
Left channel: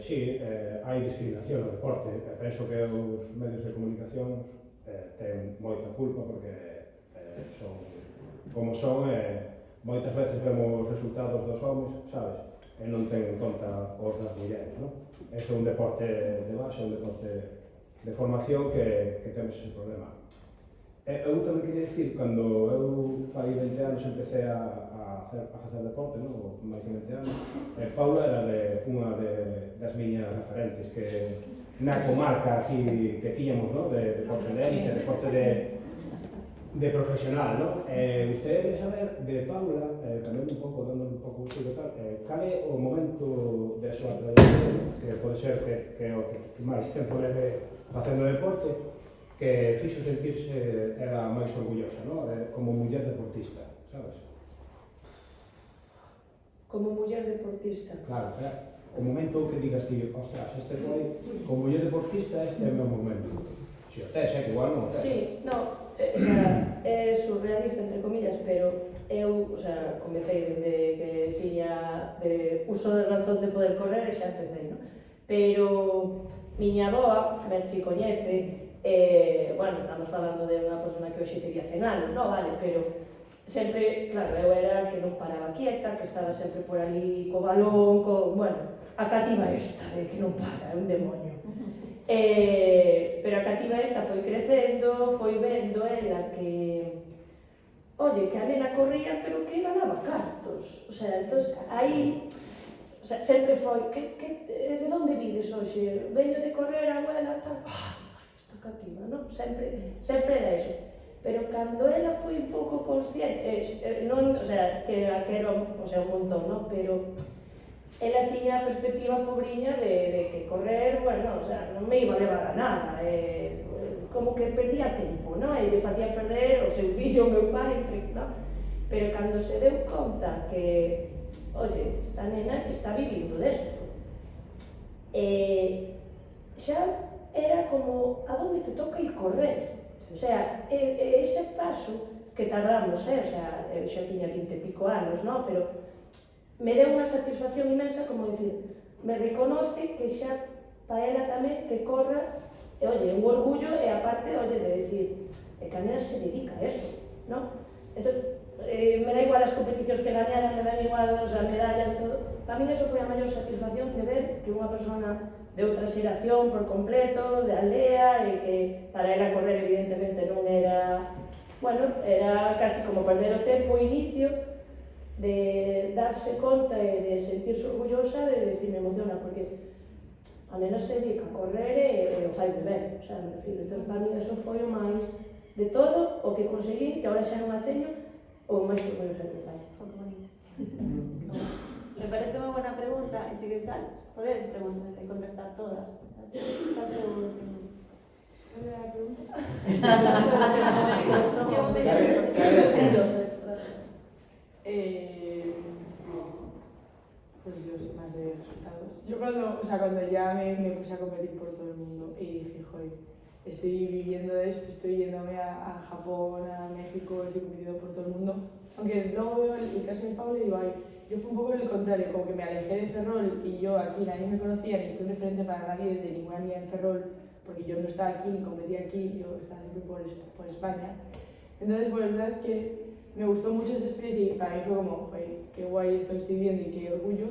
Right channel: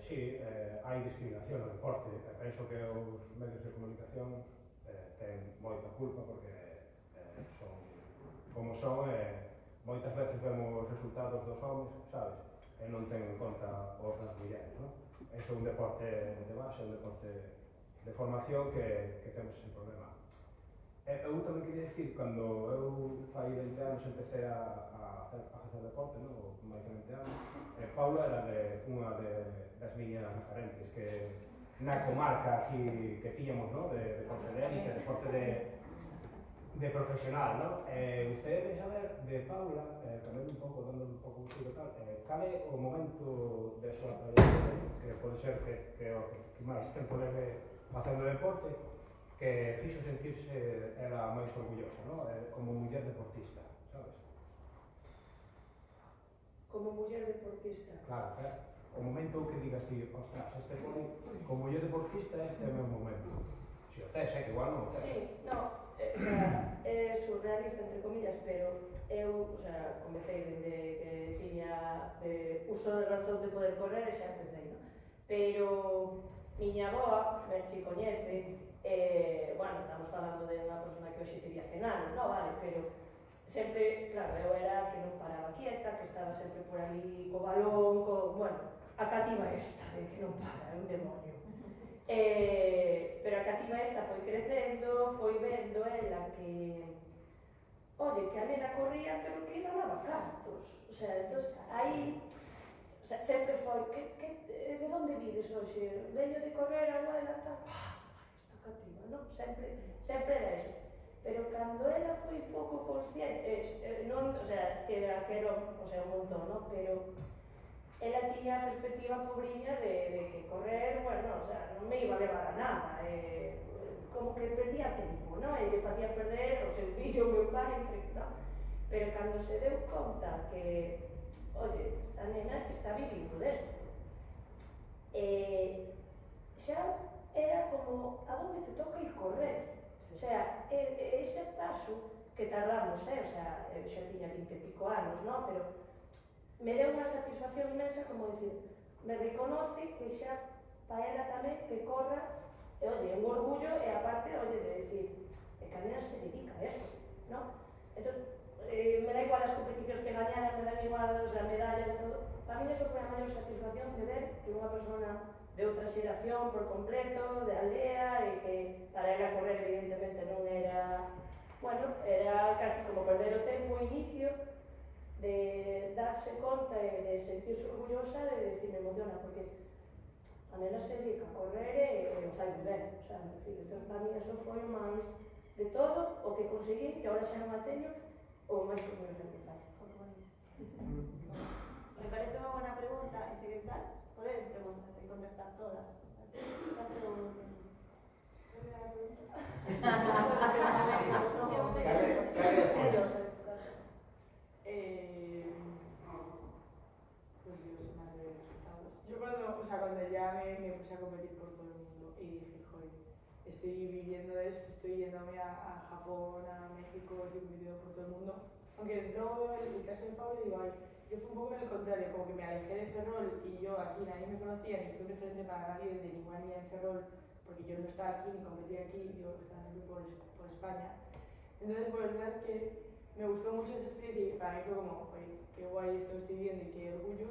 Sí, hai discriminación no deporte. Penso que os medios de comunicación ten moita culpa porque son como son e moitas veces vemos os resultados dos homens, sabes? E non ten en conta os das mulleres, non? Este é un deporte de base, un deporte de formación que temos ese problema. Eu tamén queria dicir, cando eu fai 20 anos empecé a facer deporte, non? Máis de 20 anos, Paulo referentes que na comarca aquí que tiñamos, ¿no? De deporte de élite, deporte de profesional, ¿no? Usted quere saber de Paula, tamén un pouco, dando un pouco de tal, cal é o momento de súa trayectoria, que pode ser que o que máis tempo leve facendo deporte, que fixo sentirse era máis orgullosa, ¿no? Como muller deportista, sabes? Como muller deportista. Claro, o momento que digas ti, ostras, este foi, como muller deportista, este é o meu momento. Si o tes, que igual non o tes. Sí, no, o sea, é surrealista, entre comillas, pero eu, o sea, comecei desde que tiña uso de razón de poder correr e xa empecé, no? Pero miña avoa, Merchi coñece, bueno, estamos falando de unha persona que hoxe tería 100 anos, no, vale, pero sempre, claro, eu era que non paraba quieta, que estaba sempre por ali co balón, bueno, a cativa esta de que non para, é un demonio. Pero a cativa esta foi crecendo, foi vendo ela que, oye, que a nena corría, pero que ganaba cartos. O sea, entonces, aí, o sea, sempre foi, de onde vides hoxe? Veño de correr, abuela, tal. Esta cativa, non? Sempre era eso. Pero cando ela foi un pouco consciente, non, o sea, que era, o sea, un montón, non? Pero ela tiña a perspectiva pobriña de que correr, bueno, o sea, non me iba a levar a nada, como que perdía tempo, non? E lle facía perder o seu fillo, o meu pai, non? Pero cando se deu conta que, oye, esta nena está vivindo desto, xa era como a donde te toca ir correr. O sea, ese paso que tardamos, o sea, xa tiña 20 e pico anos, non? Pero me deu unha satisfacción inmensa, como dicir, me reconoce que xa para ela tamén que corra, e, oye, un orgullo, e aparte, oye, de decir, que a nena se dedica a eso, non? Entón, me da igual as competicións que gañaran, me dan igual as medallas e todo. Para mí eso foi a maior satisfacción de ver que unha persona de outra xeración por completo, de aldea, e que para ela correr evidentemente non era, bueno, era casi como perder o tempo, o inicio, de darse conta e de sentirse orgullosa, de decir, me emociona, porque a nena se dedica a correr e o fai ben, o sea, me refiro. Entón, para mí eso foi o máis de todo, o que conseguí, que agora xa non a teño, o máis orgullosa que fai. Oh, que bonito. Me parece unha buena pregunta, e se que tal, podes preguntar e contestar todas. Tal pregunta. ¿Cuál era la pregunta? ¿Qué momento? Pues yo sé más de resultados. Yo cuando ya me puse a competir por todo el mundo y dije, joder, estoy viviendo de esto, estoy yéndome a Japón, a México, estoy compitiendo por todo el mundo. Aunque luego veo el caso de Pablo y digo, ay, yo fui un poco el contrario, como que me alejé de Ferrol y yo aquí nadie me conocía, ni fui un referente para nadie de ninguna niña en Ferrol, porque yo no estaba aquí ni competía aquí, yo estaba siempre por España. Entonces, pues la verdad es que me gustó mucho esa experiencia y para mí fue como, joder, qué guay esto que estoy viendo y qué orgullo,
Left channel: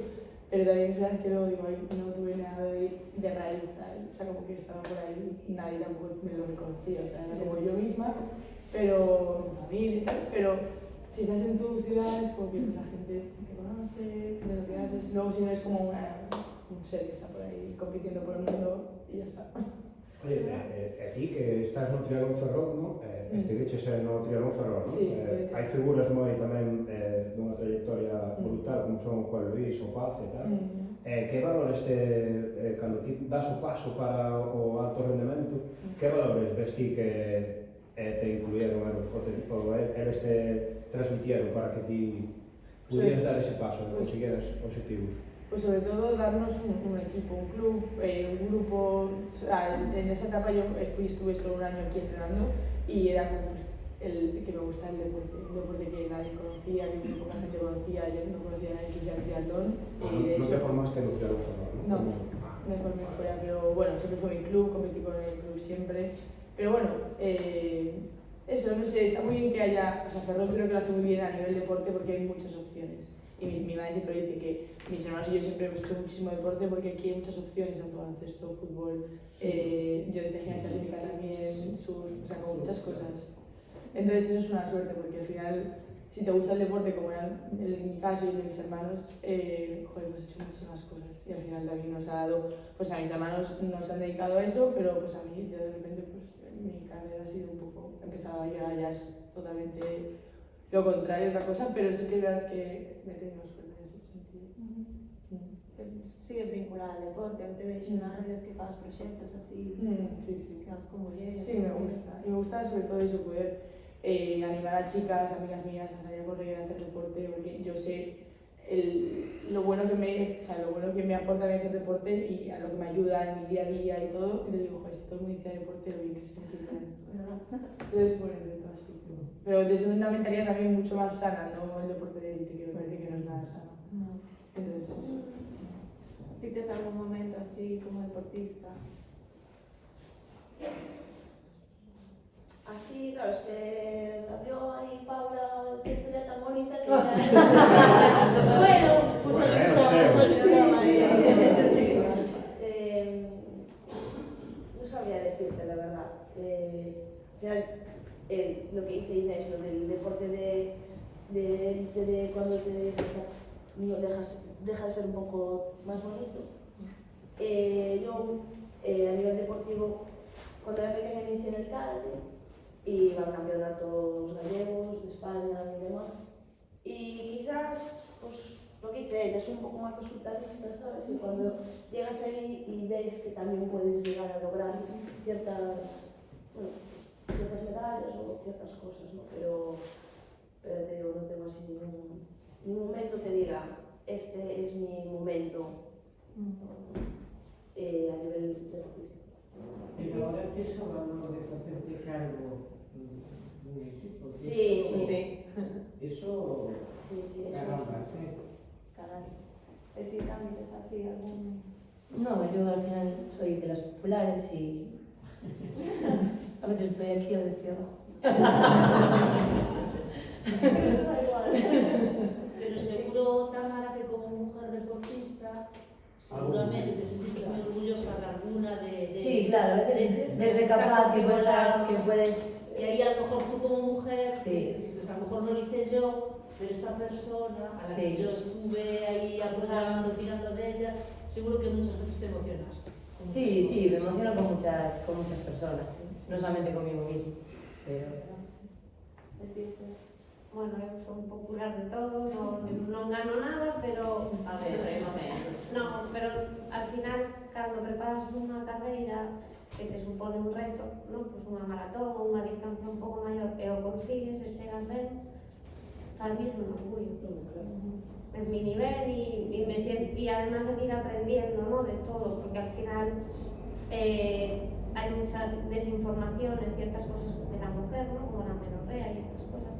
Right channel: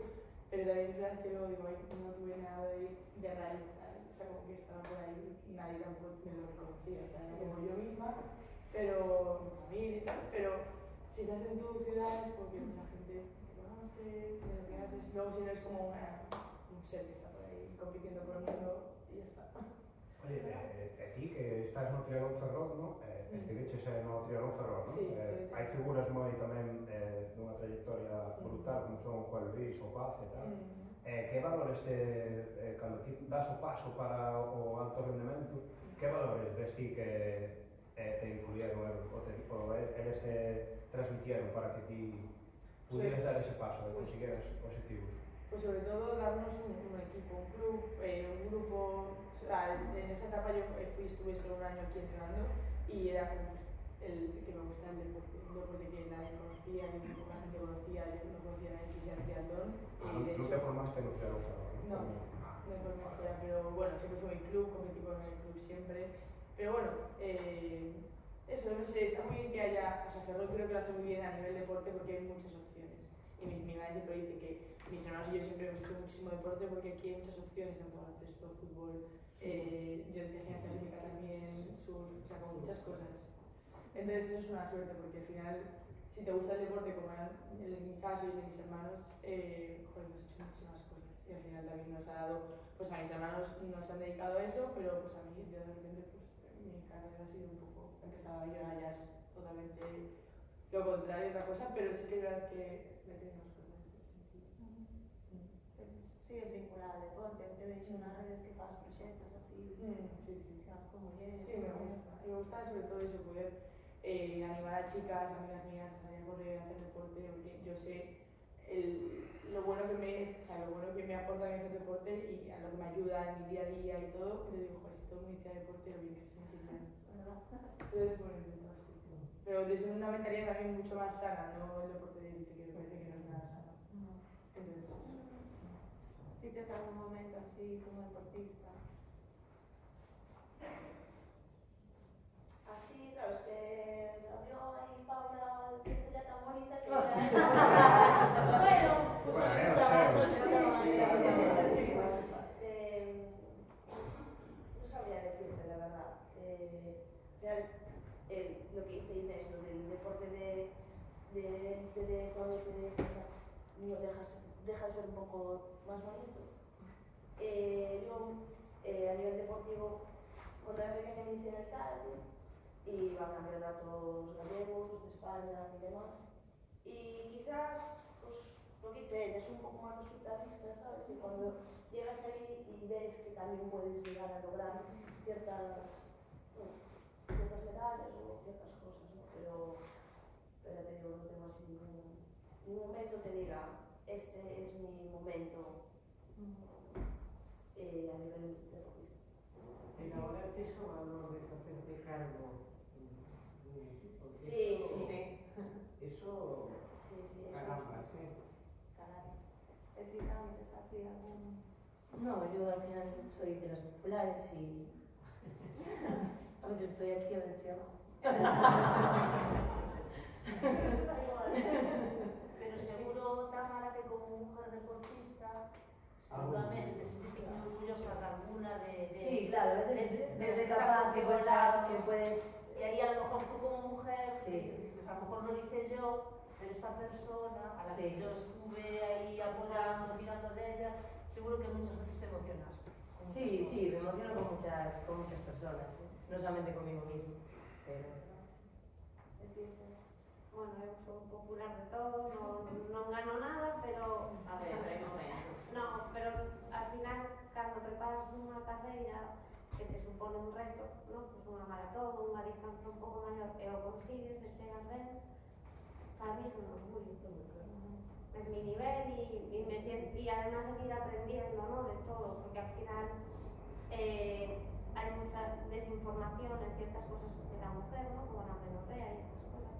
pero también es verdad que luego digo, ay, no tuve nada de raíz, ¿sabes? O sea, como que estaba por ahí y nadie tampoco me lo reconocía, o sea, era como yo misma, pero mi familia y tal, pero si estás en tu ciudad es como que la gente te conoce, de lo que haces, luego si no es como un ser que está por ahí compitiendo por el mundo y ya está. Oye, a ti que estás no Triatlón Ferrol, ¿no? Estiveches no Triatlón Ferrol, ¿no? Sí, hai figuras moi tamén dunha trayectoria brutal, como son Juan Luis, o Paz e tal. Que valores cando ti das o paso para o alto rendemento, que valores ves ti que te incluyeron ou eles te transmitieron para que ti pudieras dar ese paso e consiguieras objetivos? Pues sobre todo darnos un equipo, un club, un grupo. O sea, en esa etapa yo estuve solo un año aquí entrenando y era como pues, el que me gustaba el deporte, un deporte que nadie conocía, que muy poca gente conocía, yo no conocía a nadie que hiciera triatlón. De No hecho, te formaste en un triatlón Ferrol, ¿no? No, me formé fuera, pero bueno, siempre fue mi club, competí con el club siempre. Pero bueno, eso, no sé, está muy bien que haya, o sea, Ferrol creo que lo hace muy bien a nivel deporte porque hay muchas opciones. Y mi madre siempre dice que mis hermanos y yo siempre hemos hecho muchísimo deporte porque aquí hay muchas opciones, tanto baloncesto, fútbol, yo decía gimnasia rítmica también, surf, o sea, como muchas cosas. Entonces eso es una suerte porque al final, si te gusta el deporte, como era en mi caso y el de mis hermanos, joder, pues he hecho muchísimas cosas. Y al final también nos ha dado, pues a mis hermanos nos han dedicado a eso, pero pues a mí, yo de repente, pues mi carrera ha sido un poco, empezaba y ahora ya es totalmente lo contrario, otra cosa, pero sí que es verdad que me he tenido suerte en ese sentido. Sigues vinculada al deporte, aún te veis una vez que fas proxectos así, Sí. que vas con mulleres. Sí, me gusta. Y me gusta sobre todo eso, poder animar a chicas, amigas mías, a salir a correr, a hacer deporte, porque yo sé lo bueno que me aporta a mí hacer deporte y a lo que me ayuda en mi día a día y todo. Y te digo, joder, si todo el mundo hiciera deporte, lo bien que se siente. Entonces, bueno, de todo así. Pero desde una mentalidad también mucho más sana, no el deporte de élite, que me parece que no es nada sano. Entonces, eso. ¿Tienes algún momento así como deportista? Así, claro, es que abrió ahí Paula el centro tan bonita que bueno, pues no sabría decirte la verdad. Al final, lo que dice Inés, lo del deporte de cuando te deja de ser un poco más bonito. Yo, a nivel deportivo, cuando era pequeña me inicié en el karate y iba a campeonatos gallegos, de España y demás. Y quizás, pues, lo que hice ella, soy un poco más resultadista, ¿sabes? Y cuando llegas ahí y ves que también puedes llegar a lograr ciertas medallas o ciertas cosas, ¿no? Pero te digo, no tengo así ningún momento que diga, este es mi momento a nivel deportista. Pero ahora tes o valor de facerte cargo dun equipo. Sí. Eso, Sí, caramba, sí. Caray. ¿Es decir, también es así algún...? No, yo al final soy de las populares y a veces estoy aquí, a veces estoy abajo. Pero seguro, Tamara, que como mujer deportista, seguramente te sentiste muy orgullosa de alguna de Sí, claro, a veces desde capaz que puedes... Y ahí a lo mejor tú como mujer, Sí. dices, a lo mejor no lo hice yo, pero esta persona a la que yo estuve ahí apoyando, tirando de ella, seguro que muchas veces te emocionas. Sí, me emociono con muchas personas, ¿sí? No solamente conmigo mismo, pero... Bueno, eu son popular de todo, non gano nada, pero... A ver, hai momentos. No, pero al final, cando preparas unha carreira que te supone un reto, ¿no? Pues unha maratón ou unha distancia un pouco maior e o consigues e chegas ben, para mí es un orgullo. Es mi nivel y además seguir aprendiendo, ¿no? De todo, porque al final hay mucha desinformación en ciertas cosas de la mujer, ¿no? Como la menorrea y estas cosas.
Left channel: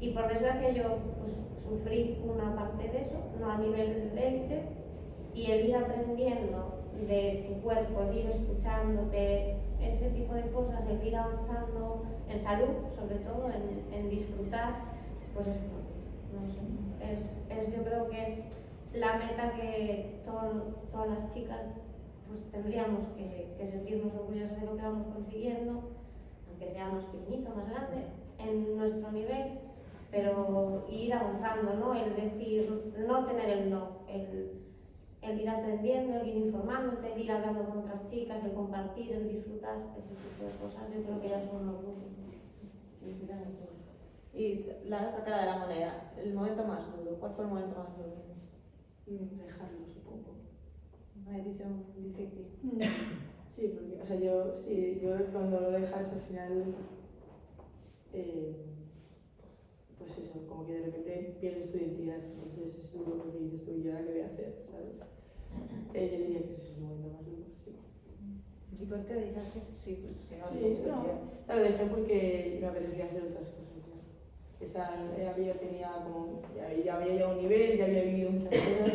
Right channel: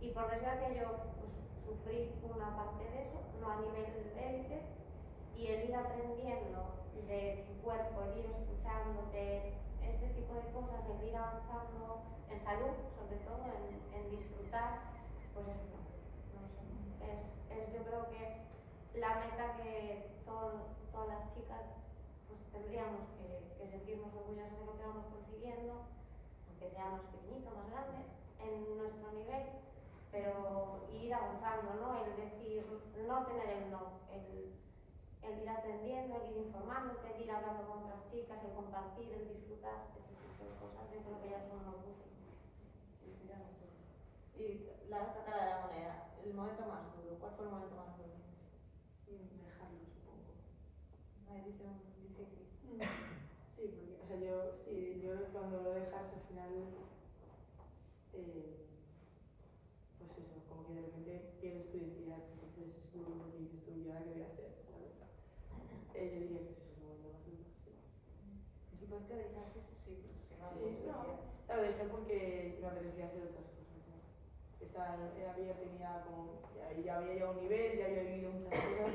Y por desgracia yo pues, sufrí una parte de eso, no a nivel de élite, y el ir aprendiendo de tu cuerpo, el ir escuchándote, ese tipo de cosas, el ir avanzando en salud, sobre todo, en disfrutar, pues es no sé, yo creo que es la meta que todas las chicas pues tendríamos que sentirnos orgullosas de lo que vamos consiguiendo, aunque sea más pequeñito, más grande, en nuestro nivel, pero ir avanzando, ¿no? El decir, no tener el no, el ir aprendiendo, el ir informándote, el ir hablando con otras chicas, el compartir, el disfrutar, ese tipo de cosas, yo creo que ya son un orgullo. Y la otra cara de la moneda, el momento más duro, ¿cuál fue el momento más duro? Dejarlo, supongo. Una decisión difícil. Sí, porque, o sea, yo creo que cuando lo dejas al final, pues eso, como que de repente pierdes tu identidad, entonces es duro porque dices tú, ¿y ahora qué voy a hacer? ¿Sabes? Yo diría que ese es el momento más duro, sí. ¿Y por qué dices? Sí, No, o sea, lo dejé porque me apetecía hacer otras cosas ya. Ya había llegado a un nivel, ya había vivido muchas cosas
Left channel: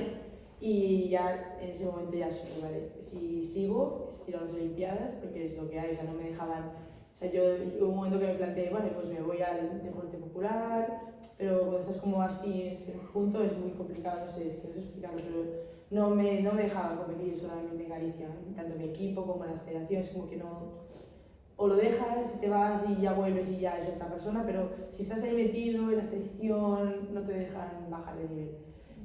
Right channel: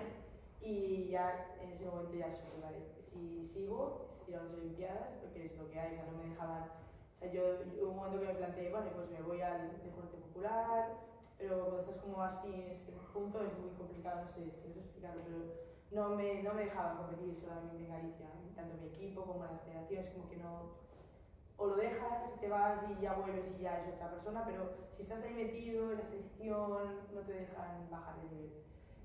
y ya en ese momento ya supe, vale, si sigo, es ir a las Olimpiadas, porque es lo que hay, o sea, no me dejaban, o sea, hubo un momento que me planteé, vale, pues me voy al deporte popular, pero cuando estás como así en ese punto es muy complicado, no sé, es que no sé explicarlo, pero no me dejaban competir solamente en Galicia, tanto mi equipo como la federación, es como que no o lo dejas y te vas y ya vuelves y ya es otra persona, pero si estás ahí metido en la selección no te dejan bajar de nivel.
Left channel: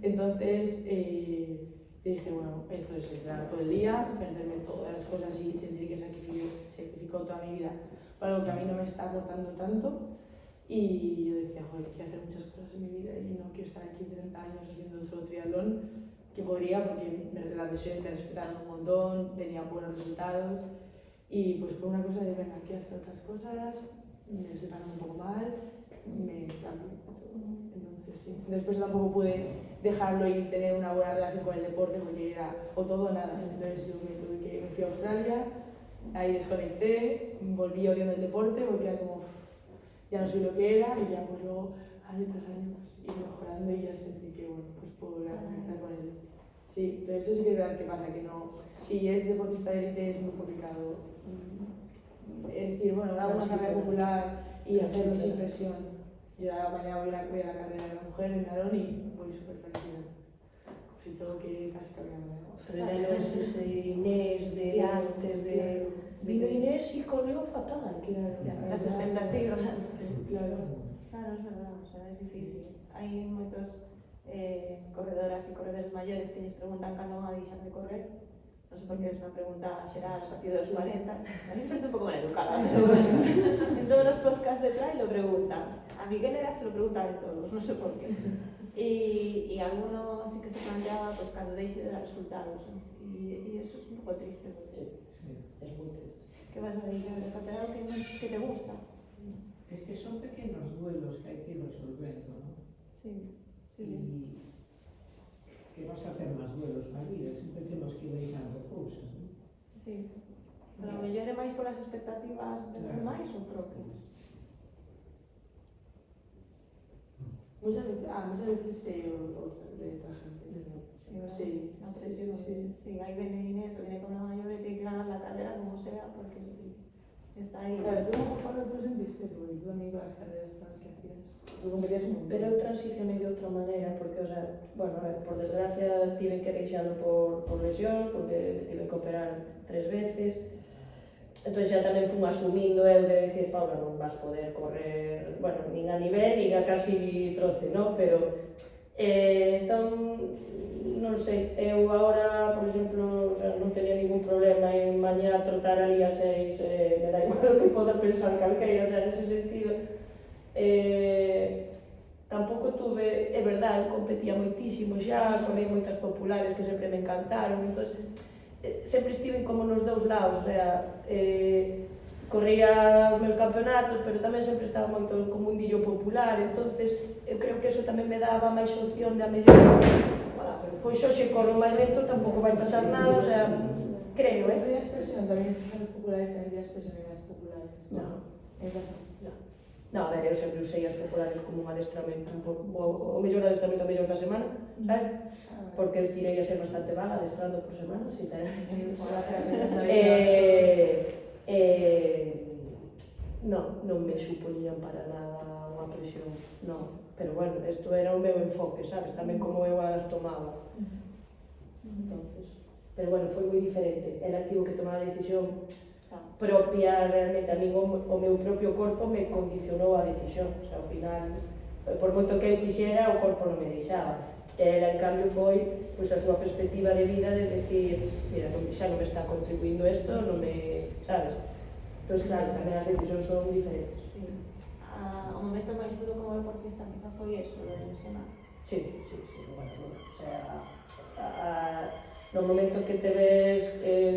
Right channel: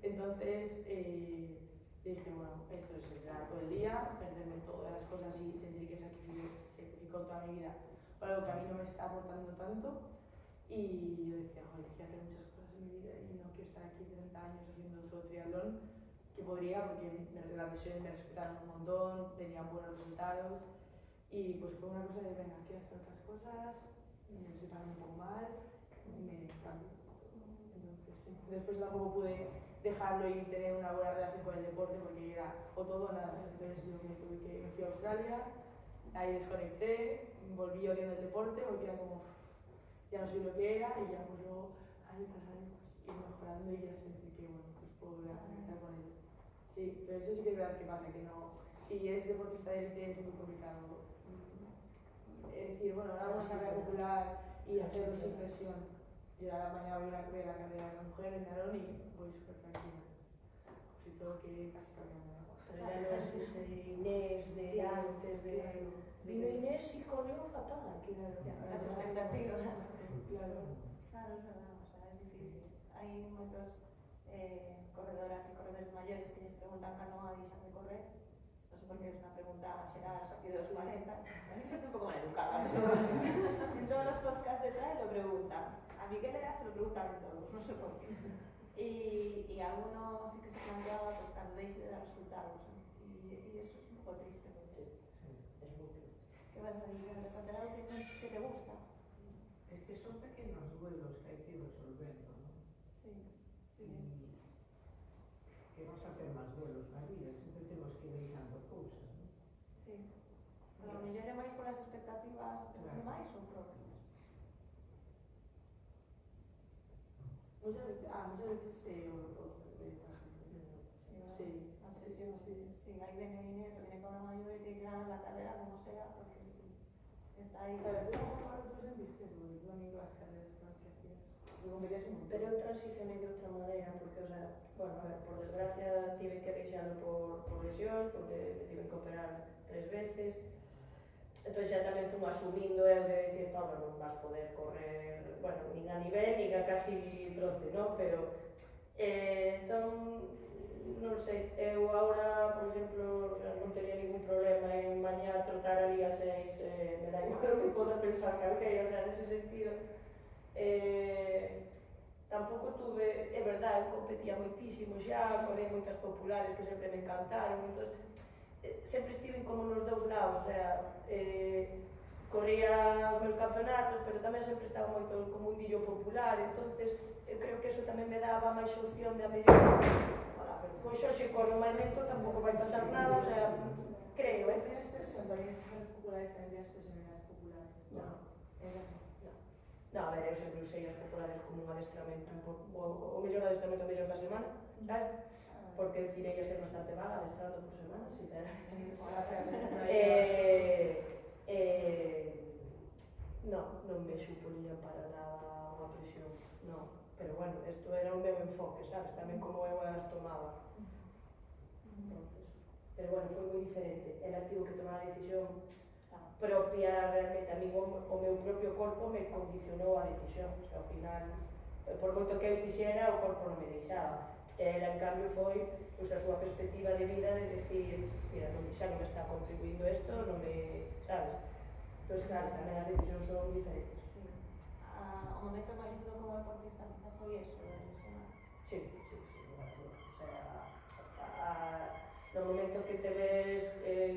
Entonces dije, bueno, esto es entrenar todo el día, perderme todas las cosas y sentir que sacrifico toda mi vida para algo que a mí no me está aportando tanto. Y yo decía, joder, quiero hacer muchas cosas en mi vida y no quiero estar aquí 30 años haciendo solo triatlón, que podría porque las lesiones me respetaron un montón, tenía buenos resultados. Y pues fue una cosa de, venga, quiero hacer otras cosas, me separan un poco mal, me cambio. Entonces sí, después tampoco pude dejarlo y tener una buena relación con el deporte porque era o todo o nada. Entonces yo me fui a Australia, ahí desconecté, volví odiando el deporte porque era como, ya no soy lo que era y ya pues luego año tras año pues ir mejorando y ya sentí que bueno, pues puedo volver a conectar con él. Sí, pero eso sí que es verdad que pasa, que no, si eres deportista de élite es muy complicado. Es decir, bueno, hago una carrera popular y hacerlo sin presión. Yo mañana voy a la carrera de la mujer en Narón y voy súper tranquila. Si todo que casi cambiando. Pero ya no es ese Inés de antes de... Vino Inés y corrió fatal. Las expectativas. Claro. Claro, es verdad, o sea, es difícil. Hai moitos corredoras e corredores maiores que lles preguntan cando van a deixar de correr. Non sei por que é unha pregunta xeral a partir dos 40. A mí me parece un pouco maleducada, pero bueno. En todos os podcasts de trail lo preguntan. A Miguel era se lo pregunta de todos, non sei por qué. E alguno sí que se planteaba pues, cando deixe de dar resultados. E eso es un pouco triste. Porque Es muy triste. que vas a deixar de facer algo que te gusta. Es que son pequeños duelos que hay que ir resolviendo, ¿no? Sí, sí. Y que vas a hacer más duelos na vida, siempre temos que ir deixando cousas, ¿no? Sí. Pero a mellor é máis polas expectativas dos demais ou propios? Muchas veces de otra gente. Sí, No sé si ahí viene Inés o viene con la mayor y tiene que ganar la carrera como sea, porque está ahí. Claro, tú mejor Pablo tú sentiste, porque tú también con las carreras con las que hacías. Tú competías un montón. Pero eu transicionei de outra maneira, porque, o sea, bueno, a ver, por desgracia tive que deixalo por lesións, porque tive que operar 3 veces. Entón xa tamén fun asumindo eu de decir, Paula, non vas poder correr, bueno, nin a nivel, nin a casi trote, non? Pero, entón, non sei, eu agora, por exemplo, o sea, non tenía ningún problema en mañá trotar ali a 6, me da igual o que poda pensar calqueira, o sea, nese sentido, tampouco tuve, é verdade, eu competía moitísimo xa, corri moitas populares que sempre me encantaron, entón, sempre estive como nos dous lados, o sea, corría os meus campeonatos, pero tamén sempre estaba moito como un mundillo popular, entonces eu creo que eso tamén me daba máis opción de a mellor, pois hoxe corro máis lento, tampouco vai pasar nada, o sea, creo, ¿Tienes expresión también en los populares, también tienes expresión en las populares? No. Es razón. No, a ver, eu sempre usei as populares como un adestramento, o mellor adestramento mellor da semana, sabes? Porque eu tirei a ser bastante vaga adestrando por semana, non me supoñían para nada unha presión, non. Pero bueno, isto era o meu enfoque, sabes? Tamén como eu as tomaba. Entonces, pero bueno, foi moi diferente. Era tivo que tomar a decisión propia realmente. A mí o meu propio corpo me condicionou a decisión. O sea, ao final, por moito que eu quixera, o corpo non me deixaba. Ela, en cambio, foi pois, a súa perspectiva de vida de decir, mira, xa non me está contribuindo isto, non me... sabes? Entón, claro, tamén as decisións son diferentes. Sí. O momento máis duro como deportista quizá foi eso, de lesionar. Sí, bueno, o sea, no momento que te ves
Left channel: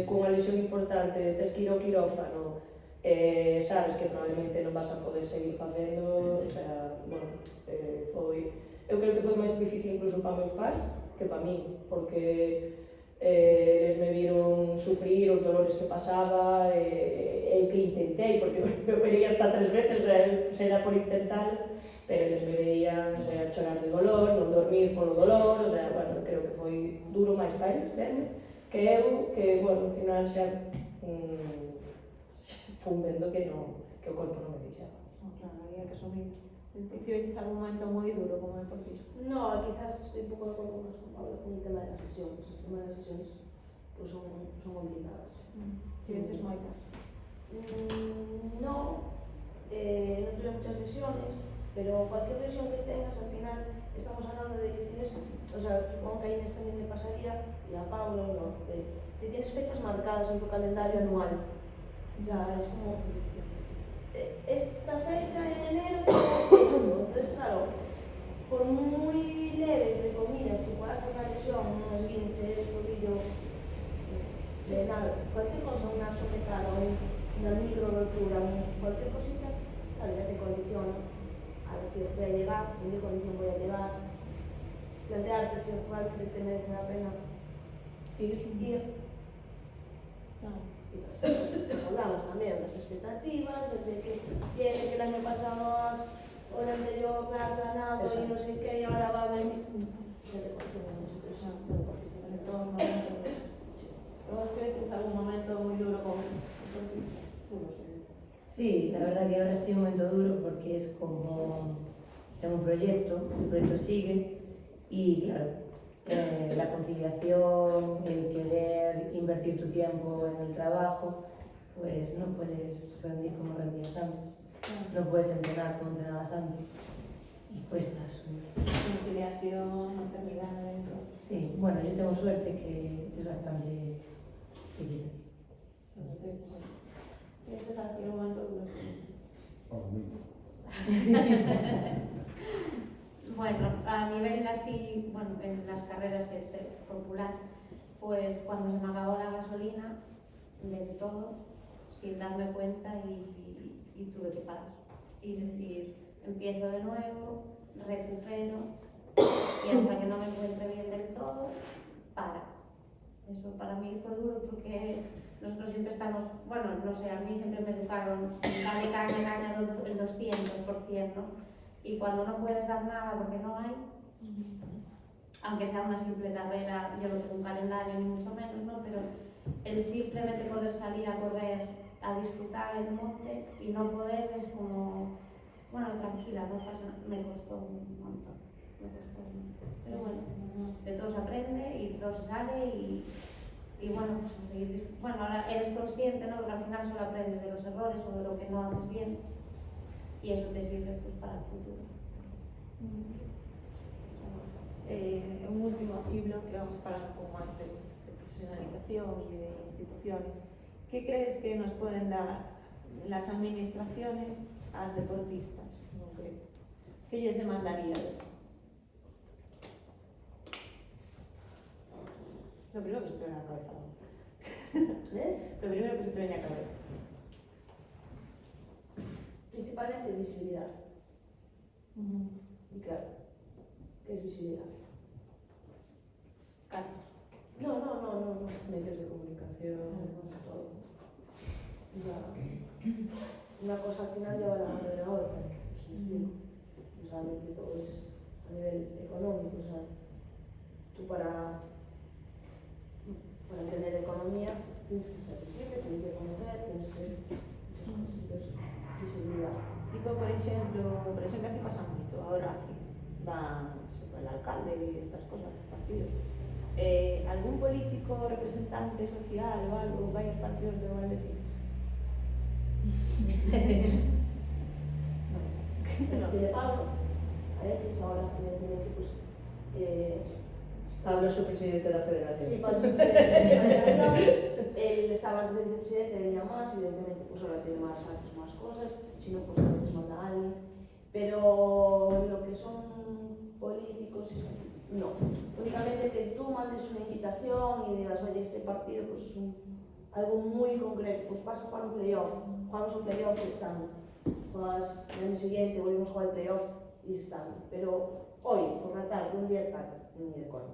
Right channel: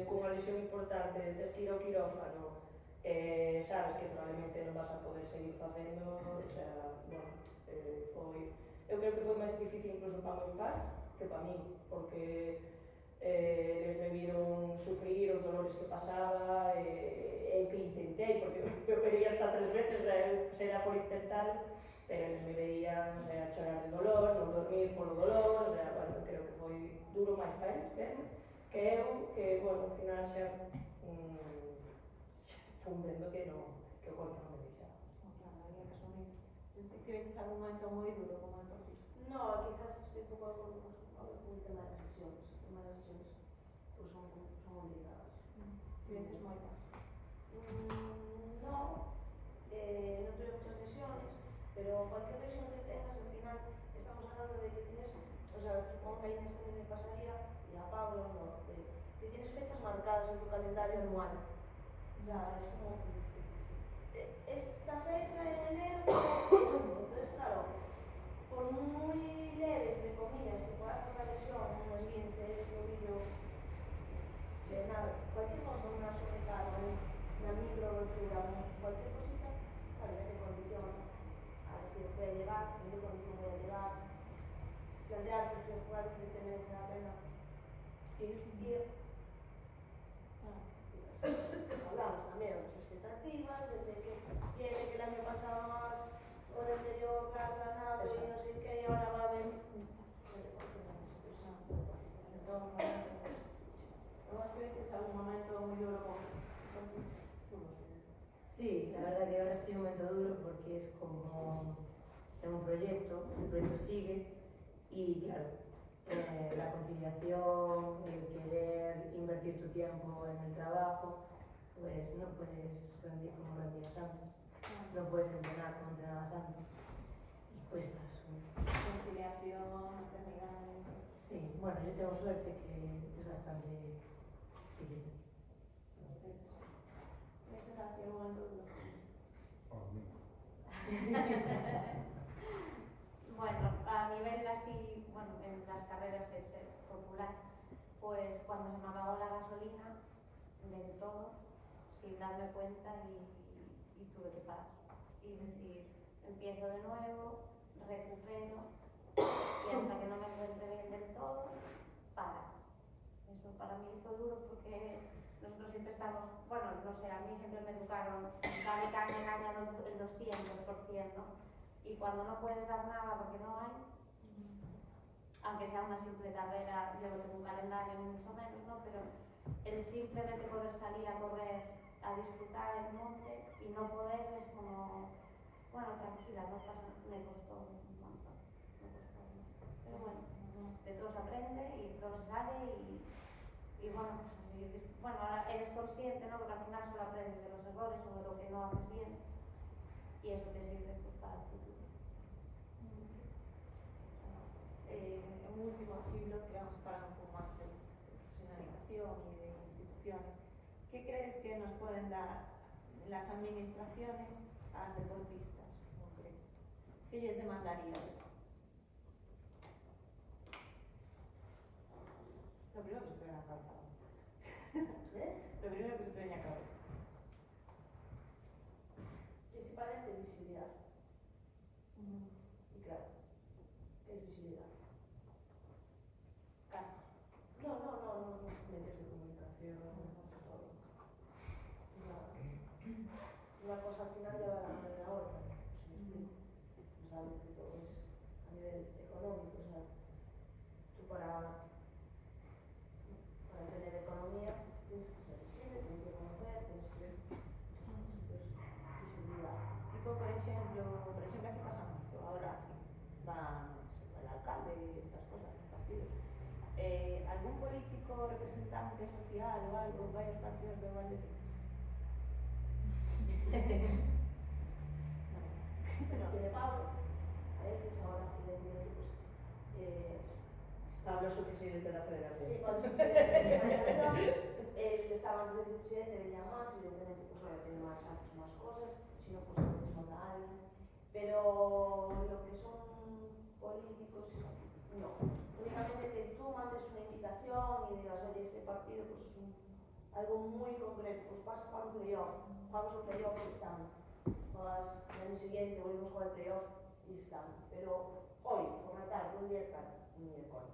cunha lesión importante, tes que ir ao quirófano, sabes que probablemente non vas a poder seguir facendo, o sea, bueno, foi... Eu creo que foi máis difícil incluso para meus pais que para mí, porque eles me viron sufrir os dolores que pasaba, eu que intentei, porque me operei hasta 3 veces, será por intentar, pero eles me veían, o sea, chorar de dolor, non dormir polo dolor, o sea, bueno, creo que foi duro máis para eles, que eu, que, bueno, ao final xa fun vendo que o corpo non me deixaba. Claro, había que asumir. ¿Tiveches algún momento moi duro como deportista? No, quizás estoy un pouco de acordo con Pablo con el tema de las lesiones. El tema de las lesiones pues son complicadas. Tiveches moitas? No, no tuve muchas lesiones, pero cualquier lesión que tengas, al final estamos hablando de que tienes, o sea, supongo que a Inés también le pasaría, y a Pablo, no, que tienes fechas marcadas en tu calendario anual. O sea, es como, esta fecha en enero tengo esto. Entonces, claro, por muy leve, entre comillas, que pueda ser una lesión, un esguince de tobillo, de nada, cualquier cosa, una sopetada, una micro rotura, cualquier cosita, claro, ya te condiciona a decir, voy a llegar, en qué condición voy a llegar, plantearte si realmente te merece la pena ir. Hablamos también de las expectativas, el de que viene que el año pasado o el anterior has ganado y no sé qué, y ahora va a venir. Ya te conocemos nosotros, En todo momento. ¿Vos tuviste algún momento muy duro con Sí, la verdad que ahora estoy en un momento duro porque es como tengo un proyecto, el proyecto sigue y claro, la conciliación, el querer invertir tu tiempo en el trabajo, pues no puedes rendir como rendías antes, no puedes entrenar como entrenabas antes y cuesta subir. Conciliación, maternidad, Sí, bueno, yo tengo suerte que es bastante equitativo. Este ha sido un momento duro. Bueno, a nivel así, bueno, en las carreras es popular, pues cuando se me acabó la gasolina, del todo, sin darme cuenta y tuve que parar. Y decir, empiezo de nuevo, recupero y hasta que no me encuentre bien del todo, para. Eso para mí fue duro porque nosotros siempre estamos, bueno, no sé, a mí siempre me educaron, dale caña, caña el 200%, ¿no? Y cuando no puedes dar nada porque no hay, aunque sea una simple carrera, yo no tengo un calendario ni mucho menos, ¿no? Pero el simplemente poder salir a correr, a disfrutar el monte y no poder es como, bueno, tranquila, no pasa nada, me costó un montón, pero bueno, de todo se aprende y de todo se sale y bueno, pues a seguir, bueno, ahora eres consciente, ¿no? Porque al final solo aprendes de los errores o de lo que no haces bien y eso te sirve pues para el futuro. Un último así bloque, vamos a hablar un pouco máis de profesionalización e de instituciones. Que crees que nos pueden dar las administraciones ás deportistas en concreto? Que lles demandaríades? Lo primero que se te viene a la cabeza. Lo primero que se te viene a la cabeza. Principalmente visibilidad. Y claro, ¿qué es visibilidad? Carlos. No. Medios de comunicación, todo. Una cosa al final lleva la mano de la otra, pues me explico. Realmente todo es a nivel económico, o sea, tú para tener economía tienes que ser visible, tienes que conocer, tienes que entonces, visibilidad. Tipo, por exemplo, aquí pasa moito, ahora así, van el alcalde e estas cosas, partidos. Algún político representante social ou algo vai aos partidos de Valdetín? No. De Pablo, a veces ahora evidentemente pues Pablo es su presidente de la federación. sí, Pablo es el presidente de la federación, él estaba antes de vicepresidente, venía más, evidentemente pues ahora tiene más actos, más cosas, si no pues a veces manda a alguien, pero lo que son políticos, no. Únicamente que tú mandes una invitación y digas, oye, este partido pues es algo muy concreto, pues pasa para un playoff, jugamos un playoff y están, juegas el año siguiente, volvemos a jugar el playoff y están, pero hoy, por la tarde, un día tal, ni de coña.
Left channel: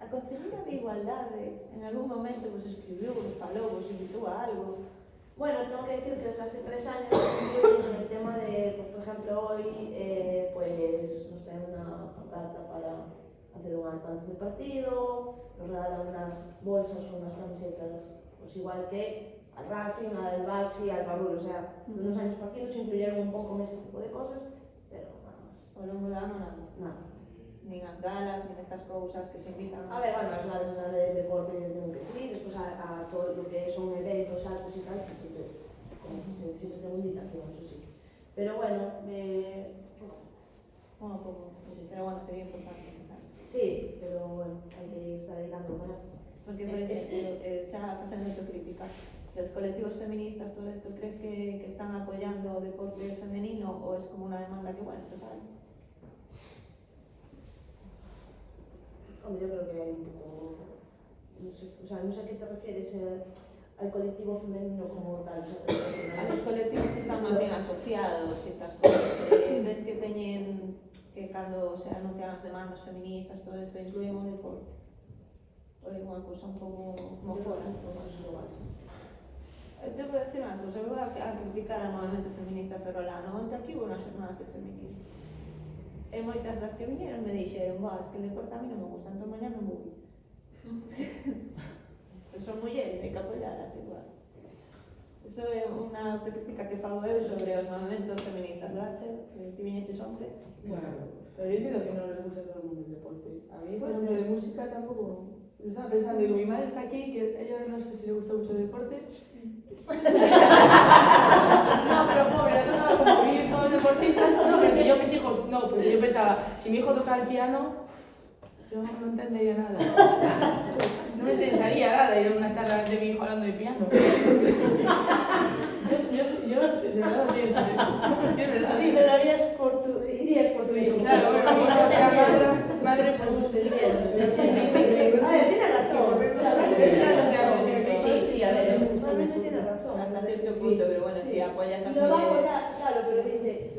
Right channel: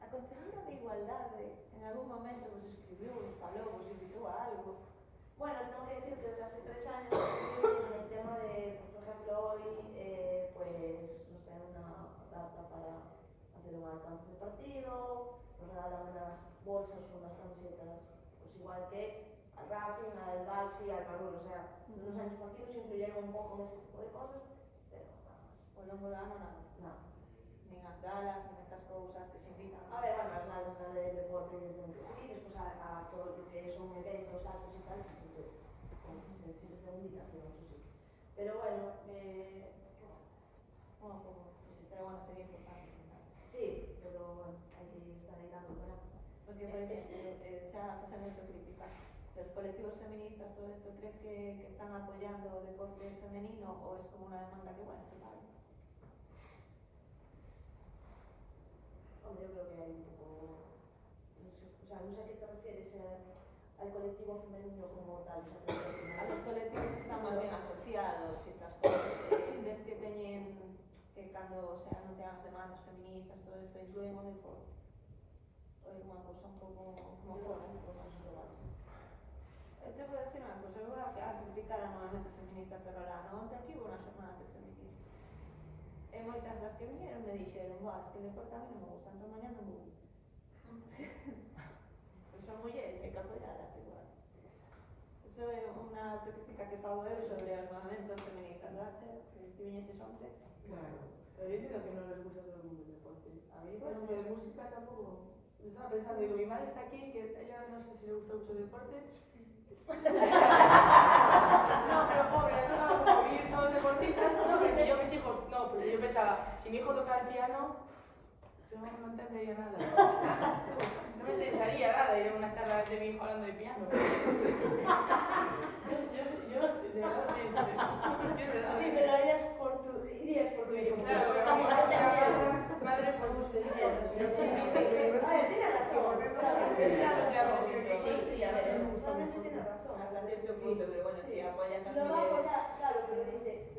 A Concelleira de Igualdade en algún momento vos escribiu, vos falou, vos invitou a algo? Bueno, tengo que decir que desde hace 3 años estoy en el tema de, pues por ejemplo, hoy pues nos traen una carta para hacer un acto antes del partido, nos regalan unas bolsas o unas camisetas, pues igual que al Racing, al Baxi, al Barul, o sea, de unos años para aquí nos incluyeron un pouco en ese tipo de cosas, pero nada más. Ao longo do ano nada? Nada. Nin as galas, nin estas cousas que se invitan A ver, bueno, as galas de deporte tienen que seguir, despois a todo lo que son eventos, actos e tal, sí que como siempre tengo invitación, eso sí. Pero bueno, Bueno, poco, sí, pero bueno, sería importante. sí, pero bueno, hay que estar ahí dando para. Porque, por exemplo, xa facendo autocrítica, los colectivos feministas, todo esto, crees que están apoyando o deporte femenino o es como una demanda que, bueno, total? Hombre, yo creo que hay un poco, no sé, o sea, no sé a qué te refieres al colectivo femenino como tal, o sea, A los colectivos que están más bien asociados y estas cosas, ves que teñen que cando se anuncian as demandas feministas, todo isto incluyen o deporte? Ou é unha cousa un pouco como fora? Te vou decir unha cousa, eu vou a criticar ao movimento feminista ferrolano. Onte aquí hubo unhas jornadas de feminismo. E moitas das que viñeron me dixeron, es que el deporte a mí non me gusta, entón mañá non vou. Son mulleres, hai que apoiarlas igual. Eso é unha autocrítica que fago eu sobre os movimentos feministas, Rachel, que ti viñestes onte. Claro, pero yo entiendo que no les gusta a todo el mundo el deporte. A mí, por Pues ejemplo, sí. de música tampoco. Yo estaba pensando, digo, mi madre está aquí, que ella no sé si le gusta mucho el deporte. No, pero pobre, no tengo como vivir todos deportistas. No, pero si yo mis hijos, no, pues yo pensaba, si mi hijo toca el piano, yo no entendería nada. No me interesaría nada ir a una charla de mi hijo hablando de piano. Yo de verdad lo pienso. Es que es verdad. Sí, pero lo irías por tu hijo. Claro, bueno, mi hija sea madre, pues usted Tiene razón. Sí, a ver, realmente tiene razón. Hasta cierto punto, pero bueno, si apoyas a Lo va a mujeres... apoyar, claro, pero dice,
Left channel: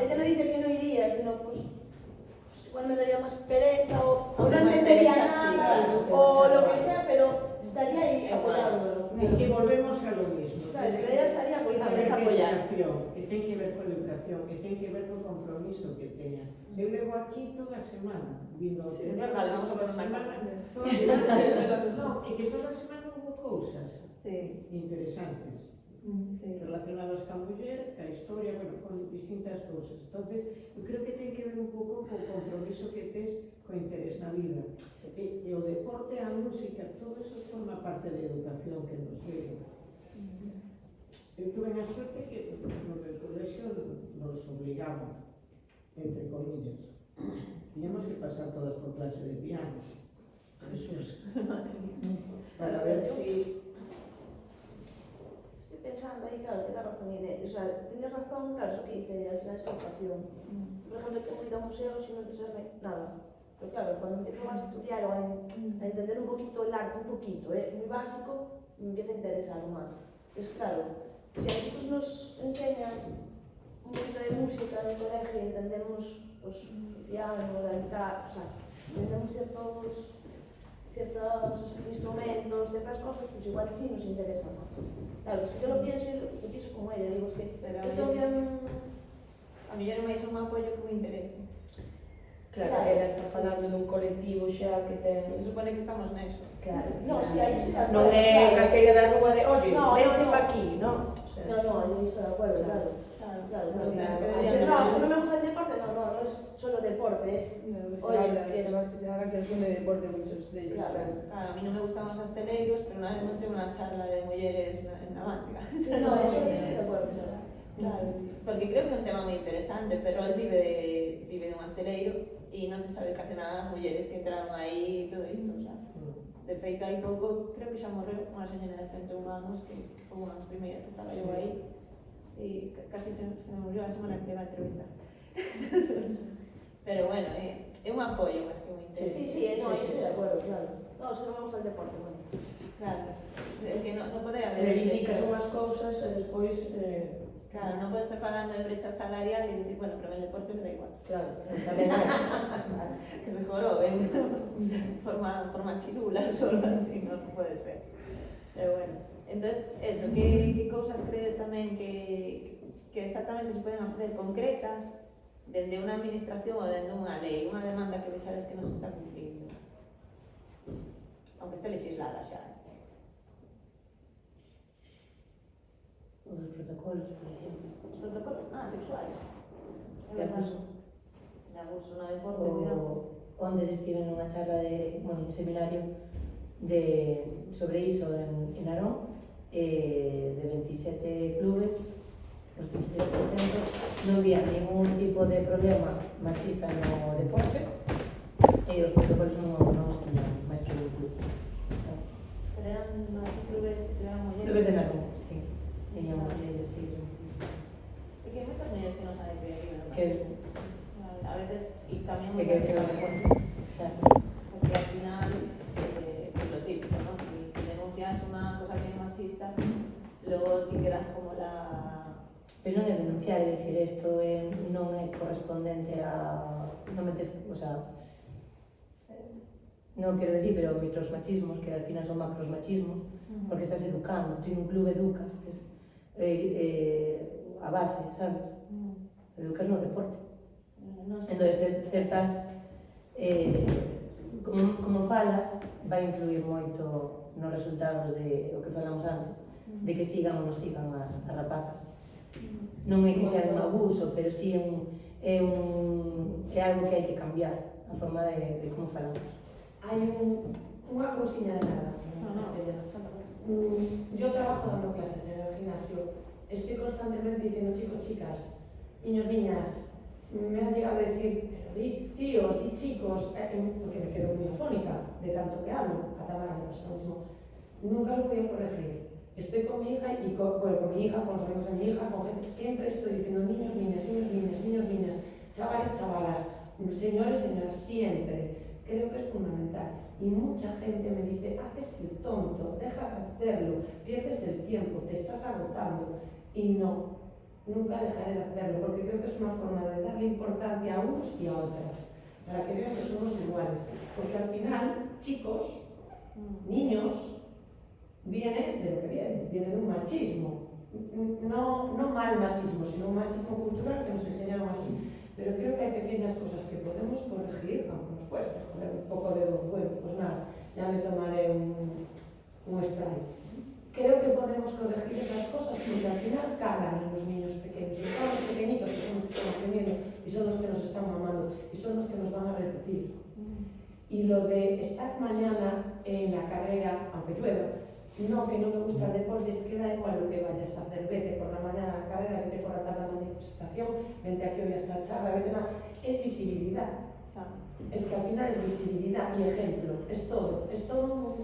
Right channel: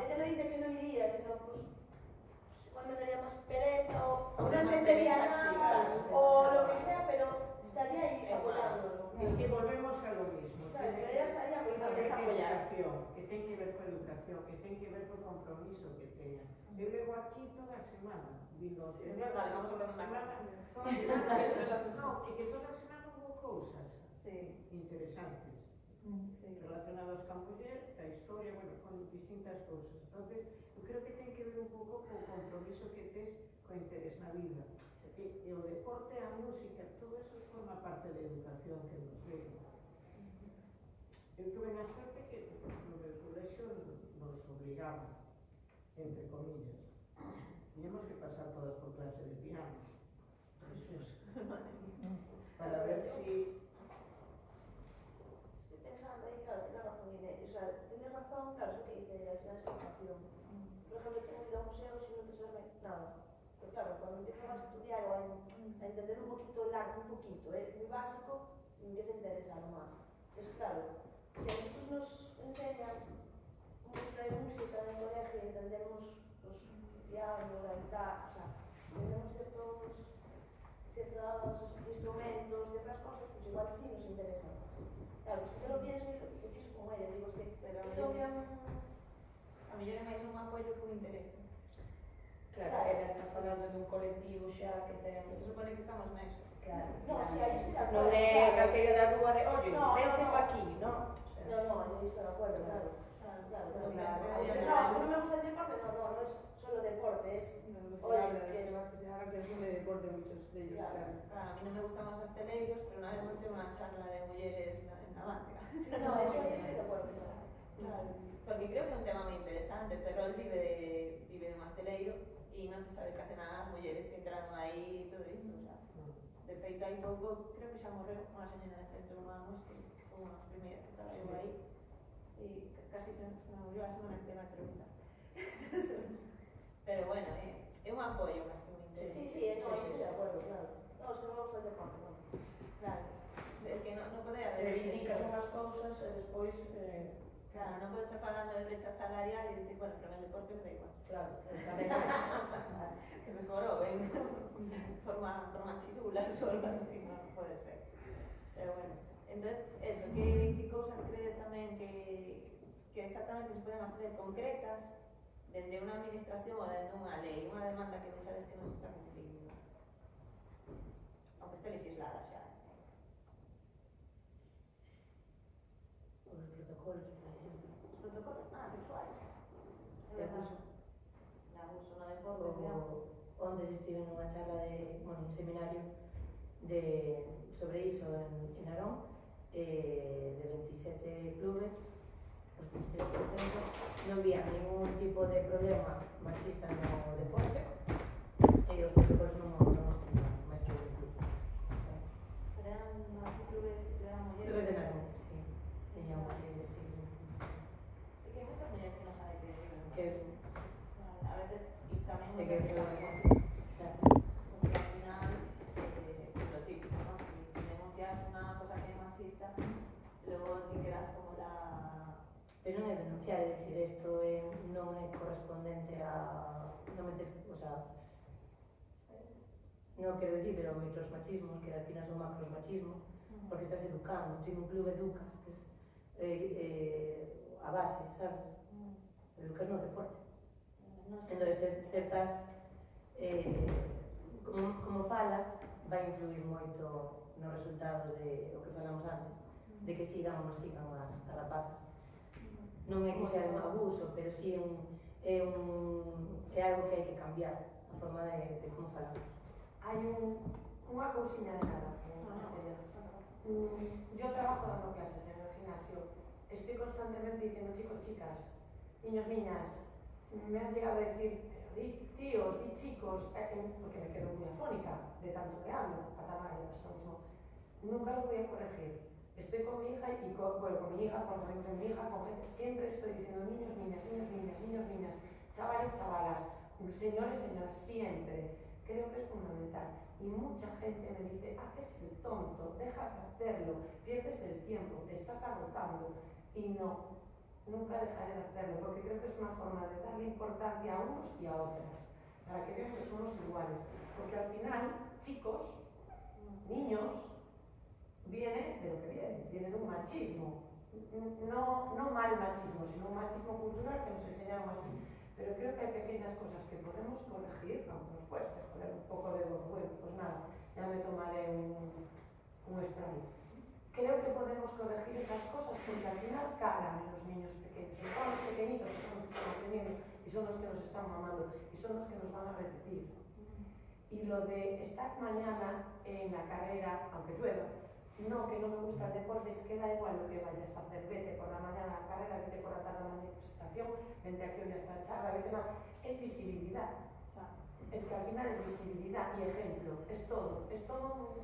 ella no dice que no iría, sino pues igual me daría más pereza o no Más entendería pereza, sí, nada claro. o lo que sea, pero estaría ahí apoyándolo. Es que volvemos a lo mismo. Claro, pero ella estaría Ten apoyando. que ver apoyar. educación, que ten que ver con educación, que ten que ver con compromiso que teñas. Eu levo aquí toda a semana, vindo ao Sí, teatro, vale, vamos a toda poner una semana, cámara. toda a semana, no, que toda a semana hubo cousas Sí, interesantes sí. relacionados ca muller, ca historia, bueno, con distintas cousas. Entonces, eu creo que ten que ver un pouco co compromiso que tes co interés na vida. E o deporte, a música, todo eso forma parte da educación que nos deu. Eu tuve a suerte que no meu colexio nos obligaban, entre comillas. Tiñamos que pasar todas por clase de piano. Jesús. Para ver si... Estoy pensando ahí, claro, tiene razón Inés. O sea, tienes razón, claro, eso que dice, al final es educación. Por ejemplo, tengo ido a museos y no interesarme nada. Pero claro, cuando empiezo a estudiar o a entender un poquito el arte, un poquito, muy básico, me empieza a interesar más. Entonces, claro, si a nosotros nos enseñan un poquito de música en el colegio y entendemos pues, el piano, la guitarra, o sea, entendemos ciertos instrumentos, ciertas cosas, pues igual sí nos interesa más. Claro, es que yo lo pienso y lo pienso como ella, digo, es que Pero yo tengo que... a mellor é máis un apoio que un interese. Claro, ela está falando dun colectivo xa que ten... Se supone que estamos neso. Claro, No, sí, ahí estoy de acuerdo. non é claro. calquera da rúa de, oye, No, vente no, pa no. aquí, non? O sea, No, yo estoy de acuerdo, claro. Claro, Claro, pero claro. es que No, deberíamos- si no me gusta el deporte, no es solo deporte, es... No, que se Oye, habla, que es- además que se haga que son de deporte muchos de ellos, Claro. claro. Claro, a mí non me gustan os asteleiros, pero unha vez monté unha charla de mulleres en Navantia. Sí, no, eso estoy de acuerdo. Claro, porque creo que é un tema moi interesante. Ferrol vive de un asteleiro e non se sabe case nada das mulleres que entraron aí e todo isto, xa. De feito, hai pouco, creo que xa morreu unha señora de 101 anos que foi unha das primeiras que traballou aí e casi se me murió a semana que le va a entrevistar. Pero bueno, é un apoio máis que un interés. Sí, no, estoy de acuerdo, claro. No, es que no me gusta el deporte, bueno. Claro, é que non pode haber... reivindicas unhas cousas e despois... Claro, non podes estar falando de brecha salarial e dicir, bueno, pero el deporte me da igual. Claro, tamén é. Que se joroben forma chirulas ou algo así, non pode ser. Pero bueno, entonces, eso, que cousas crees tamén que exactamente se poden facer concretas dende unha administración ou dende unha lei, unha demanda que vexades que non se está cumplindo? Aunque este legislada xa. O dos protocolos, por exemplo. Os protocolos, sexuais. De abuso. De abuso no deporte, cuidado. Onde estive nunha charla de, bueno, un seminario sobre iso en Narón, de 27 clubes, os 27% non había ningún tipo de problema machista no deporte e os protocolos non estimaban máis que un club. Pero eran máis clubes que eran mulleres. Clubes de Narcón, sí. Teña mulleres, sí. E que hai moitas mulleres que non saben que viven no Que a veces, e tamén que claro. porque al final es lo típico, ¿no? Si denuncias una cosa que es machista, luego te quedas como la... Pero non é denunciar, é dicir, isto non é correspondente a... non metes, o sea, non quero dicir, pero microsmachismos, que al final son macrosmachismos, porque estás educando, tú en un club educas, que es a base, sabes? Educas no deporte. Entonces, certas, como falas, vai influir moito nos resultados de o que falamos antes, de que sigan ou non sigan as rapazas. Non é que sea un abuso, pero sí é algo que hai que cambiar, a forma de como falamos. Hai unha cousiña de nada. Yo trabajo dando clases en el gimnasio. Estoy constantemente diciendo, chicos, chicas, niños, niñas, me han llegado a decir, di tíos, di chicos, porque me quedo muy afónica de tanto que hablo, a Tamara le pasa lo mismo. Nunca lo voy a corregir. Estoy con mi hija y con mi hija, con los amigos de mi hija, con gente, siempre estoy diciendo niños, niñas, niños, niñas, niños, niñas, chavales, chavalas, señores, señoras, siempre. Creo que es fundamental. Y mucha gente me dice, haces el tonto, deja de hacerlo, pierdes el tiempo, te estás agotando. Y no, nunca dejaré de hacerlo, porque creo que es una forma de darle importancia a unos y a otras, para que vean que somos iguales. Porque al final, chicos, niños, viene de lo que viene de un machismo. No mal machismo, sino un machismo cultural que nos enseñaron así. Pero creo que hay pequeñas cosas que podemos corregir, aunque nos cueste joder un poco de bueno, pues nada, ya me tomaré un spray. Creo que podemos corregir esas cosas porque al final calan en los niños pequeños. Y todos los pequeñitos que son los que están aprendiendo y son los que nos están mamando y son los que nos van a repetir. Y lo de estar mañana en la carrera, aunque llueva, no, que no me gusta el deporte, es que da igual lo que vayas a hacer, vete por la mañana a la carrera, vete por la tarde a la manifestación, vente aquí hoy a esta charla, vete nada, es visibilidad. Es que al final es visibilidad y ejemplo, es todo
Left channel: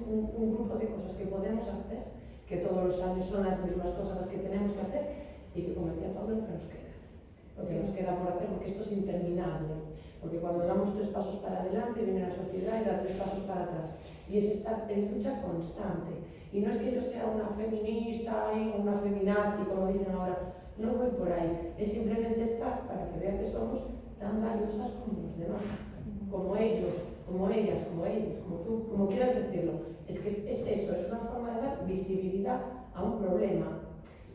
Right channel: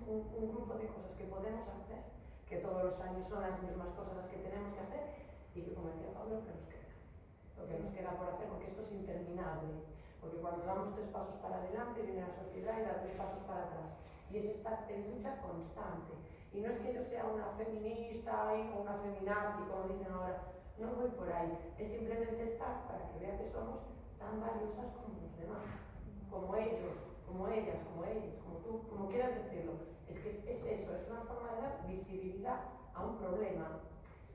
un grupo de cosas que podemos hacer, que todos los años son las mismas cosas las que tenemos que hacer y que, como decía Pablo, que nos queda. Lo que nos queda por hacer, porque esto es interminable. Porque cuando damos 3 pasos para adelante, viene la sociedad y da 3 pasos para atrás. Y es estar en lucha constante. Y no es que yo sea una feminista o una feminazi, como dicen ahora, no voy por ahí. Es simplemente estar para que vean que somos tan valiosas como los demás. Como ellos, como ellas, como ellas, como tú, como quieras decirlo. Es que es eso, es una forma de dar visibilidad a un problema.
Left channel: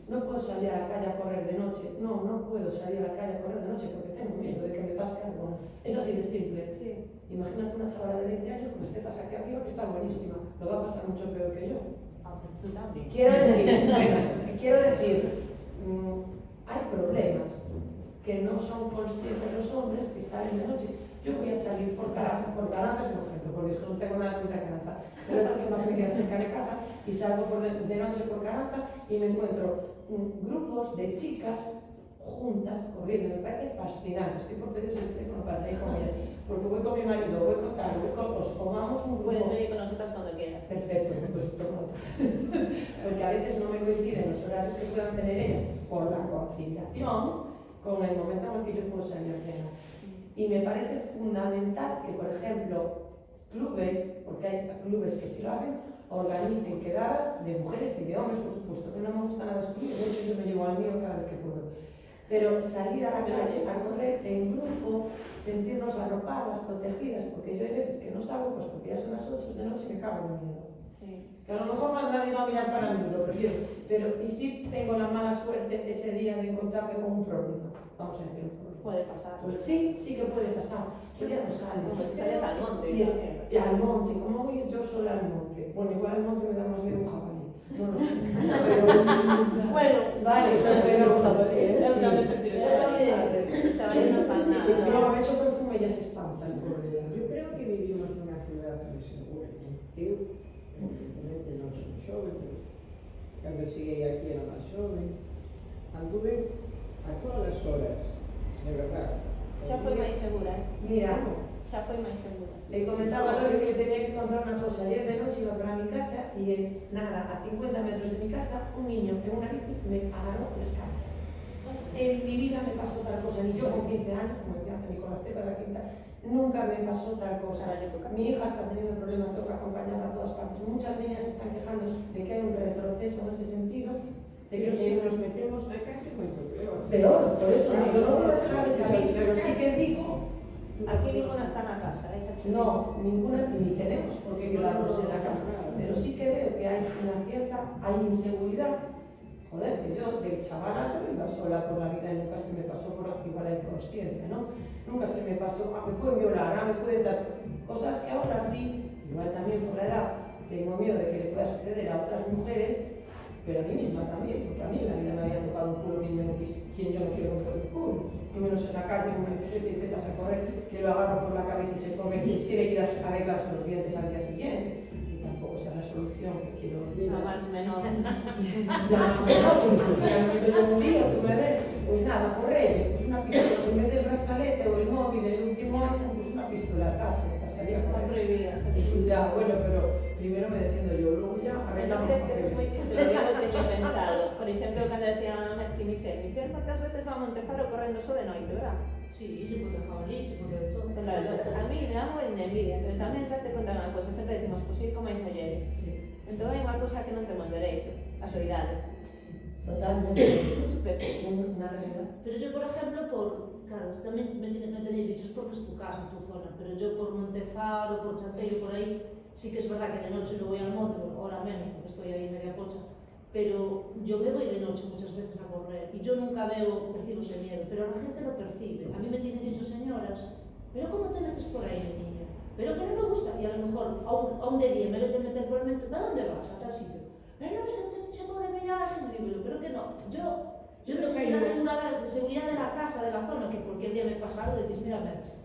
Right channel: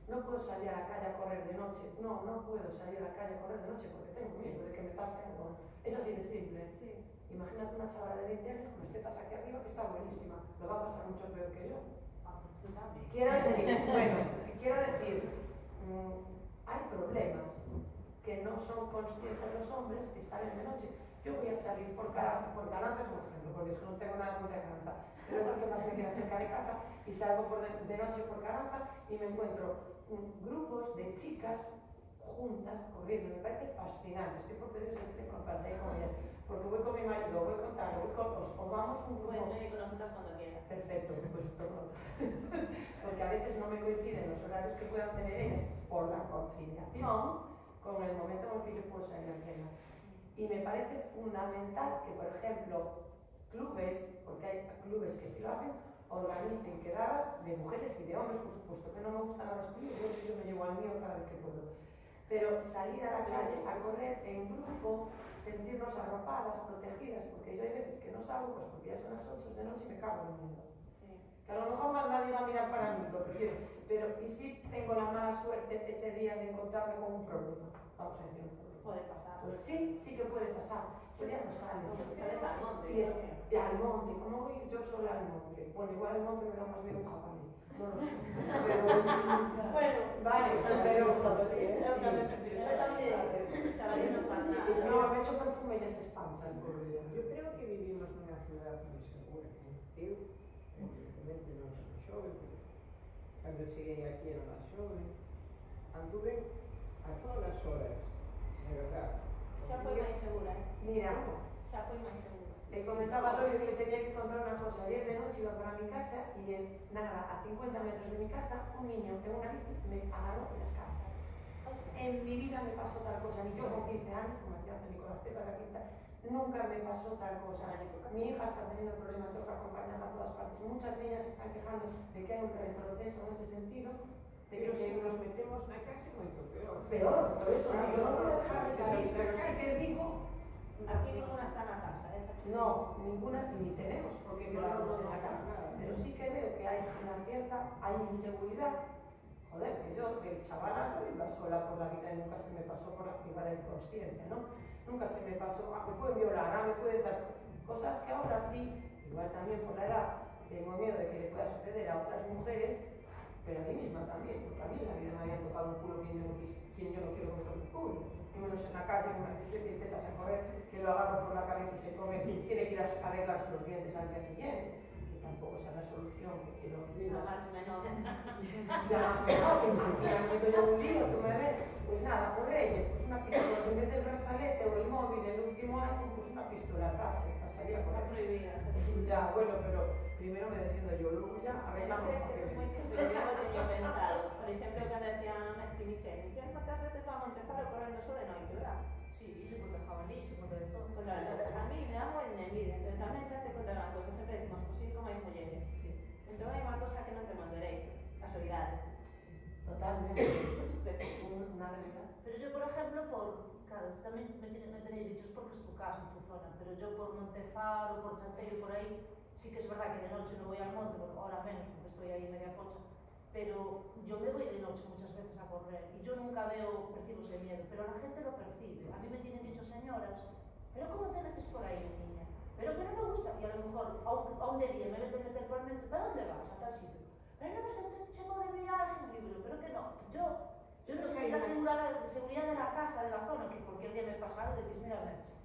No puedo salir a la calle a correr de noche. No puedo salir a la calle a correr de noche porque tengo miedo de que me pase algo. Es así de simple. Sí. Imagínate una chavala de 20 años con estetas aquí arriba que está buenísima. Lo va a pasar mucho peor que yo. Tú también. Quiero decir, hay problemas que no son conscientes los hombres que salen de noche. Yo voy a salir por Caranza es un ejemplo, por Dios, no tengo nada contra Caranza, pero es porque más me queda cerca de casa y salgo de noche por Caranza y me encuentro grupos de chicas juntas corriendo, me parece fascinante. Estoy por pedirles el teléfono para salir con ellas, porque voy con mi marido, voy con tal, voy con os vamos un grupo. Puedes venir con nosotras cuando quieras. Perfecto, pues tomo. Porque a veces no me coinciden los horarios que puedan tener ellas por la conciliación con el momento en el que yo puedo salir a cenar. Y me parece fundamental que, por ejemplo, clubes, porque hay clubes que sí lo hacen, organicen quedadas de mujeres y de hombres, por supuesto, que no me gusta nada excluir, yo me llevo al mío cada vez que puedo. Pero salir a la calle a correr en grupo, sentirnos arropadas, protegidas, porque yo hay veces que no salgo, pues porque ya son las 8 de noche y me cago de miedo. Sí. Que a lo mejor más nadie va a mirar para mí, lo prefiero. Pero y si tengo la mala suerte ese día de encontrarme con un problema, vamos a decir un problema. Puede pasar. Pues sí que puede pasar. Pero ya no sales. Pues sales al monte. Y al monte, como voy yo sola al monte. Bueno, igual al monte me da más miedo un jabalí. No lo sé. Pero, bueno, vale, pero un jabalí, ¿eh? Yo también prefiero jabalí, no para nada. No, me echo perfume y ya se espanta el pobre. Yo creo que vivimos nunha ciudad insegura. Eu, evidentemente, non son xove, pero cando cheguei aquí era máis xove, anduve a todas as horas, de verdad. Xa foi máis segura, Mira, xa foi máis segura. le comentaba a Lore que le tenía que contar una cosa. Ayer de noche iba para mi casa y nada, a 50 metros de mi casa, un niño en una bici me agarró las cachas. En mi vida me pasó tal cosa, ni yo con 15 años, como decía antes Nicolás Teza, la quinta, nunca me pasó tal cosa. Mi hija está teniendo problemas, tengo que acompañarla a todas partes. Muchas niñas están quejando de que hay un retroceso en ese sentido, de que Pero se nos metemos na casa é moito peor. Peor, por eso digo, no puedo dejar de saber, pero sí que digo. Aquí ninguna está na casa, esa chica. No, ninguna, ni tenemos por qué quedarnos en la casa, pero sí que veo que hay una cierta, hay inseguridad. Joder, que yo de chavala yo iba sola por la vida y nunca se me pasó por igual la inconsciencia, ¿no? Nunca se me pasó, me pueden violar, me pueden dar cosas que ahora sí, igual también por la edad, tengo miedo de que le pueda suceder a otras mujeres, pero a mí misma también, porque a mí en la vida me había tocado un culo quien yo no quiero que me toque el culo. Y menos en la calle, una bicicleta y te echas a correr, que lo agarro por la cabeza y se come, tiene que ir a arreglarse los dientes al día siguiente. Que tampoco sea la solución que quiero olvidar. No, más menor. Ya, pero un lío, tú me ves, pues nada, por Reyes, pues una pistola, en vez del brazalete o el móvil, el último iPhone, pues una pistola, pasaría por Está ahí. prohibida. Ya, bueno, pero primero me defiendo yo, luego ya ¿No arreglamos crees que eso es muy papeles. triste? Yo lo tenía pensado. Por ejemplo, cuando decían a Michelle moitas veces va a Montefaro correndo só de noite, verdad? Sí, se pode jabalí, se pode de todo. A mí me da moi de envidia, pero tamén date conta unha cosa, sempre decimos, pois ir como as mulleres. Sí, Entón hai unha cosa que non temos dereito, a solidade. totalmente. Súper. Una realidad. Pero yo, por ejemplo, claro, también me tenéis dicho, es porque es tu casa, tu zona, pero yo por Montefaro, por Chanteiro, por ahí, sí que es verdad que de noche no voy al monte, ahora menos porque estoy ahí media pocha, pero yo me voy de noche muchas veces a correr y yo nunca percibo ese miedo, pero la gente lo percibe. A mí me tienen dicho señoras, pero ¿cómo te metes por ahí, niña? Pero que no me gusta, y a lo mejor a un de día me vete a meter por el metro, ¿a dónde vas? A tal sitio. Pero no, es que te llevo de viaje, y digo, pero que no, yo no sé si la seguridad de la casa, de la zona, que cualquier día me pasa algo, decís, mira, Merche,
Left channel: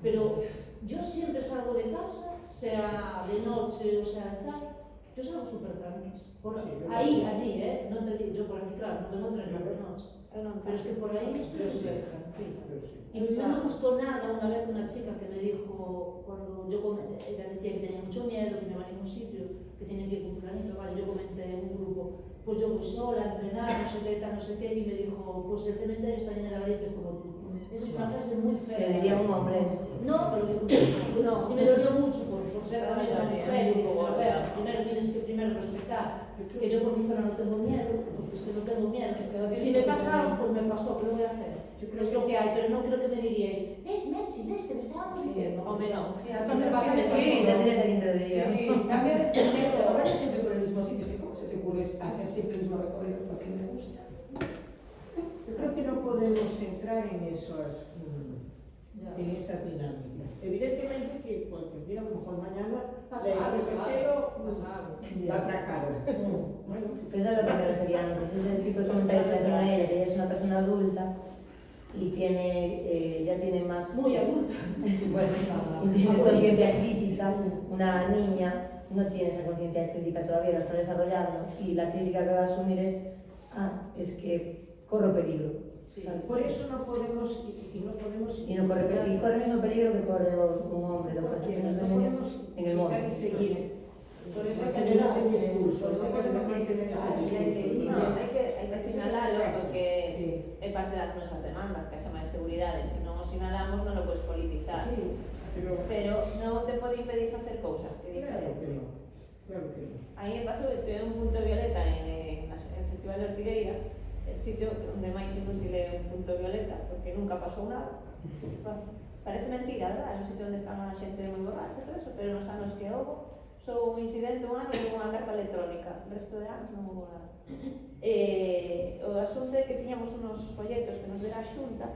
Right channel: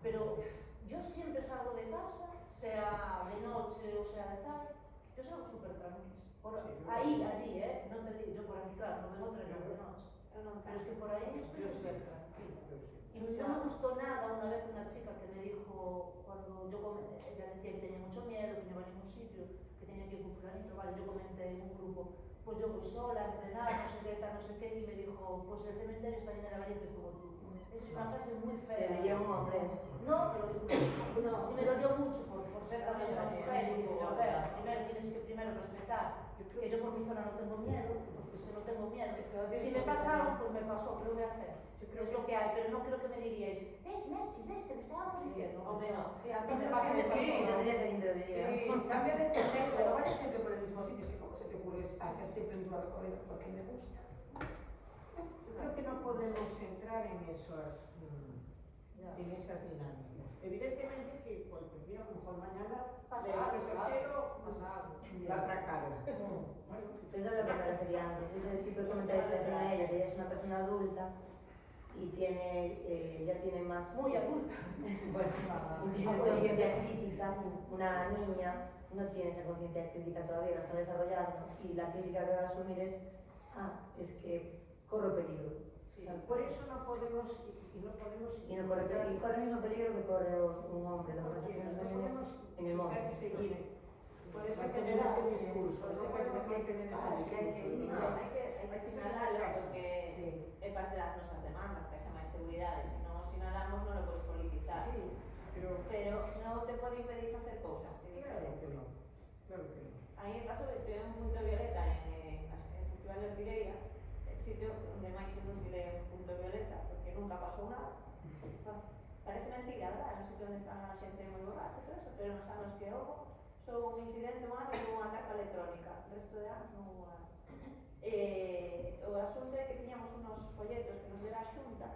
pero yo siempre salgo de casa, sea de noche o sea tal, yo salgo súper tranquila. Ahí, allí, no te digo, yo por aquí, claro, no tengo tren de noche, pero es que por ahí estoy súper tranquila. Y no me gustó nada una vez una chica que me dijo, cuando ella decía que tenía mucho miedo, que no iba a ningún sitio, que tenía que ir con fulanito, vale, yo comenté en un grupo, pues yo voy sola a entrenar, no sé qué, no sé qué, y me dijo, pues el cementerio está lleno de grietas como tú. Esa es una frase muy fea. Se le diría a un hombre eso. No, pero dijo no. Y me dolió mucho por ser también una mujer. Y digo, a ver, primero tienes que respetar que yo por mi zona no tengo miedo, porque es que no tengo miedo. Si me pasa algo, pues me pasó, ¿qué lo voy a hacer? Yo creo que es lo que hay, pero no creo que me diríais, ¿ves, Mechi, ves, te lo estábamos diciendo? O menos. Sí, también pasa de Sí, tendrías alguien te lo diría. Sí, cambia de especie, no vayas siempre por el mismo sitio, es que ¿cómo se te ocurre hacer siempre el mismo recorrido? Porque me gusta. Yo creo que no podemos entrar en esas dinámicas. Evidentemente que cualquier día, a lo mejor mañana, Pasa le algo, abres el claro, cielo, pasa algo. la atracaron. Bueno, Pues eso es lo que me refería antes, es el tipo de comentarios que hacía ella, que ella es una persona adulta y ya tiene más... Muy adulta. Bueno, y tiene conciencia crítica, una niña no tiene esa conciencia crítica todavía, lo está desarrollando, y la crítica que va a asumir es que corro peligro. Sí. por eso no podemos y no podemos Y no corre el mismo peligro que corre un hombre, lo que pasa es que nos ven ellas en el móvil. seguir. Por eso tener ese discurso, no podemos tener ese discurso. No, hai que sinalalo porque é parte das nosas demandas, que haxa máis seguridade. Se non o sinalamos non o podes politizar. Sí, pero non te pode impedir facer cousas, que é claro diferente. que no. Claro que no. A mí me pasou, estive en un punto violeta en Festival de Ortigueira, el sitio onde máis inútil é un punto violeta, porque nunca pasou nada. Bueno, parece mentira, verdad? É un sitio onde están a xente moi borracha e todo eso, pero nos anos que houve, só un incidente un ano e unha carta electrónica, o resto de anos non houve nada. O asunto é que tiñamos unos folletos que nos dera a xunta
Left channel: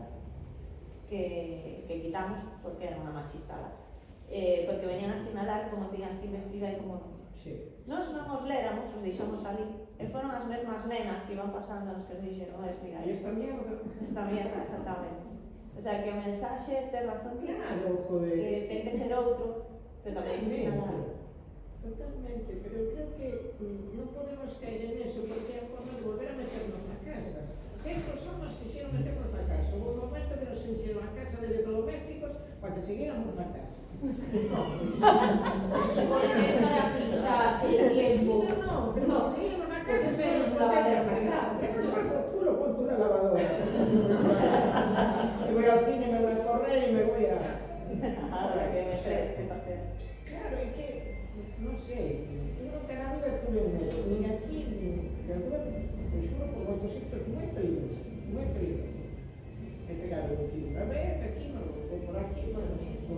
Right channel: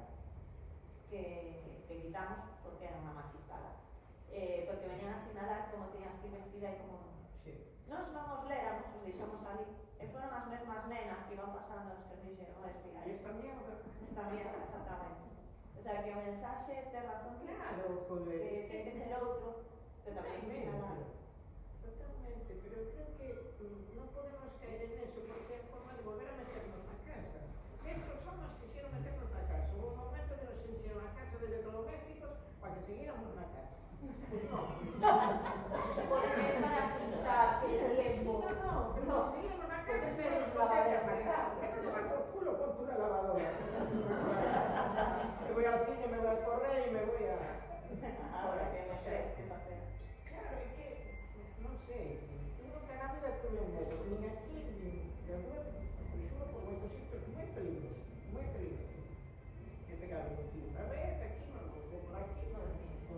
que quitamos porque era unha machistada, porque venían a sinalar como tiñas que ir vestida e como Sí. Nos non os léramos, os deixamos ali, e foron as mesmas nenas que iban pasando nos que nos dixeron, mira, Y esta mierda. esta mierda, exactamente. O sea, que o mensaxe ten razón que Claro, joder. ten que ser outro, pero tamén hai que sinalar. Totalmente, pero creo que no podemos caer en eso porque a secos son los que quisieron meternos na casa. Hubo un momento que nos hicieron a casa de electrodomésticos para que siguiéramos na casa. Se supone que es para agilizar el tiempo. No, pero no, seguíamos na casa y nos metíamos na casa. Me llevar por culo con tu lavadora. Me voy al cine, me voy a correr y me voy a... Ahora que me sé este papel. Claro, es que, no sé, yo nunca na vida tuve medo, ni aquí, pero tuve, xuro, por moitos sitios moi peligrosos, moi peligrosos. Me pegaron un tiro unha vez, aquí, me lo boté por aquí,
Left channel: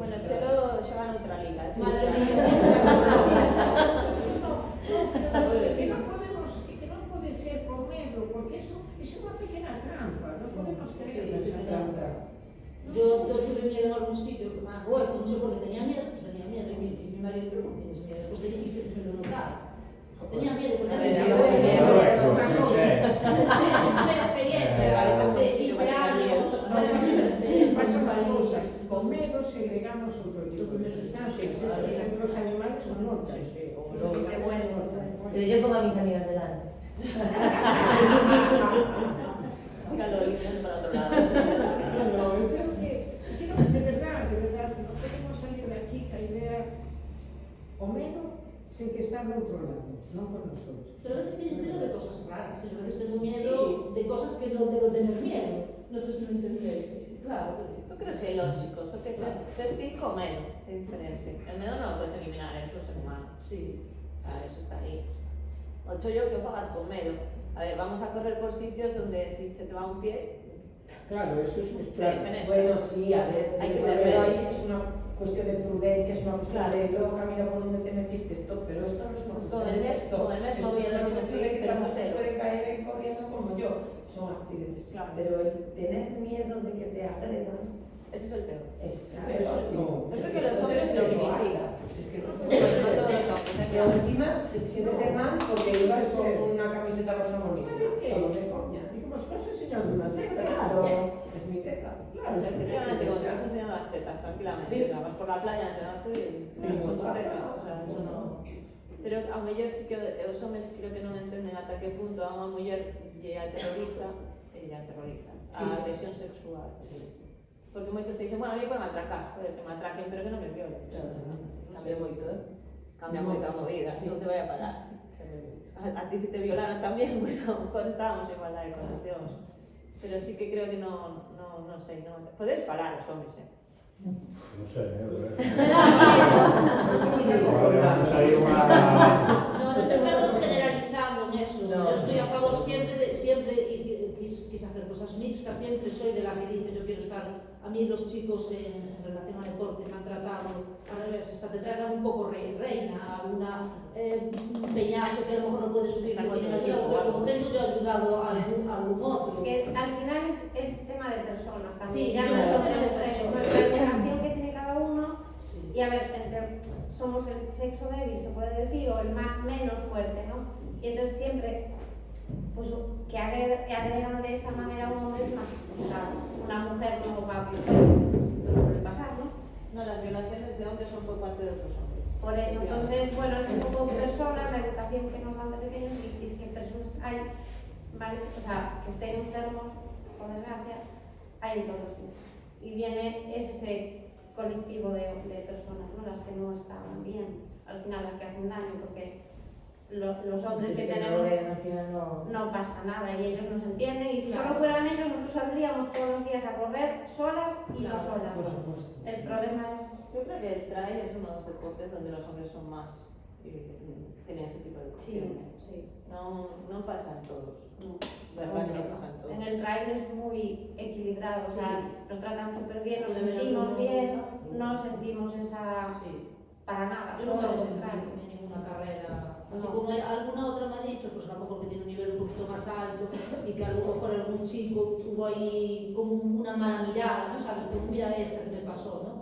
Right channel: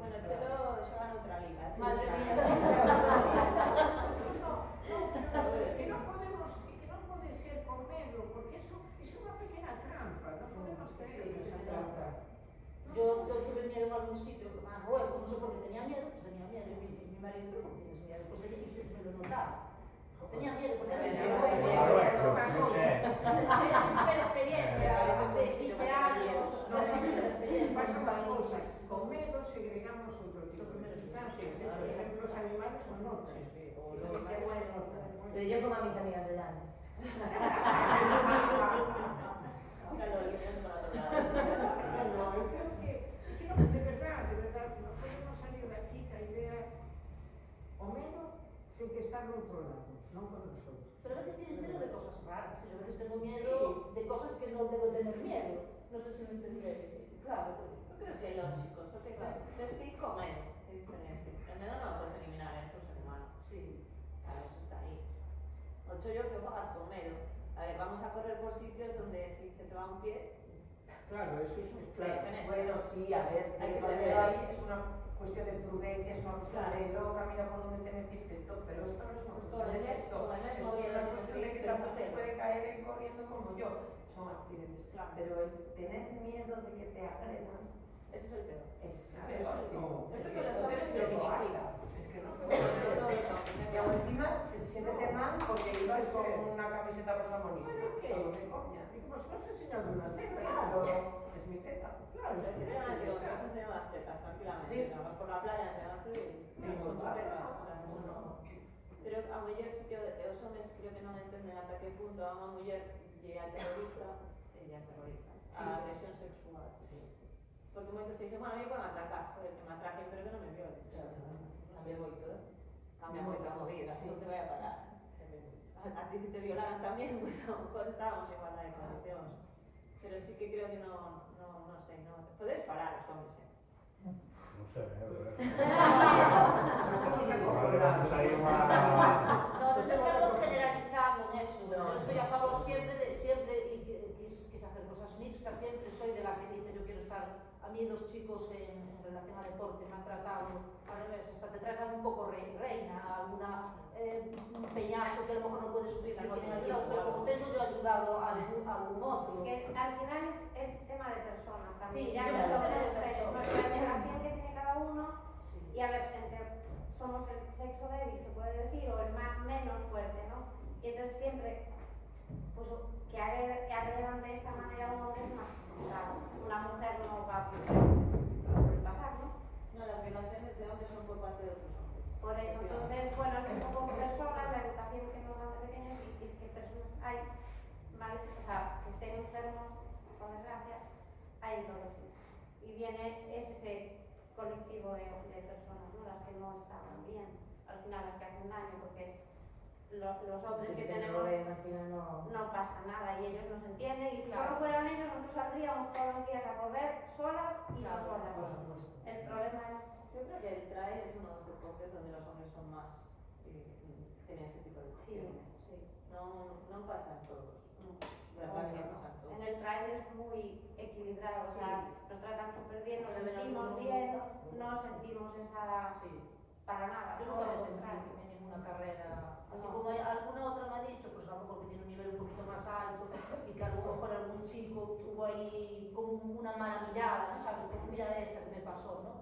Bueno, Chelo xoga noutra liga. Madre mía, que non podemos, que non pode ser con medo, porque eso é unha pequena trampa, non podemos caer nesa trampa. yo tuve miedo en algún sitio, a Marruecos, no sé por qué tenía miedo, pues tenía miedo, y mi marido, pero no tienes miedo, pues tenía que se me lo notaba. Tenía miedo, porque tenía miedo. Primera experiencia, de 20 años, Pasan las cosas, con medo segregamos outro tipo de sustancias, entre os animales son notas, Pero yo pongo a mis amigas delante. Dígalo, y para otro lado. Claro, eu creo que de verdad, non podemos salir de aquí ca idea o medo ten que estar no outro lado, non por nosotros. Pero a veces tienes miedo de cosas raras, y a veces tengo miedo de cosas que no debo tener miedo. No sé si me entendéis. Claro. Yo creo que é lógico, só que tes que ir co medo, é diferente. El medo non o puedes eliminar, é un ser humano. Sí. O sea, eso está ahí. O chollo que o fagas con medo. A ver, vamos a correr por sitios donde si se te va un pie... Claro, eso es claro. Bueno, sí, a ver, Hay que pero tener ahí es una cuestión de prudencia, es una cuestión de luego camina por donde te metiste esto, pero esto no es una cuestión de sexo. Con el mismo Esto es miedo una que cuestión de que pero tampoco cero. puede caer él corriendo como yo. Son accidentes. Claro. Pero el tener miedo de que te agredan, Ese es el peor. es Eso no. es que los hombres lo dignifican. No todos los hombres, Y aún encima siéntete mal porque ibas con una camiseta rosa buenísima. Estamos de coña. Y como si fuese enseñando una secta. Claro, es mi teta. Claro, Efectivamente, como si vas a enseñar las tetas, tranquilamente. Sí. O sea, vas por la playa, enseñaste con tus tetas. O sea, eso no... Pero a muller sí que os hombres creo que non entenden ata que punto a unha muller lle aterroriza, a agresión sexual. Sí. Porque moitos te dicen, bueno, a mí para me atracar, joder, que me atraquen, pero que non me violen. Cambia moito, Cambia moito a movida, Sí. non te vai a parar. A ti si te violaran también, pues a lo mejor estábamos en igualdad de condicións. Pero sí que creo que non sei, non... Poder falar os hombres, Non sei, No, no estamos generalizando en eso. No. Yo estoy a favor siempre quise hacer cosas mixtas, siempre soy de la que dice yo quiero estar. A mí los chicos en relación al deporte me han tratado al revés, hasta te tratan un poco reina, alguna peñasco que a lo mejor no puede subir la pero como tengo yo ayudado a algún otro. Que al final es tema de personas también. Sí, ya claro, no es solo tema de mujeres, personas. nuestra educación que tiene cada uno. Sí. Y a ver, somos el sexo débil, se puede decir, o el más menos fuerte, ¿no? Y entonces siempre, pues que agredan de esa manera a un hombre es más complicado. Una mujer no va a violar, no suele pasar, ¿no? No, las violaciones de hombres son por parte de otros hombres. Por eso, entonces, bueno, es un poco personas, la educación que nos dan de pequeños y es que personas hay, ¿vale? O sea, que estén enfermos, por desgracia, hay en todos sitios. Y viene ese colectivo de personas, ¿no? Las que no están bien, al final las que hacen daño, porque los hombres que tenemos no pasa nada y ellos nos entienden y si solo fueran ellos nosotros saldríamos todos los días a correr solas y no solas. El problema es... Yo creo que el trail es uno de los deportes donde los hombres son más tienen ese tipo de cuestiones. Sí. No pasa en todos. No. ¿Verdad que no pasa en todos? En el trail es muy equilibrado, o sea, nos tratan súper bien, nos De menos sentimos uno. bien, no sentimos esa... Sí. para nada, Yo todo nunca lo he sentido contrario. en ninguna carrera. Así No. como alguna otra me ha dicho, pues a lo mejor que tiene un nivel un poquito más alto y que a lo mejor algún chico tuvo ahí como una mala mirada, ¿no? ¿Sabes? Como mira esta que me pasó, ¿no?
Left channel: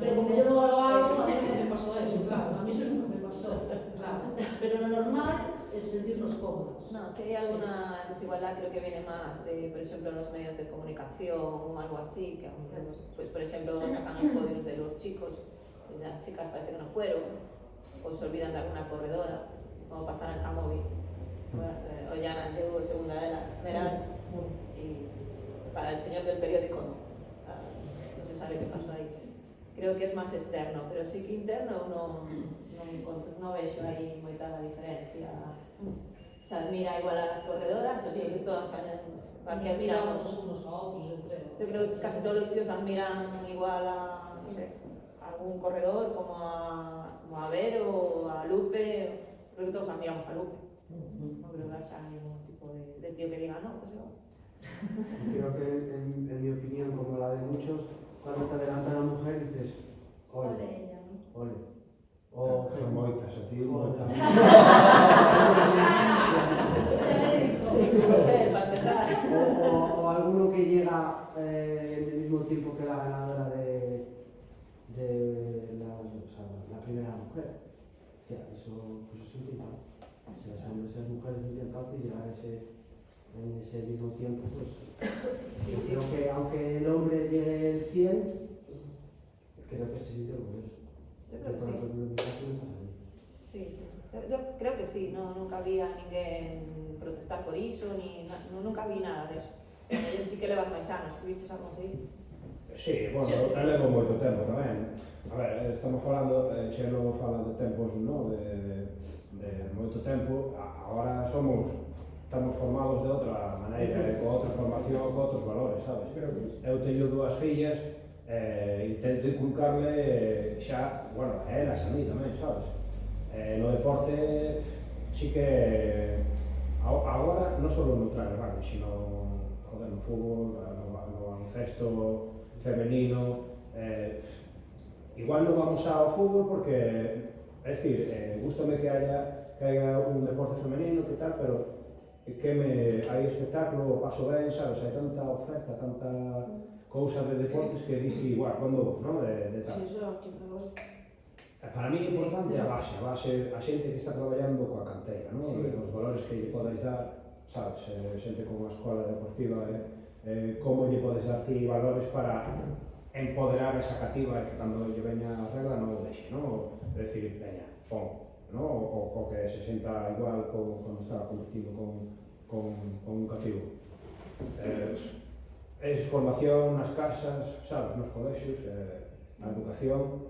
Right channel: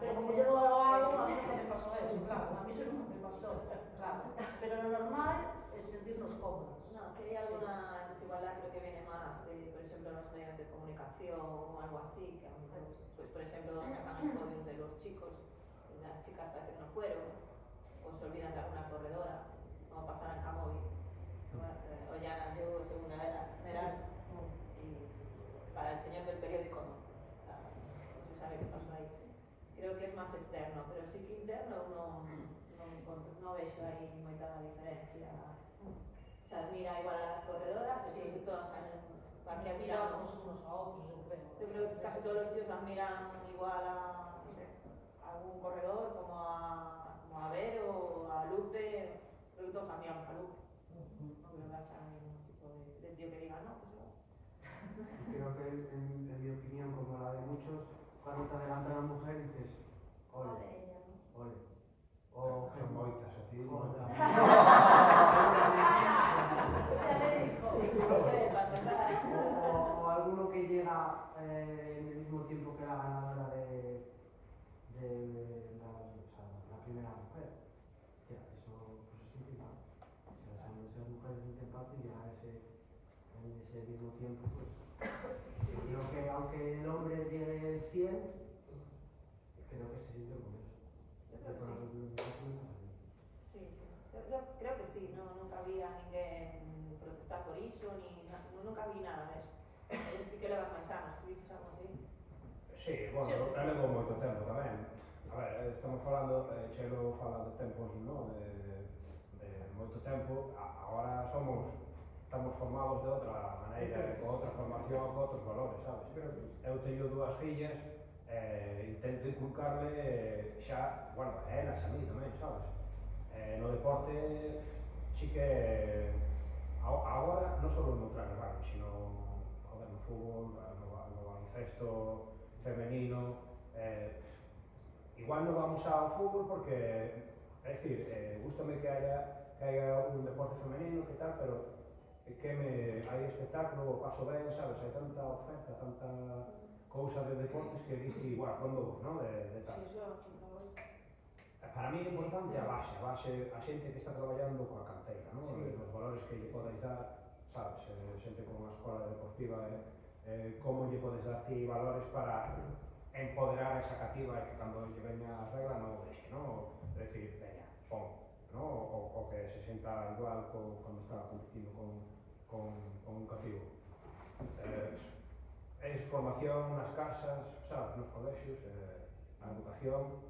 Pero como yo no lo hago, a mí no me pasó eso, claro. A mí eso nunca me pasó, claro. Pero lo normal es sentirnos cómodos. No, si hay alguna desigualdad creo que viene más de, por ejemplo, los medios de comunicación o algo así, que pues por ejemplo sacan los podios de los chicos y las chicas parece que no fueron, o se olvidan de alguna corredora, como pasa a móvil. O ya llegó segunda de la general el señor del periódico no se sabe qué pasó ahí. Creo que es más externo, pero sí que interno no vexo aí moita diferencia. Se admira igual a las corredoras, yo creo que todas que admiramos unos a otros, yo creo. Yo creo que casi todos los tíos admiran igual a, no sé, a algún corredor como a Vero, a Lupe. Creo que todos admiramos a Lupe. No creo que haya ningún tipo de tío que diga no, pues yo. Creo que en mi opinión, como la de muchos, cuando te adelanta una mujer dices, ole, ole. O Son moitas, a ti moitas. O alguno que llega en el mismo tiempo que la ganadora de la primera mujer. Hostia, eso pues es un tiempo. O sea, son esas mujeres un tiempo y llegar en ese mismo tiempo, pues sí, creo que aunque el hombre llegue el 100, creo que se siente orgulloso. Yo creo que sí. Sí, yo creo que sí, nunca había ninguén protestar por iso, nunca vi nada de eso. Eu ti que levas máis anos, tu viches algo así? Sí, bueno, eu levo moito tempo tamén. A ver, estamos falando, Chelo fala de tempos, no? de moito tempo. Agora estamos formados de outra maneira, con outra formación, con outros valores, sabes? Eu teño dúas fillas, intento inculcarle xa, bueno, a elas a mí tamén, sabes? No deporte, sí que agora non só no traje rugby, sino no fútbol, no baloncesto femenino. Igual non vamos ao fútbol porque, é dicir, gústame que haya un deporte femenino que tal, pero hai espectáculo, paso ben, sabes? Hai tanta oferta, tanta cousa de deportes que dices igual, cando vos, non? De tal. Para mí é importante a base, a xente que está traballando coa canteira, non? Os valores que lle podes dar, sabes? Xente con unha escola deportiva, como lle podes dar ti valores para empoderar esa cativa e que cando lle veña a regla non o deixe, non? É dicir, veña, pon, non? O que se senta igual cando está competindo con un cativo. É formación nas casas, sabes? Nos colexios, a educación.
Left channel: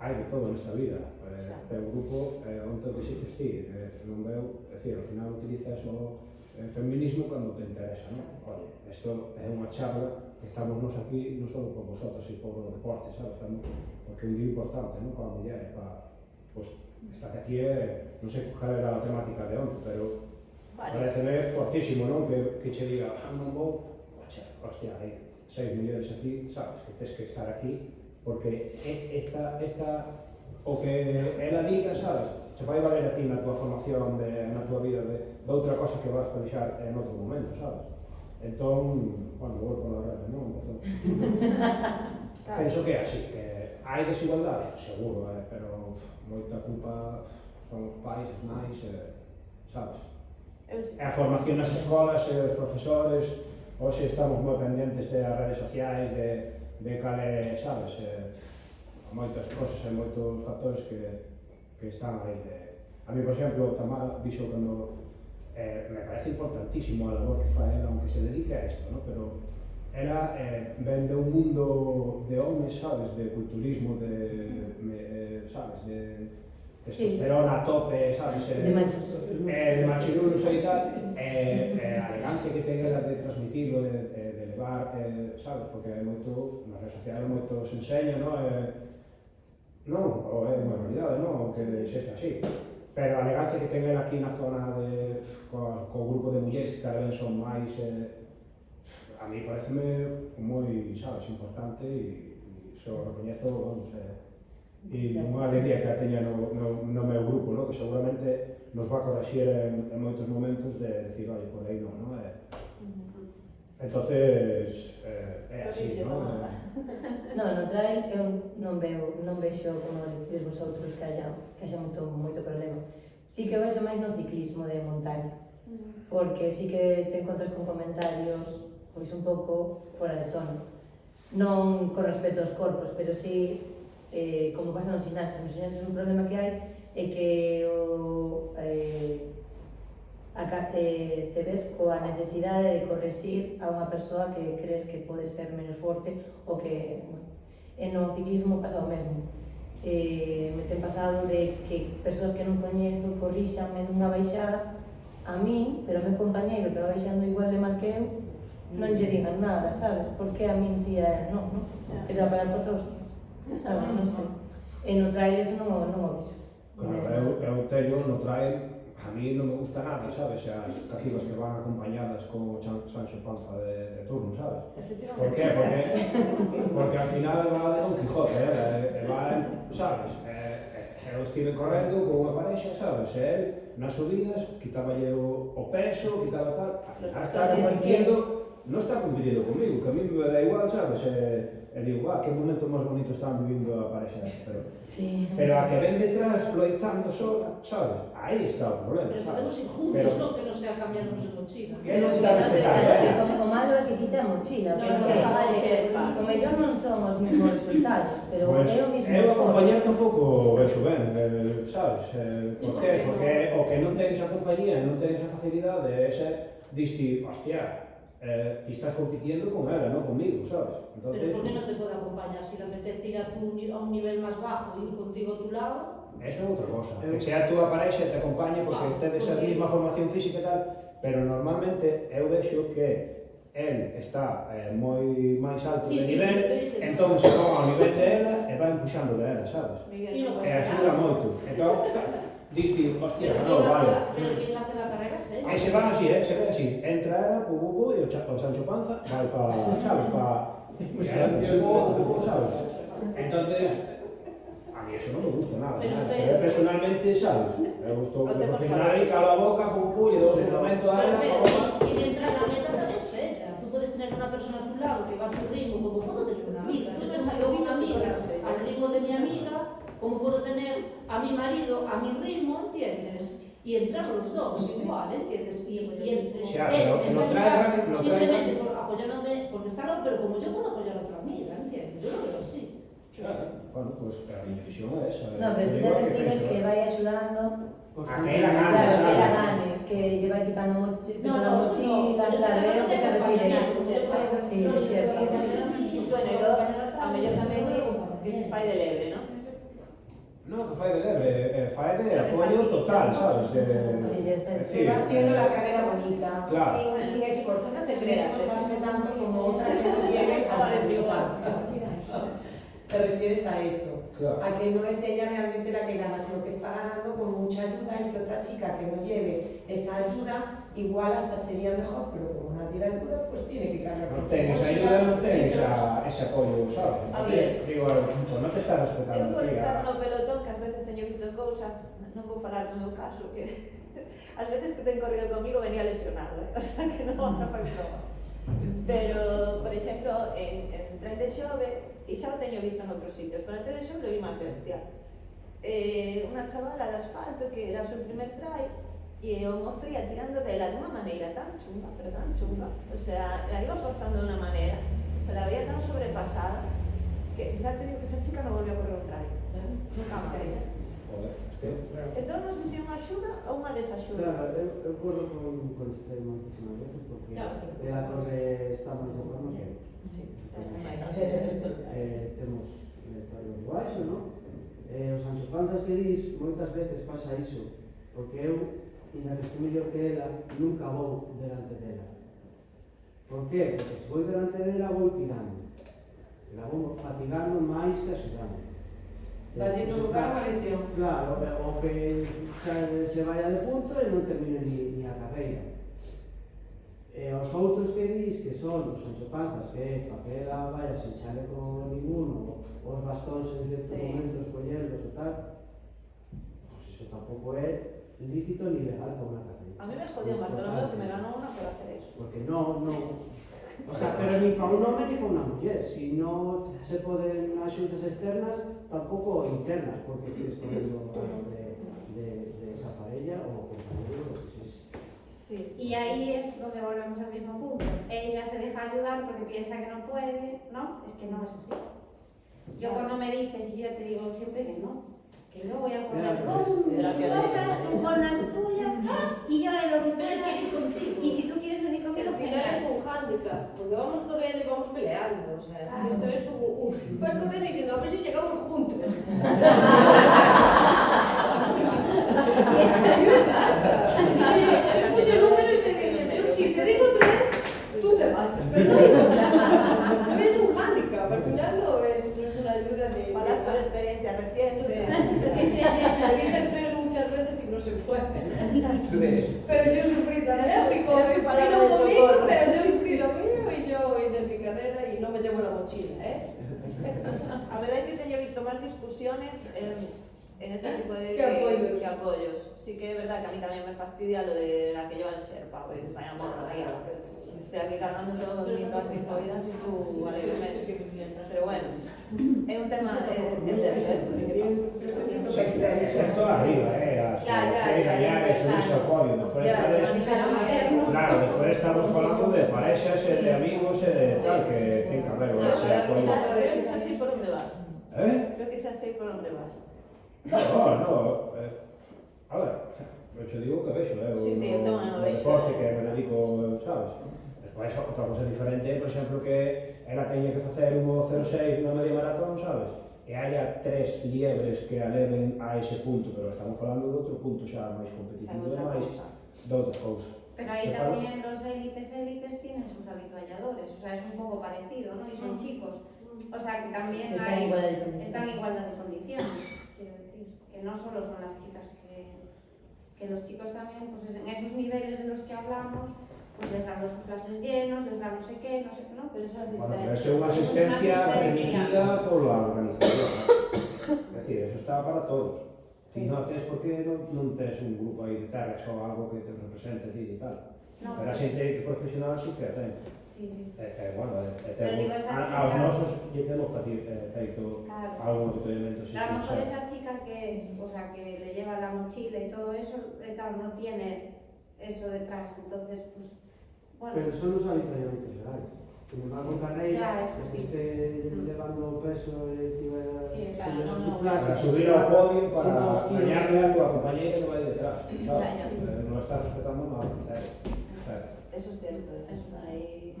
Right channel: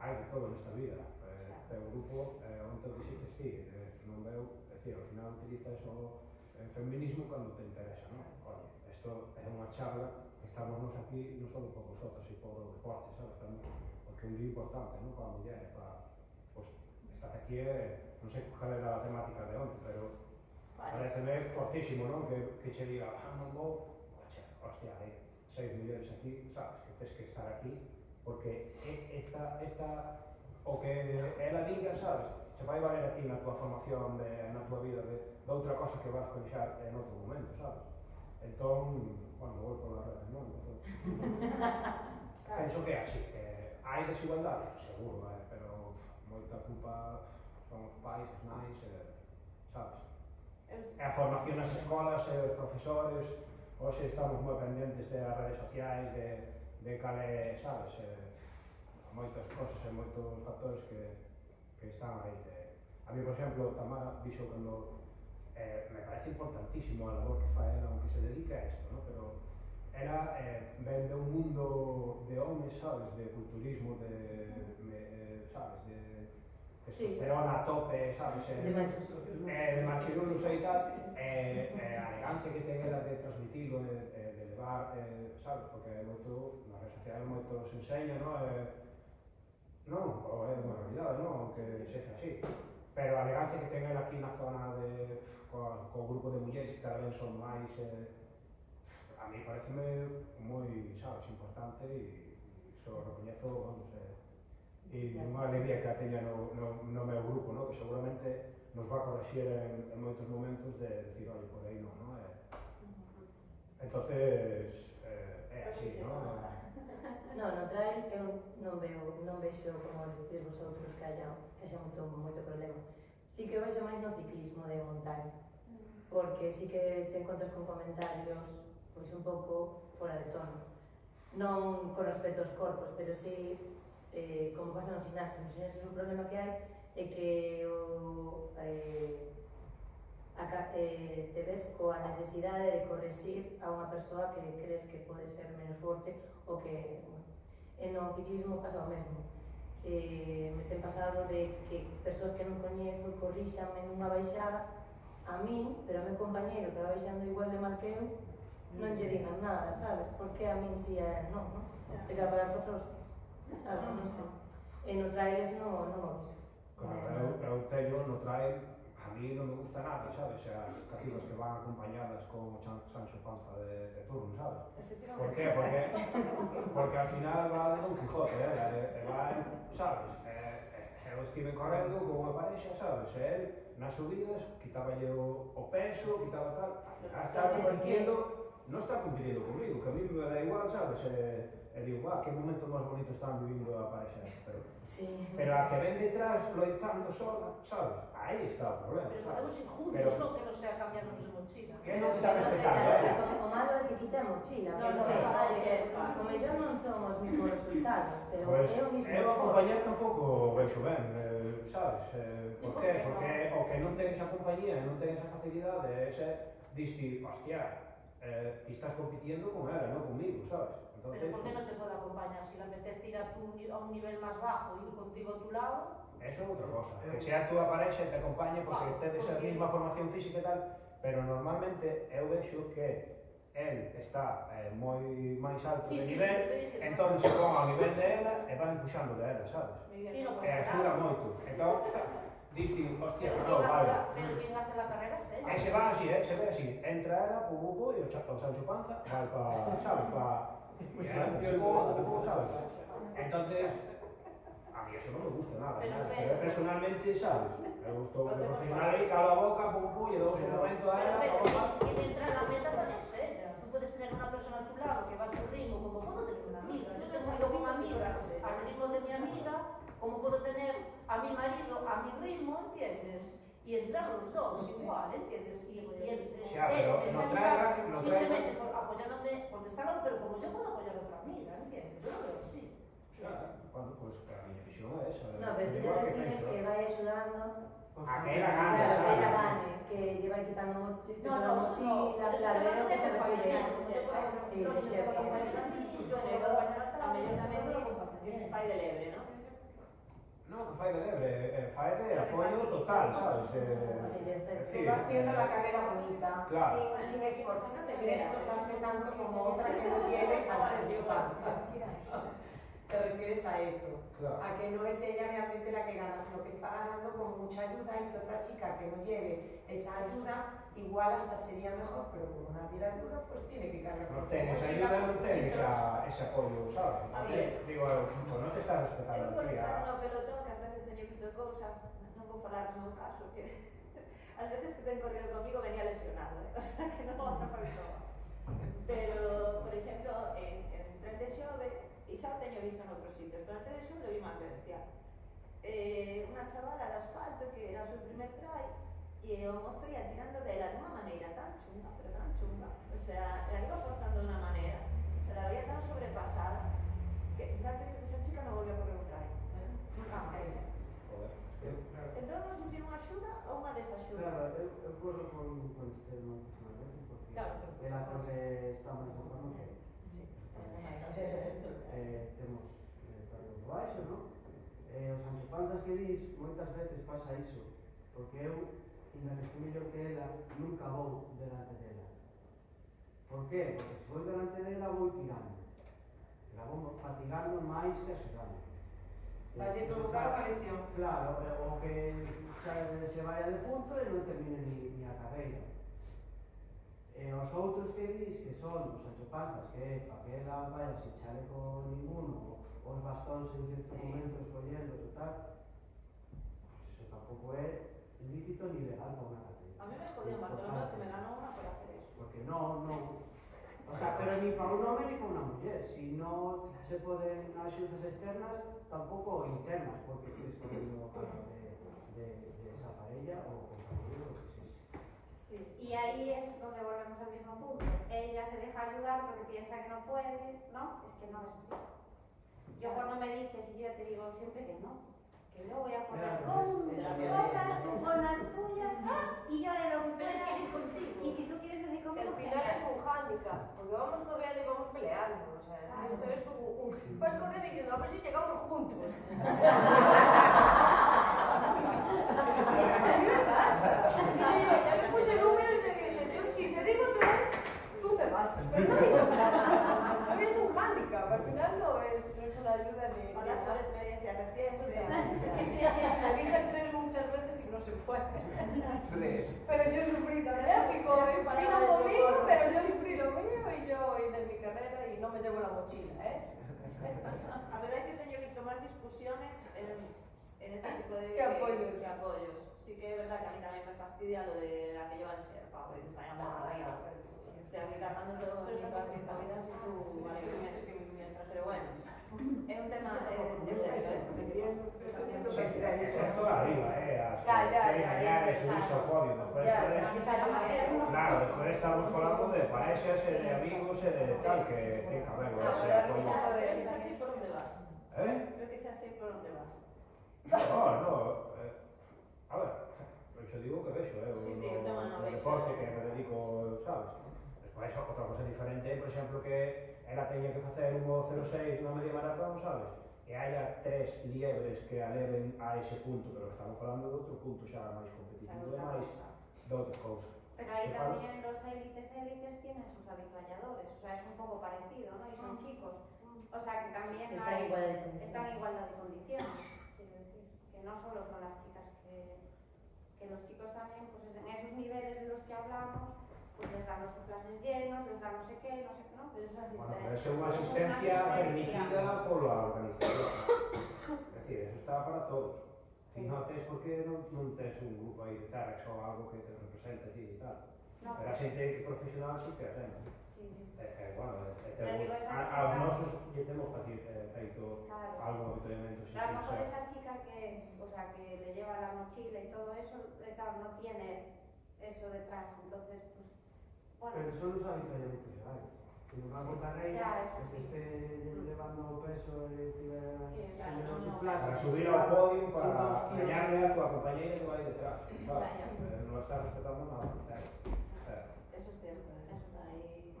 Hai de todo nesta vida, pero o grupo onde te dixes ti, non veo, é dicir, ao final utilizas o feminismo cando te interesa, non? Oye, isto é unha charla que estamos nos aquí non só por vosotros e por o deporte, sabes? Estamos porque é un día importante, non? Para a muller, pues, estar aquí non sei cal era a temática de onte, pero pareceme fortísimo, non? Que che diga, non vou, hostia, hai 6 mulleres aquí, sabes? Que tens que estar aquí porque o que ela diga, sabes, se vai valer a ti na tua formación, na tua vida, de outra cosa que vas pensar en outro momento, sabes? Entón, bueno, vou por la red, non? Penso que é así, que hai desigualdade, seguro, pero moita culpa son os pais, as nais, sabes? E a formación nas escolas, os profesores, hoxe estamos moi pendentes das redes sociais, de cale, sabes, moitas cosas e moitos factores que están aí. A mí, por exemplo, Tamara dixo cando me parece importantísimo a labor que fai ela, aunque se dedique a isto, ¿no? Pero ela ven de un mundo de homes, sabes, de culturismo, sabes, de testosterona a tope, sabes, de machirulos e tal, a elegancia que ten ela de transmitirlo, de levar, sabes, porque é moito, nas redes sociais moito se enseña, non? Ou é unha realidade, non? Que sexa así. Pero a elegancia que ten ela aquí na zona co grupo de mulleres que cada vez son máis, a mí pareceme moi, sabes, importante e só recoñezo, vamos, e unha alegría que a teña no meu grupo, no? Que seguramente nos va a corregir en moitos momentos de decir, oye, por aí non, non? Entonces, é así, non? No trail eu non vexo, como dices vosotros, que haxa moito problema. Sí que vexo máis no ciclismo de montaña, porque sí que te encontras con comentarios pois un pouco fora de tono. Non con respecto aos corpos, pero sí, como pasa nos gimnasios. Nos gimnasios un problema que hai é que a te ves coa necesidade de correxir a unha persoa que crees que pode ser menos forte ou que, bueno, no ciclismo pasa o mesmo. Me ten pasado de que persoas que non coñezo corríxanme nunha baixada a min, pero o meu compañeiro que va baixando igual de mal que eu non lle digan nada, sabes? Porque a min si é non, non? Que te va a parar por outros hostias, sabes? Non sei. E no trail eso non o viso. Claro, eu teño no trail, a mí non me gusta nada, sabes? As cacivas que van acompañadas con o Sancho Panza de turno, sabes? Por qué? Porque al final va de Don Quijote, sabes? Eu estive correndo con unha parexa, sabes? E el, nas subidas, quitaballe o peso, quitaba tal, está compitindo, non está compitindo comigo, que a mí me da igual, sabes? E digo, que momento máis bonito están vivindo a parexa esta, pero a que ven detrás loitando só, sabes? Aí está o problema, Pero sabes? podemos ir juntos, no que non sea cambiarnos de mochila. Que non está respetando, O malo é que quite a mochila, porque o mellor non son os mesmos resultados, pero Pois, é o mismo eu esforzo. acompañar tampouco vexo ben, sabes? Por qué? Porque o que non ten esa compañía e non ten esa facilidade é ese, diste, hostia, ti estás compitiendo con ela, non comigo, sabes? Entonces, Pero por que non te pode acompañar? Si te apetece ir a un nivel máis bajo e ir contigo a tu lado, eso é outra cosa. Que sea a túa parexa e te acompañe porque tedes a mesma formación física e tal, pero normalmente eu vexo que el está moi máis alto de nivel, entón se pon ao nivel de ela e vai empuxando de ela, sabes? E axuda moito. Entón, diste, hostia, pero non, vale. quien hace la carrera es ella. E se van así, se ve así, entra ela, e o Sancho Panza vai para, sabes, para... sabes? Entonces, a mí eso non me gusta nada. Eu personalmente, sabes, eu estou profesional e calo a boca, e dou un momento a ela, Quien entra en la meta también es ella. Tú puedes tener una persona a tu lado que va a tu ritmo, como puedo tener una amiga. Yo me salgo con amigas al ritmo de mi amiga, como puedo tener a mi marido a mi ritmo, ¿entiendes? Y entramos los dos igual, ¿entiendes? Y él está simplemente apoyándome, porque está claro, pero como yo puedo apoyar a otra amiga, ¿entiendes? Yo lo veo así. Bueno, pues a mi visión é esa. No, pero tú te refieres que vai axudando a que ela gane, claro, que ela sabes? gane, que lle vai quitando peso da no, mochila, claro, é o que se refire. Sí, é certo. Bueno, e logo, a mellor tamén dis que se fai de lebre, non? No, que fai de lebre, fai de apoio total, sabes? Va haciendo la carrera bonita, Claro. sin esfuerzo, no te creas, esforzarse tanto como otra que nos lleve a Sancho Panza. Te refieres a eso, Claro. a que no es ella realmente la que gana, sino que está ganando con mucha ayuda y que otra chica que no lleve esa ayuda, igual hasta sería mejor, pero como nadie la ayuda, pues tiene que cargar Non con ten su esa mochila. ayuda, non ten ese apoio, sabes? A ver. Digo, pues non te estás respetando. Eu por tía. estar no pelotón, que ás veces teño visto cousas, non vou falar do meu caso, que ás veces que ten corrido comigo venía lesionado, o sea que non a fai prova. Pero, por exemplo, en tren de xove, e xa o teño visto en outros sitios, pero en tren de xove o vi máis bestia. Unha chavala de asfalto que era o seu primer trail, e o mozo ia tirando dela dunha maneira tan chunga, pero tan chunga, o sea, la iba forzando de unha maneira, se la veía tan sobrepasada, que xa te digo que esa chica non volvió a correr un trail. Nunca máis. Joder, Entón, non sei se é unha axuda ou unha desaxuda. Claro, eu corro con este moitísimas veces porque ela corre está máis en forma que eu. Temos tallos baixo, non? Os Sancho Panzas que dis, moitas veces pasa iso, porque eu, inda que estou mellor que ela, nunca vou delante dela. Por qué? Porque se vou delante dela vou tirando. La vou fatigando máis que axudando. Vas a provocar unha lesión. Claro, o que se vaya de punto e non termine ni a carreira. E os outros que dis que son os Sancho Panzas, que é para que ela vaya sen chaleco ninguno, os bastóns en certos momentos collerlos e tal, pues iso tampouco é lícito ni legal para unha carreira. A mí me jodió Bartolomé que me ganó una por hacer eso. Porque no, o sea, pero ni para un hombre ni para una mujer, si no se poden axudas externas, tampouco internas, porque estés correndo de esa parella o compañero, lo que sea. Sí. Y ahí es donde volvemos al mismo punto. Ella se deja ayudar porque piensa que no puede, ¿no? Es que no es así. Yo cuando me dices, y yo te digo siempre que no, que yo voy a correr con mis cosas, tú con las tuyas, y yo haré lo que pueda o sea... Esto es vas con él diciendo, a ver si llegamos juntos. A mí me pasa. Yo le puse el número y te digo, yo si te digo 3, tú te vas. Pero no digo nada. No es un hándicap, al final no es una ayuda ni... Hablas por experiencia reciente. Le dije 3 muchas veces y no se fue. Pero yo sufrí también, Era su palabra vino de conmigo, socorro. pero yo sufrí lo mío y yo hice mi carrera y no me llevo la mochila, A verdade é que teño visto máis discusiones en ese tipo de... Que apoyos. Que apoyos. Sí que é verdad que a mí tamén me fastidia lo de la que lleva el Sherpa, pues vaya morra, tío, pues, si estoy aquí cargando todo mi todas mis movidas y tú alegremente. Pero bueno, é un tema en serio, Esto arriba, que gañar e subirse ao podio. Claro, despois estamos falando de parexas e de amigos e de tal, que ten que haber ese apoio. Creo que xa sei por onde vas. Creo que xa sei por onde vas. No, a ver, eu digo que vexo, Sí, eu tamén o vexo. deporte que me dedico, sabes? Despois, outra cosa diferente, por exemplo, que ela teña que facer un 1.06 na media maratón, sabes? E haya 3 liebres que a leven a ese punto, pero estamos falando de outro punto xa máis competitivo, de máis de outra cousa. Pero ahí también los élites tienen sus avitualladores, o sea, es un poco parecido, ¿no? Y son chicos, o sea, que también están en igualdad de condiciones, quiero decir, que no solo son las chicas que los chicos también, pues en esos niveles de los que hablamos, pues les damos sus clases llenos, les damos no sé qué, ¿no? Pero esa Bueno, pero é unha asistencia permitida pola organización. É dicir, eso está para todos. Ti non tes porque non tes un grupo aí de terras ou algo que te represente a ti e tal. Pero a xente que profesional sí que a ten. Bueno, aos nosos lle temos feito algún apoyamiento. A lo mejor esa chica que le lleva la mochila y todo eso, claro, no tiene eso detrás, entonces, pues, bueno. Pero son los avituallamientos legales. Que me van con carreira, que esté levando peso e tivera su clase. Para subir ao podio, para gañarle a tua compañeira que vai detrás, sabes? Non está respetando nada, cero. Eso es cierto, eso ahí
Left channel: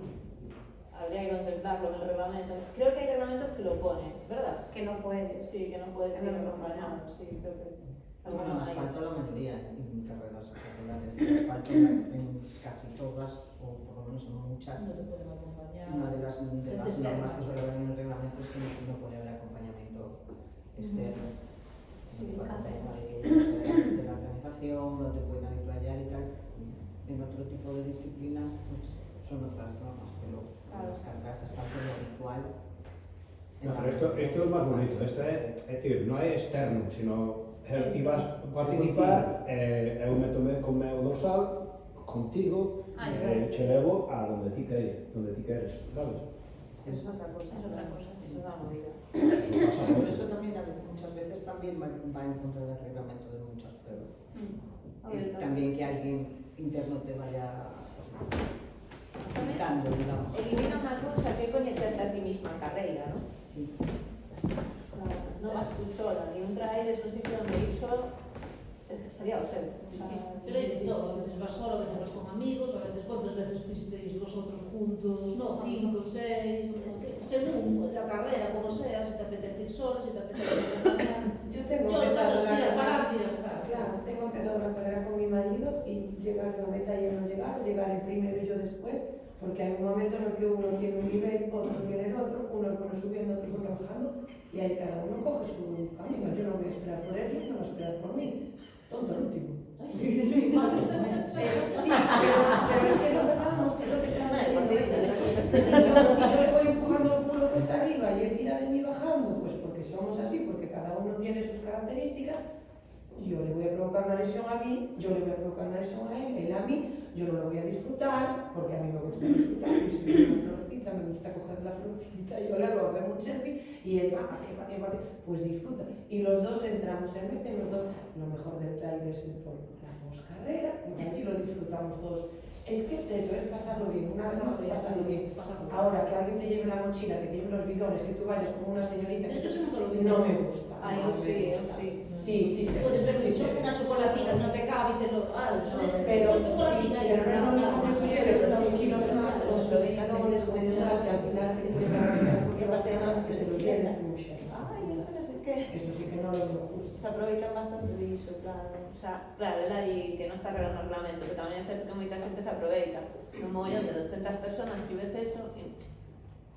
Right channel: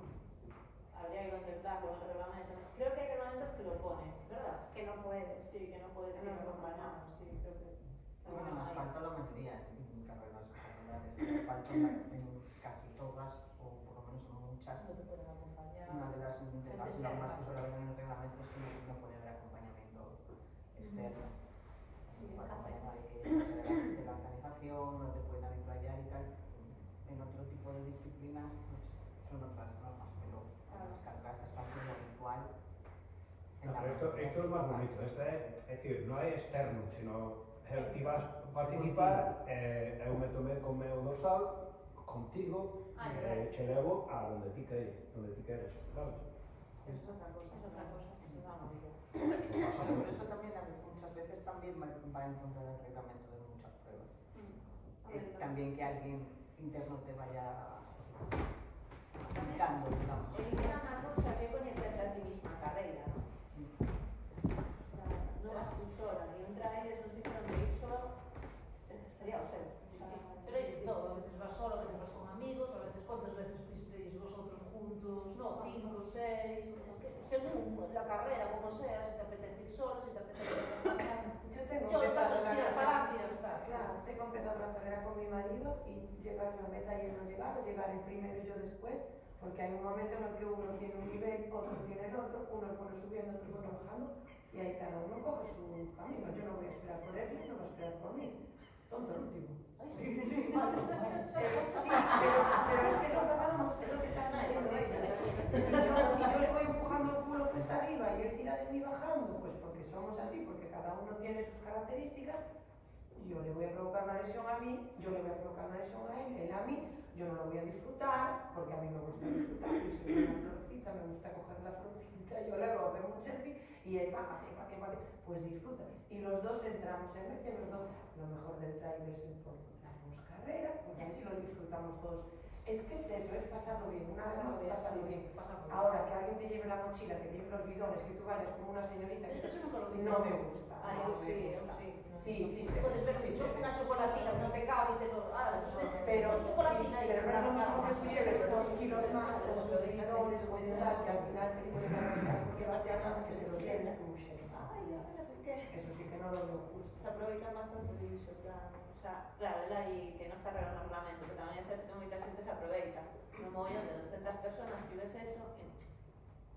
habría que contemplarlo en el reglamento. Creo que hay reglamentos que lo ponen, ¿verdad? Que no puedes. Sí, que no puedes ir acompañado, sí, creo que... Bueno, asfalto la mayoría en carreras populares. Asfalto en casi todas, o por lo menos en muchas. Una de las normas que suele haber en el reglamento es que no puede haber acompañamiento externo. De la organización, no te pueden avituallar y tal. En otro tipo de disciplinas pues, son otras normas, pero en las carreras de asfalto lo habitual. No, pero esto es más bonito, esto es decir, no é externo, sino ti vas a participar, eu métome con meu dorsal contigo, che levo a donde ti queres, sabes? Es otra cosa, es una movida. Por eso también muchas veces también va en contra del reglamento de muchas pruebas. También que alguien interno te vaya dando, digamos. Elimina unha cousa que é coñecerte a ti misma en carreira, ¿no? Sí. No vas tú sola, ni un trail es un sitio donde ir solo sería ausente. Pero hay de todo, a veces vas solo, a veces vas con amigos, a veces cuántas veces fuisteis vosotros juntos, no, 5, 6, es que según la carrera, como sea, si te apetece ir sola, si te apetece ir acompañar. Yo tengo empezado una carrera con mi marido y llegar a la meta y él no llegar, llegar el primero y yo después, porque hay un momento en el que uno tiene un nivel, otro tiene el otro, uno es bueno subiendo, otro es bueno bajando, y ahí cada uno coge su camino. Yo no voy a esperar por él, él no va a esperar por mí. Tonto el último. Sí, pero es que no ganamos, es lo que se llama deportista. Si yo le voy empujando el culo que está arriba y él tira de mí bajando, pues porque somos así, porque cada uno tiene sus características. Yo le voy a provocar una lesión a mí, yo le voy a provocar una lesión a él a mí, yo no lo voy a disfrutar, porque a mí me gusta disfrutar, y si veo una florcita, me gusta coger la florcita, yo le hago hacer un selfie, y él va, pues disfruta. Y los dos entramos en meta, y los dos, lo mejor del trail es el polvo, la poscarrera, y allí lo disfrutamos todos. Es que es eso, es pasarlo bien, una vez más pasarlo bien. Ahora, que alguien te lleve la mochila, que te lleve los bidones, que tú vayas como una señorita, no me gusta. Ay, sí. Sí. Puedes ver una chocolatina, no te cabe y te lo... Pero no es lo mismo que tú lleves 2 kilos más, con los bidones, con tal, que al final te cuesta porque vas a llamar a que te lo tienda. queden como xa. Ay, esto no sé qué. Eso sí que non lo veo justo. Se aproveitan bastante diso, claro. O sea, claro, era aí que non está arreglando o reglamento, que tamén é certo que moita xente se aproveita. Un mogollón de 200 personas que ves eso, e,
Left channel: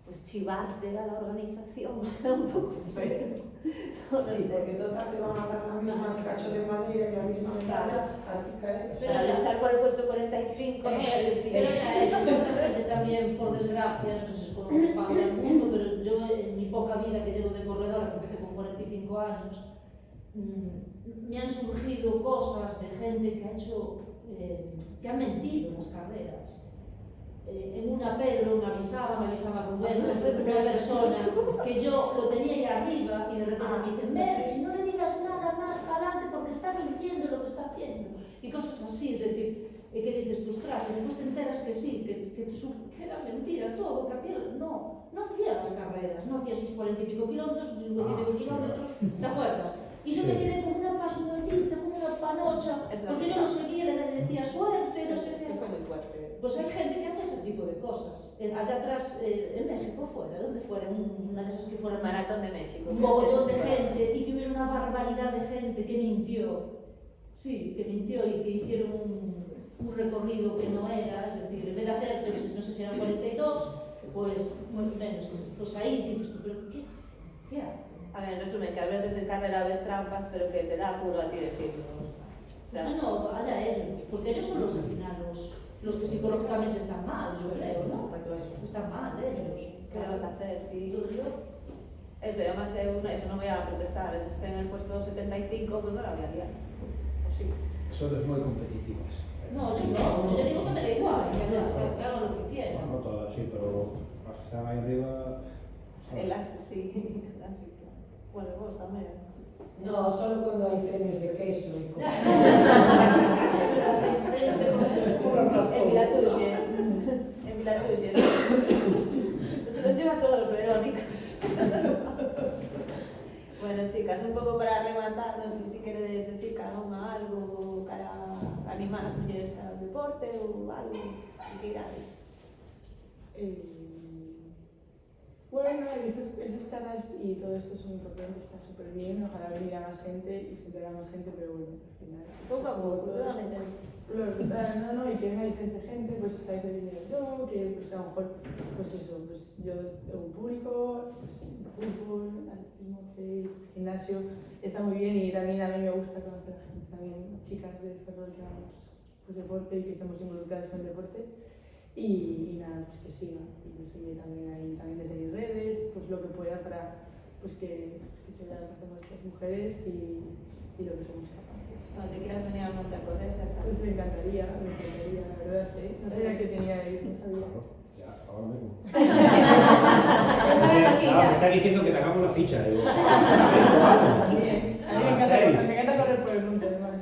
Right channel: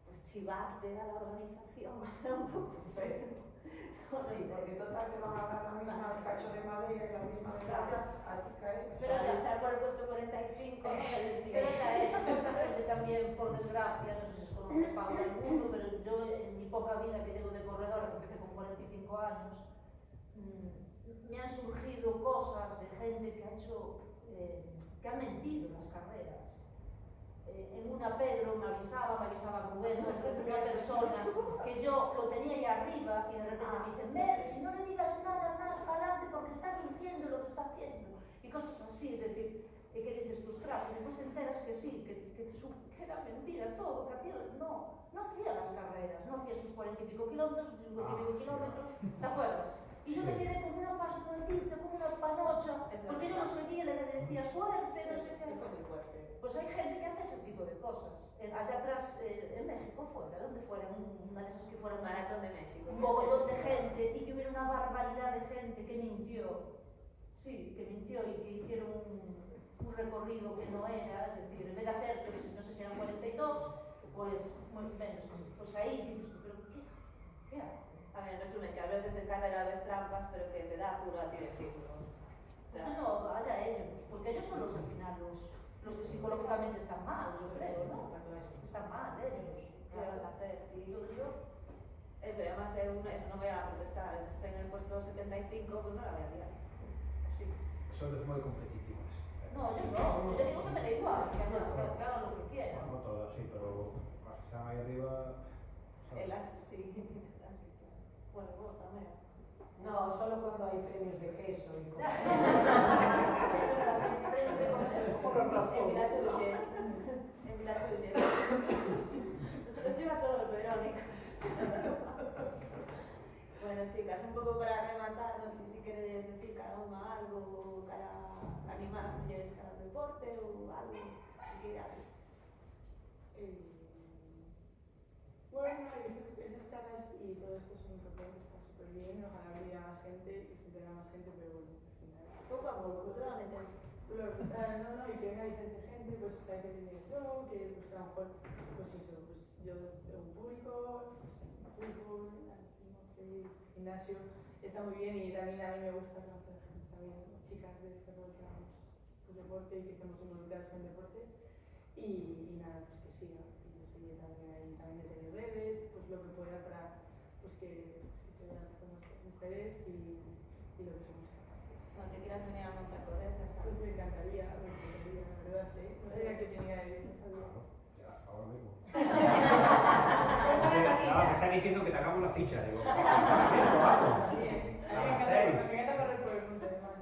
pues chivar llega a la organización, queda un pouco feo. Sí, porque total te van a dar la misma cacho de madera que a misma medalla a ti cae. Pero al echar por el puesto 45, no es decir. Pero ya es, porque también, por desgracia, no sé si es por lo que paga el mundo, pero yo en mi poca vida que llevo de corredora, que empecé con 45 años, me han surgido cosas de gente que ha hecho, que ha mentido en las carreras. En una Pedro me avisaba Rubén, una persona que yo lo tenía ahí arriba y de repente me dice, Merchi, no le digas nada más para adelante porque está mintiendo lo que está haciendo. Y cosas así, es decir, que dices, tú, ostras, y después te enteras que sí, que era mentira todo, que hacía, no hacía las carreras, no hacía sus 40 y pico kilómetros, sus 50 y pico kilómetros, ¿te acuerdas? Y yo me quedé con una pasionalita, con una panocha, porque yo lo seguía, le decía suerte, no sé qué. Sí, fue muy fuerte. Pues hay gente que hace ese tipo de cosas. Allá atrás, en México fuera, donde fuera, una de esas que fuera Maratón de México. un mogollón de gente y que hubiera una barbaridad de gente que mintió. Sí, que mintió y que hicieron un recorrido que no era, es decir, en vez de hacer, yo que sé, no sé si eran 42, pues muy menos. Pues ahí dices tú, pero ¿qué hace? A ver, en resumen, que a veces en carrera ves trampas, pero que te da apuro a ti decirlo. No, allá ellos, porque ellos son los al final los que psicológicamente están mal, yo creo, ¿no? Están mal ellos. ¿Qué le vas a hacer? Y Todo yo. eso, y además eso no voy a protestar. Estoy en el puesto 75, pues no la voy a liar. O sí. Son muy competitivas. No, yo digo que me da igual, que haga lo que quiera. No todas, sí, pero las que están ahí arriba... El as, sí. Bueno, vos también. No, solo cuando hay premios de queso y cosas. En Vilatuxe. En Vilatuxe. Se los lleva todos, Verónica. Bueno, chicas, un pouco para rematar, non sei se queredes decir cada unha algo para animar as mulleres cara ao deporte ou algo que queirades. Bueno, esas charlas y todo esto son importantes, está súper bien, ojalá viniera más gente y se entera más gente, pero bueno, al final... Pouco a pouco, totalmente. No, y que venga diferente gente, pues a veces viene yo, que pues a lo mejor, pues eso, pues yo tengo un público, pues fútbol, atletismo, gimnasio, está muy bien y también a mí me gusta conocer a gente, también chicas de Ferrol que hagamos pues, deporte y que estemos involucradas con el deporte y nada, pues que sigan y que siga también ahí, también desde mis redes, pues lo que pueda para pues que se vea lo que hacemos las mujeres y lo que somos capaces. Cuando te quieras venir al monte a correr, ya sabes. Pues me encantaría, la verdad, no sabía que teníais, no sabía. Ya, ahora mismo. Ya salen aquí ya. Me está diciendo que te hagamos la ficha. Digo, A mí me encanta correr por el monte, además.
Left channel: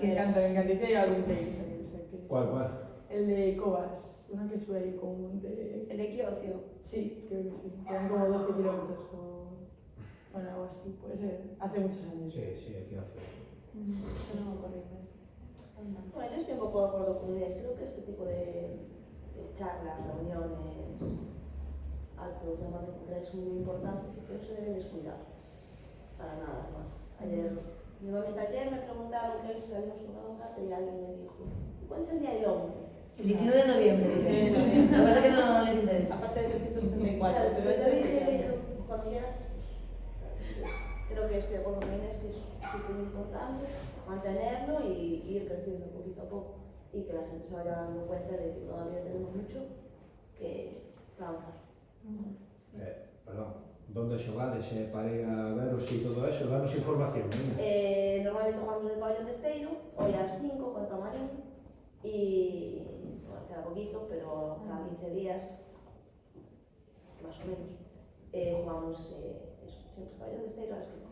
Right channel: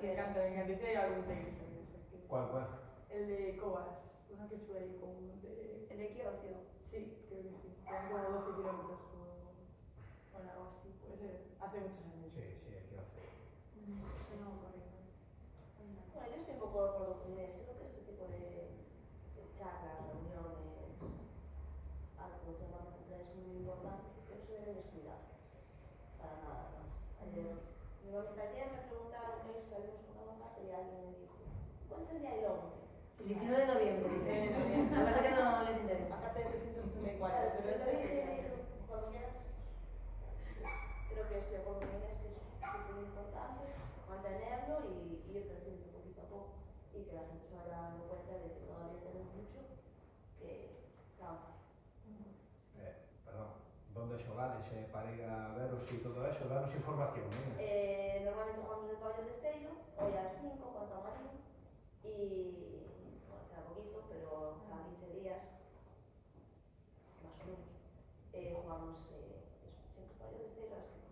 Me encanta. Y si hay algún trail también. ¿Cuál? El de Cobas, una que sube ahí con un monte. ¿El equiocio? Sí, creo que sí. Quedan como 12 kilómetros o... Bueno, algo así, puede ser. Hace muchos años. Sí, equiocio. No correr. Bueno, yo estoy un poco de acuerdo con Inés. Creo que este tipo de charlas, reuniones, actos de manera es muy importantes y que no se deben descuidar. Para nada más. Ayer, nuevamente ayer me preguntaron que salimos con una bocata y alguien me dijo, ¿cuándo es el día del hombre? El 19 de noviembre, dice. Lo que pasa es que no les interesa. Aparte de 364, Claro, pero yo eso te dije cuando quieras. Creo que estoy de acuerdo con Inés, que es súper importante mantenerlo y ir creciendo poquito a poco y que la gente se vaya dando cuenta de que todavía tenemos mucho que avanzar. Perdón, ¿dónde xogades para ir a veros y todo eso? Danos información. Normalmente jugamos en el pabellón de Esteiro, hoy a las 5 contra Marín y bueno, queda poquito, pero cada 15 días, más o menos, jugamos eso, siempre el pabellón de Esteiro a las 5.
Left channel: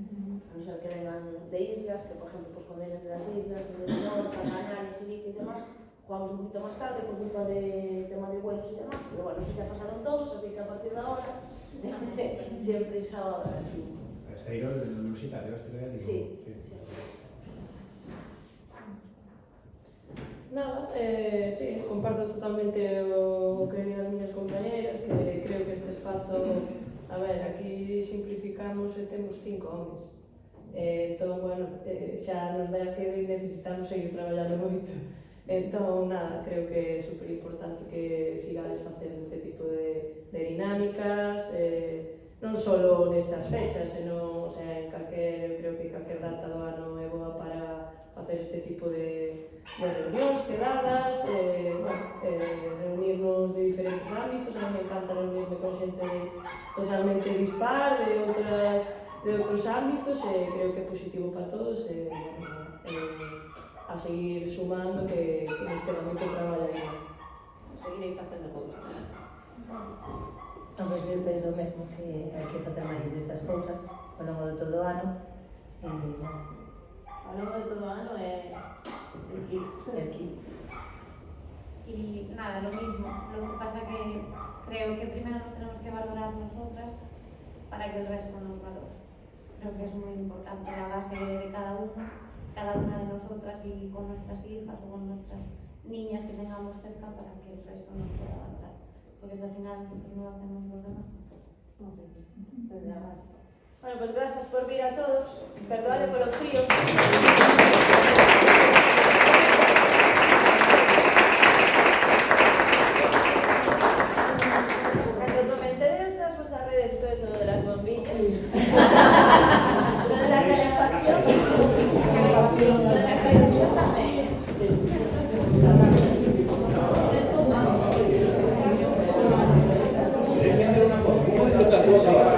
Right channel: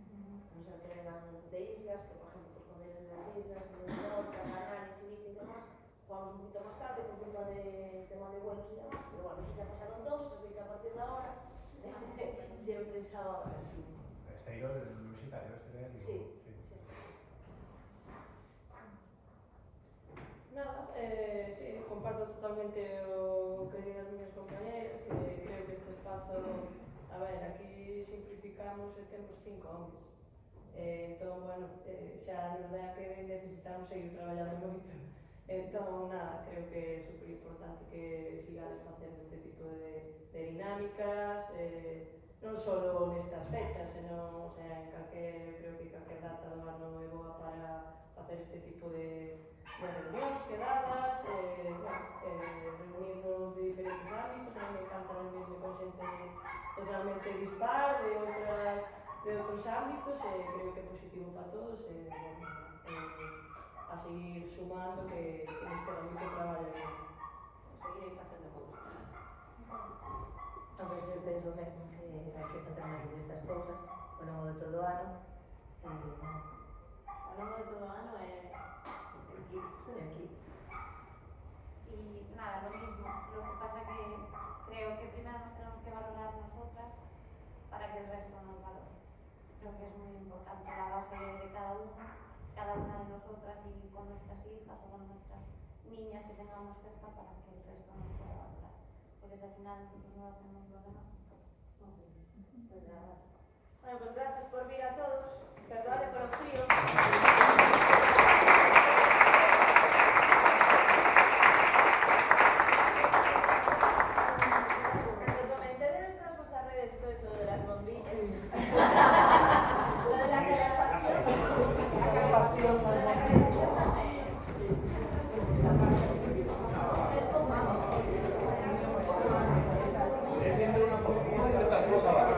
A no ser que vengan de islas, que por ejemplo pues cuando vienen de las islas, de Menorca, Canarias, Ibiza y demás, jugamos un poquito más tarde por culpa de tema de vuelos y demás, pero bueno, eso ya pasaron todos, así que a partir de ahora, siempre el sábado a las 5. Esteiro, el universitario, Sí. Nada, sí, comparto totalmente o que digan as miñas compañeras, que creo que este espazo espazo, a ver, aquí simplificamos e temos 5 homes. Entón, bueno, xa nos dá que necesitamos seguir traballando moito. Entón, nada, creo que é super importante que sigades facendo este tipo de dinámicas, non só nestas fechas, senón, o sea, eu creo que calquer data do ano é boa para facer este tipo de reunións, quedadas, reunirnos de diferentes ámbitos. A mí me encanta reunirme con xente totalmente dispar, de outros ámbitos, e creo que é positivo para todos, a seguir sumando, que nos queda moito traballo aí. Seguirei facendo cousas. Pois eu penso mesmo que hai que facer máis destas cousas ao longo de todo o ano. Ao longo de todo o ano é el kit. Y nada, lo mismo. Lo que pasa que creo que primero nos tenemos que valorar nosotras para que el resto nos valore. Creo que es muy importante la base de cada una de nosotras y con nuestras hijas o con nuestras niñas que tengamos cerca para que el resto nos pueda valorar. Porque si al final nosotros no lo hacemos los demás tampoco. No sé, desde la base. Bueno, pues gracias por vir a todos. Perdóade polo frío. Cando comentedes nas vosas redes todo eso de las bombillas, lo de la calefacción, tamén. Tienes que hacer una foto.